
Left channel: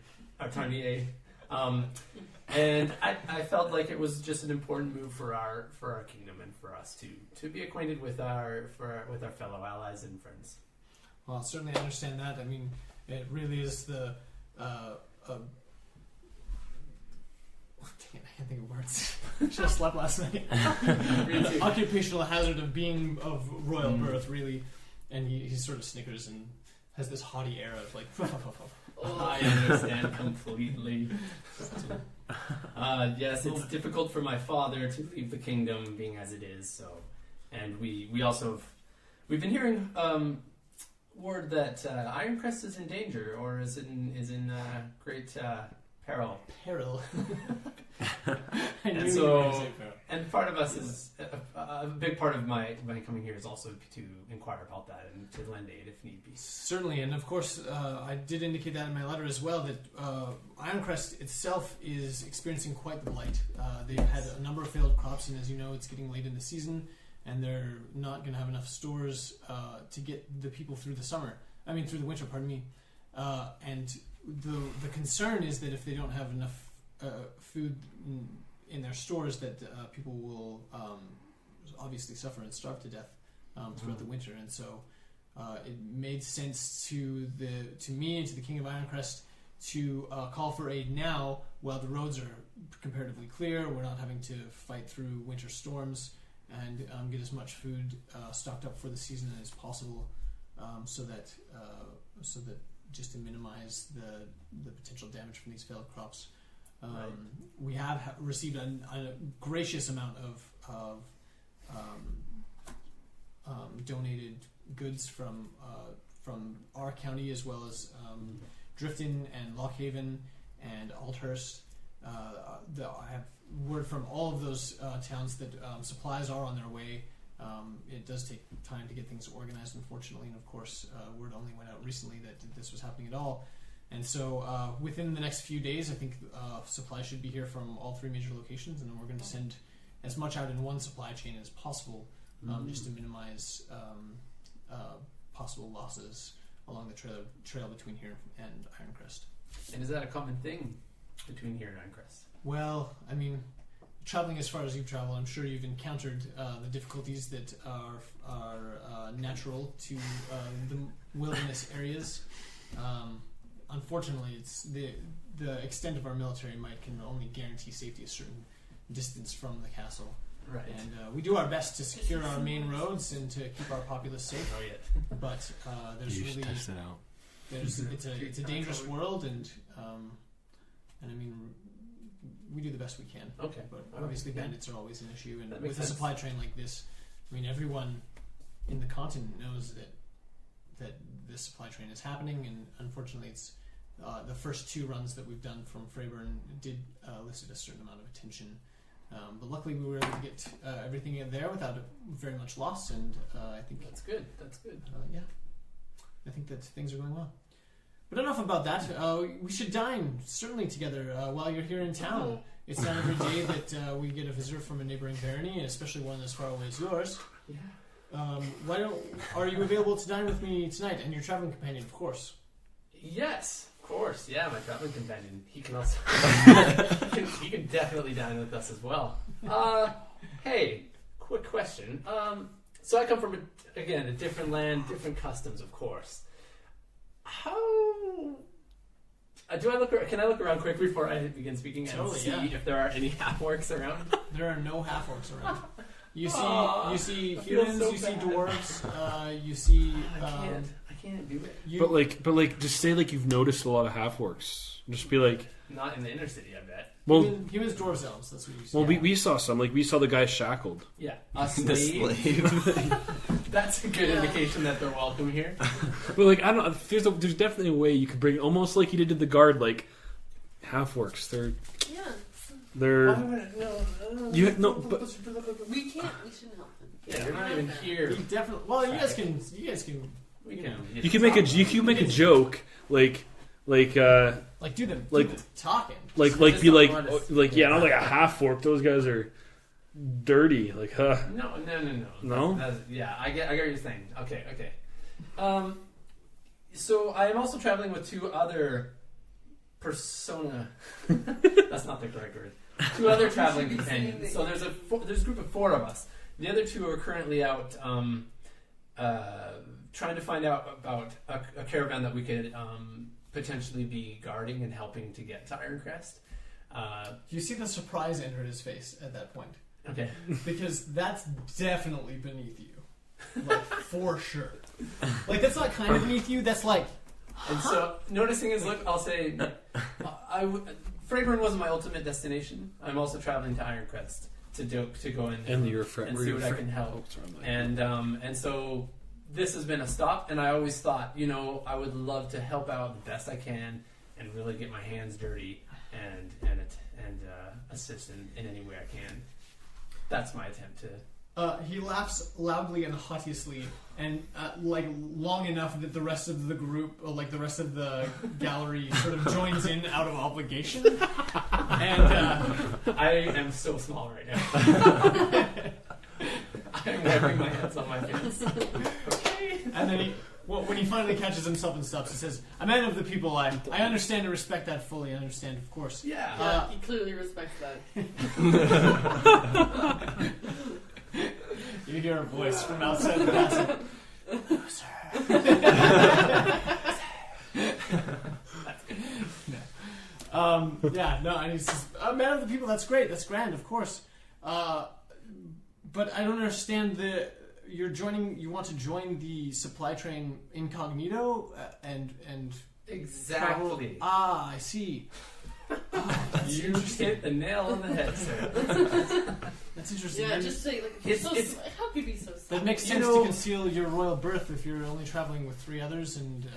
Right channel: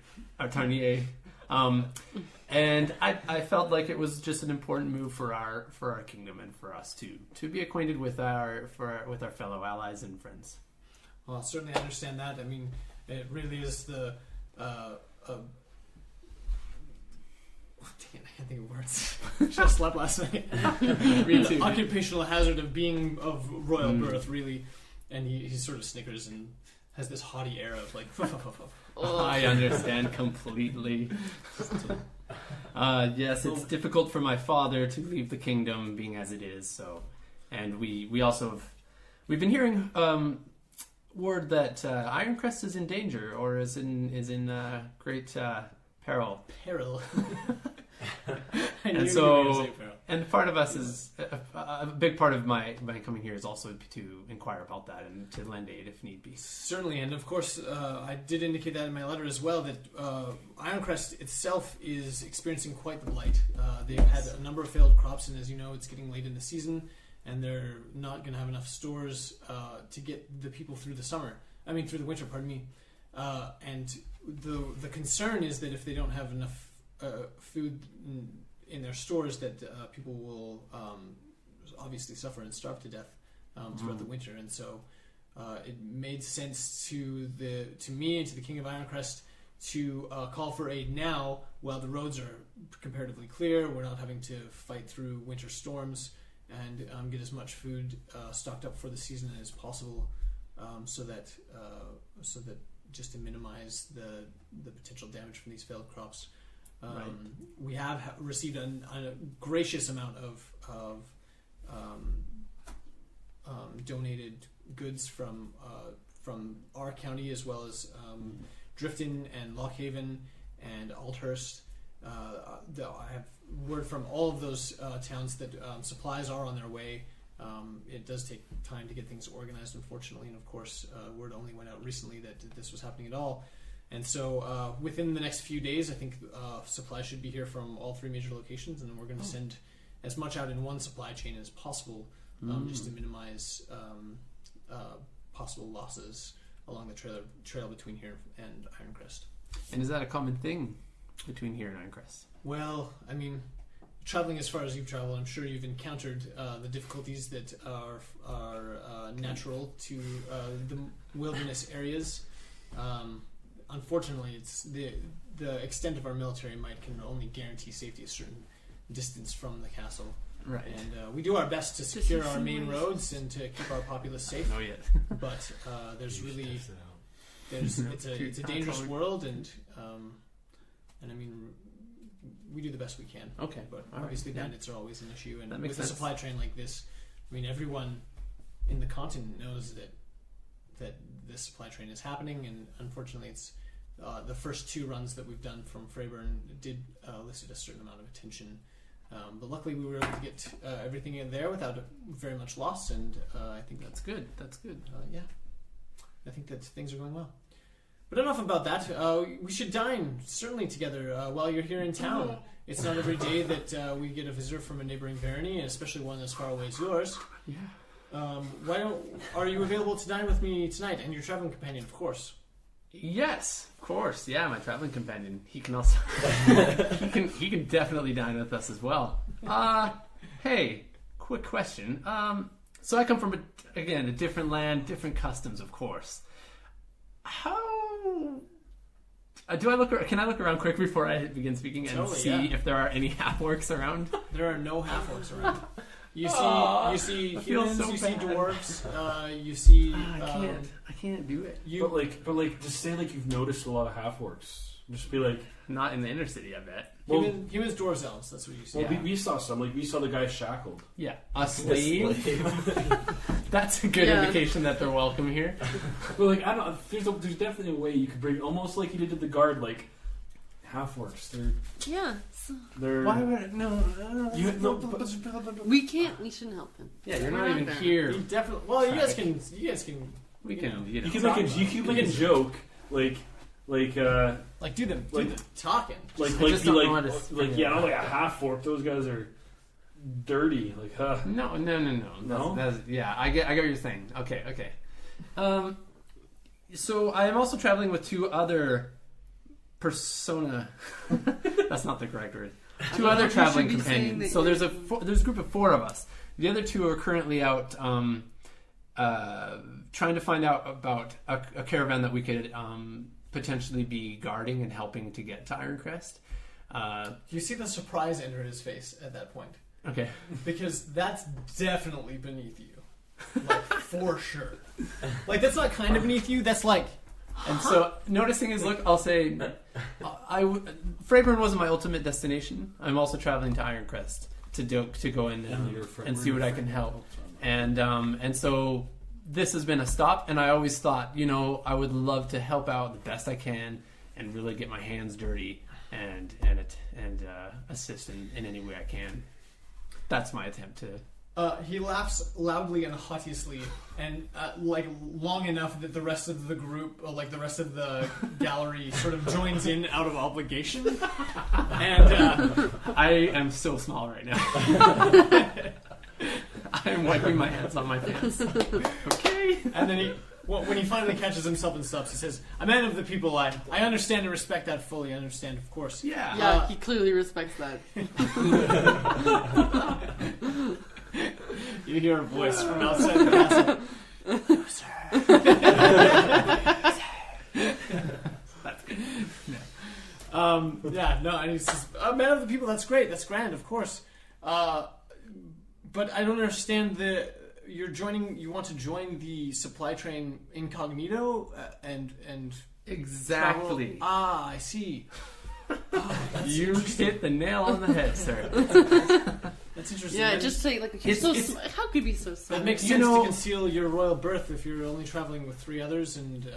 And I felt like it was just an important move for our kingdom and for us to be acquainted with our fellow allies and friends. Well, certainly I understand that. I mean, it really is the Dang it, I can't think of words. Should have slept last night. The occupational hazard of being of royal birth, really. And he sort of snickers and has this haughty air of like, I understand completely. Yes, it's difficult for my father to leave the kingdom being as it is. So, and we also we've been hearing word that Ironcrest is in danger or is in great Peril. Peril. I And knew so- you were going to say peril. And part of us is a big part of my coming here is also to inquire about that and to lend aid if need be. Certainly, and of course, I did indicate that in my letter as well, that Ironcrest itself is experiencing quite the blight. They've had a number of failed crops, and as you know, it's getting late in the season, and they're not going to have enough stores to get the people through through the winter, pardon me. And the concern is that if they don't have enough food in their stores, that people will obviously suffer and starve to death throughout the winter. And so it made sense to me and to the King of Ironcrest to call for aid now while the roads are comparatively clear. We're not having to fight through winter storms, and get as much food stocked up for the season as possible, so that just to minimize the potential damage from these failed crops. Right. We have received a gracious amount of donated goods from our county, as well as Drifton and Lockhaven and Althurst. I have word from all of those towns that supplies are on their way. It does take time to get things organized, unfortunately, and of course, word only went out recently that this was happening at all. And so within the next few days, I think supplies should be here from all three major locations, and we're going to send as much out in one supply chain as possible, just to minimize possible losses along the trail between here and Ironcrest. And is that a common thing between here and Ironcrest? Well, I mean, traveling as far as you've traveled, I'm sure you've encountered the difficulties that are natural to the wilderness areas. Unfortunately, it's the extent of our military might can only guarantee safety a certain distance from the castle. Right. And we do our best to secure our main roads and to keep our populace safe. Not yet. But there's You should really test it out. it's a dangerous world, and I mean, we do the best we can. Okay. But All right. obviously, Yeah. bandits are always an issue, and That with makes a sense. supply train like this, I mean, everyone in the continent knows that this supply train is happening, and unfortunately, it's the first two runs that we've done from Freyburn did elicit a certain amount of attention. But luckily, we were able to get everything in there without very much loss, and I think That's good. That's good. yeah, I think that things are going well. But enough about that. We should dine certainly together while you're here in town. It's not every day that we get a visitor from a neighboring barony, and especially one as far away as yours. Yeah. Are you available to dine with me tonight? And your traveling companion, of course. Yes, of course. Yeah, my traveling companion. He can also he can definitely dine with us as well. Hey, quick question. So I come from a different land, different customs, of course. How do I look? Can I look around quick before I begin speaking and Totally, see yeah. if there are any half-orcs around? There are no half-orcs around. You see I feel humans, so you see bad. dwarves, you see... I can't do it. But like, just say like you've noticed a lot of half orcs. Just be like, Not in the inner city, I bet. well, humans, dwarves, elves, that's what you see. well, we saw some. Like we saw the guy shackled. Yeah, a The slave. slave. That's a good Yeah. indication that they're welcome here. But like, I don't. There's definitely a way you could bring, almost like you did to the guard, like half orcs. Yeah. They're. would no? You no, but We shouldn't help him. Yeah, you're not even Okay. here. You definitely... Well, you guys can... We you can. know, you can make a joke like Like do the Like- talking. I just be don't like know how to like say yeah, it. not like a half orc. Those guys are dirty. Like No. No? Yeah, I get what you're saying. Okay. So I am also traveling with two other persona. That's not the correct word. Two other You traveling should be saying companions. that So there's a group of four of us. The other two are currently out trying to find out about a caravan that we could potentially be guarding and helping to get to Ironcrest. You see the surprise enter his face at that point. Okay. Because that's definitely beneath you. Like, for sure. Like, that's not kind of beneath you, that's like... And so, noticing his look, I'll say, Freyburn wasn't my ultimate destination. I'm also traveling to Ironcrest to go in and see what I can help. And so this has been a stop, and I always thought, I would love to help out the best I can and really get my hands dirty and assist in any way I can. That's my attempt to. He laughs loudly and haughtily, and like long enough that the rest of the group, like the rest of the gallery, sort of joins in out of obligation. And I am so small right now. I am wiping my hands on my pants. Okay. and then when he finally catches himself and stops, he says, "A man of the people, I understand and respect that fully. I understand, of course." Yeah. Yeah, he clearly respects that. You hear a voice from outside the castle. "No, sir." And he says, "A man of the people, that's great, that's grand, of course. But I don't understand you want to join the supply train incognito and Exactly. travel- I see. You hit the nail on the head, sir. That's interesting. Yeah, That just is- say like you're It's- how could you be so small? that makes You sense know- to conceal your royal birth if you're only traveling with 3 others and.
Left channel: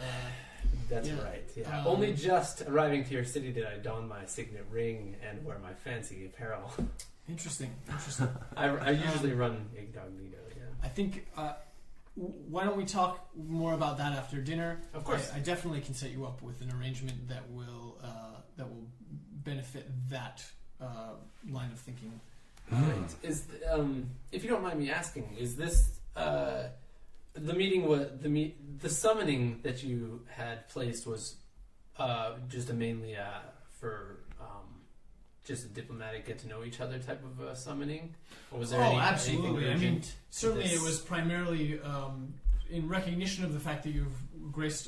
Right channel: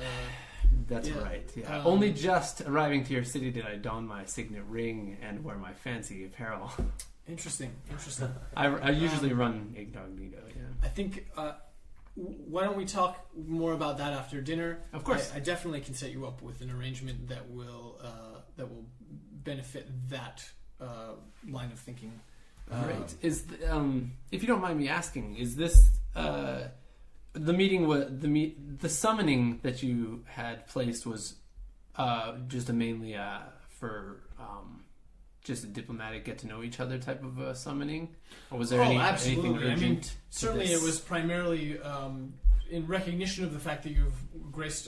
That's Yeah. right. Yeah. Um, Only just arriving to your city did I don my signet ring and wear my fancy apparel. Interesting. I usually run incognito. Yeah. I think. Why don't we talk more about that after dinner? Of course. I definitely can set you up with an arrangement that will benefit that line of thinking. Right. If you don't mind me asking, is this the meeting? The summoning that you had placed was just mainly for just a diplomatic get to know each other type of summoning, or was there anything absolutely. I mean, urgent? certainly this? it was primarily in recognition of the fact that you've graced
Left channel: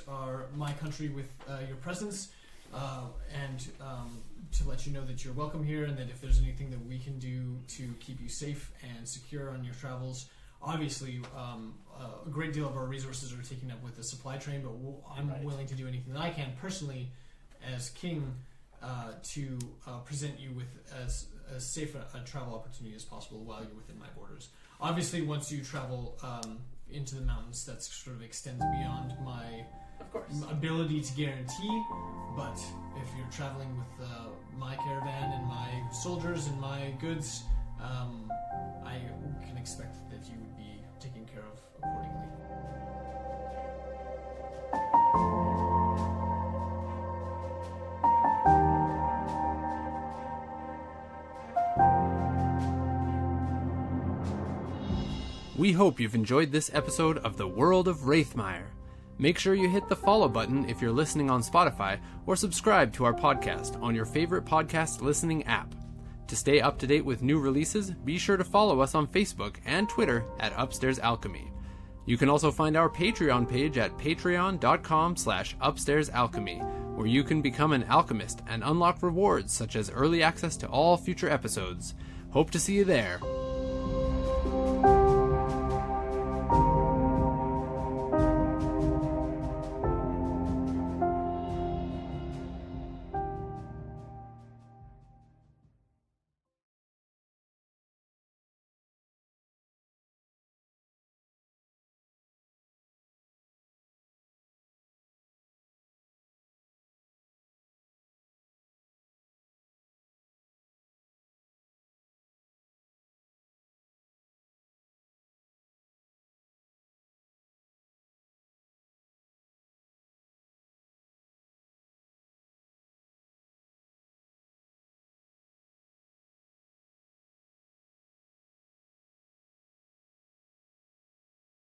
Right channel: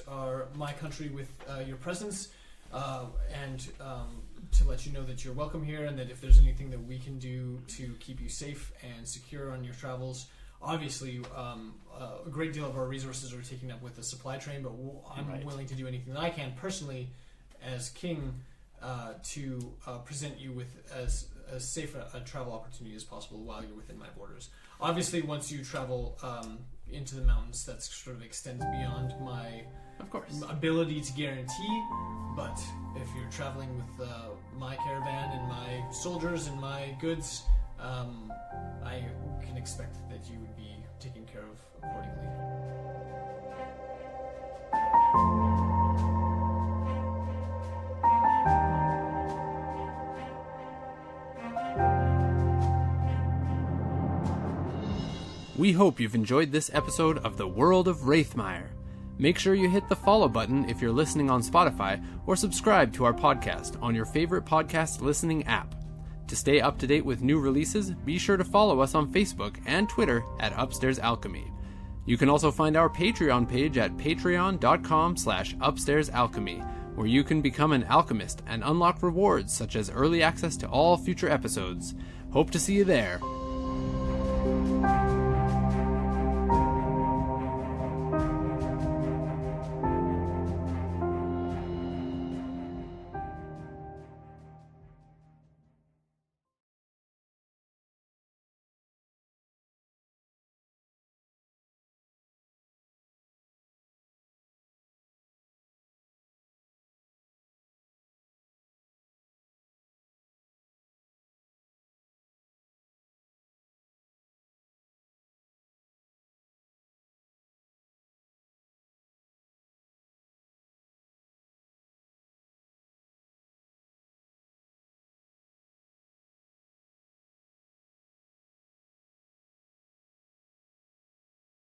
my country with your presence, and to let you know that you're welcome here, and that if there's anything that we can do to keep you safe and secure on your travels. Obviously, a great deal of our resources are taken up with the supply train, but I'm Right. willing to do anything that I can personally, as king, to present you with as safe a travel opportunity as possible while you're within my borders. Obviously, once you travel into the mountains, that sort of extends beyond my Of course. ability to guarantee. But if you're traveling with my caravan and my soldiers and my goods, I can expect that you would be taken care of accordingly. We hope you've enjoyed this episode of the World of Raethmire. Make sure you hit the follow button if you're listening on Spotify, or subscribe to our podcast on your favorite podcast listening app. To stay up to date with new releases, be sure to follow us on Facebook and Twitter at Upstairs Alchemy. You can also find our Patreon page at patreon.com/upstairsalchemy, where you can become an alchemist and unlock rewards such as early access to all future episodes. Hope to see you there.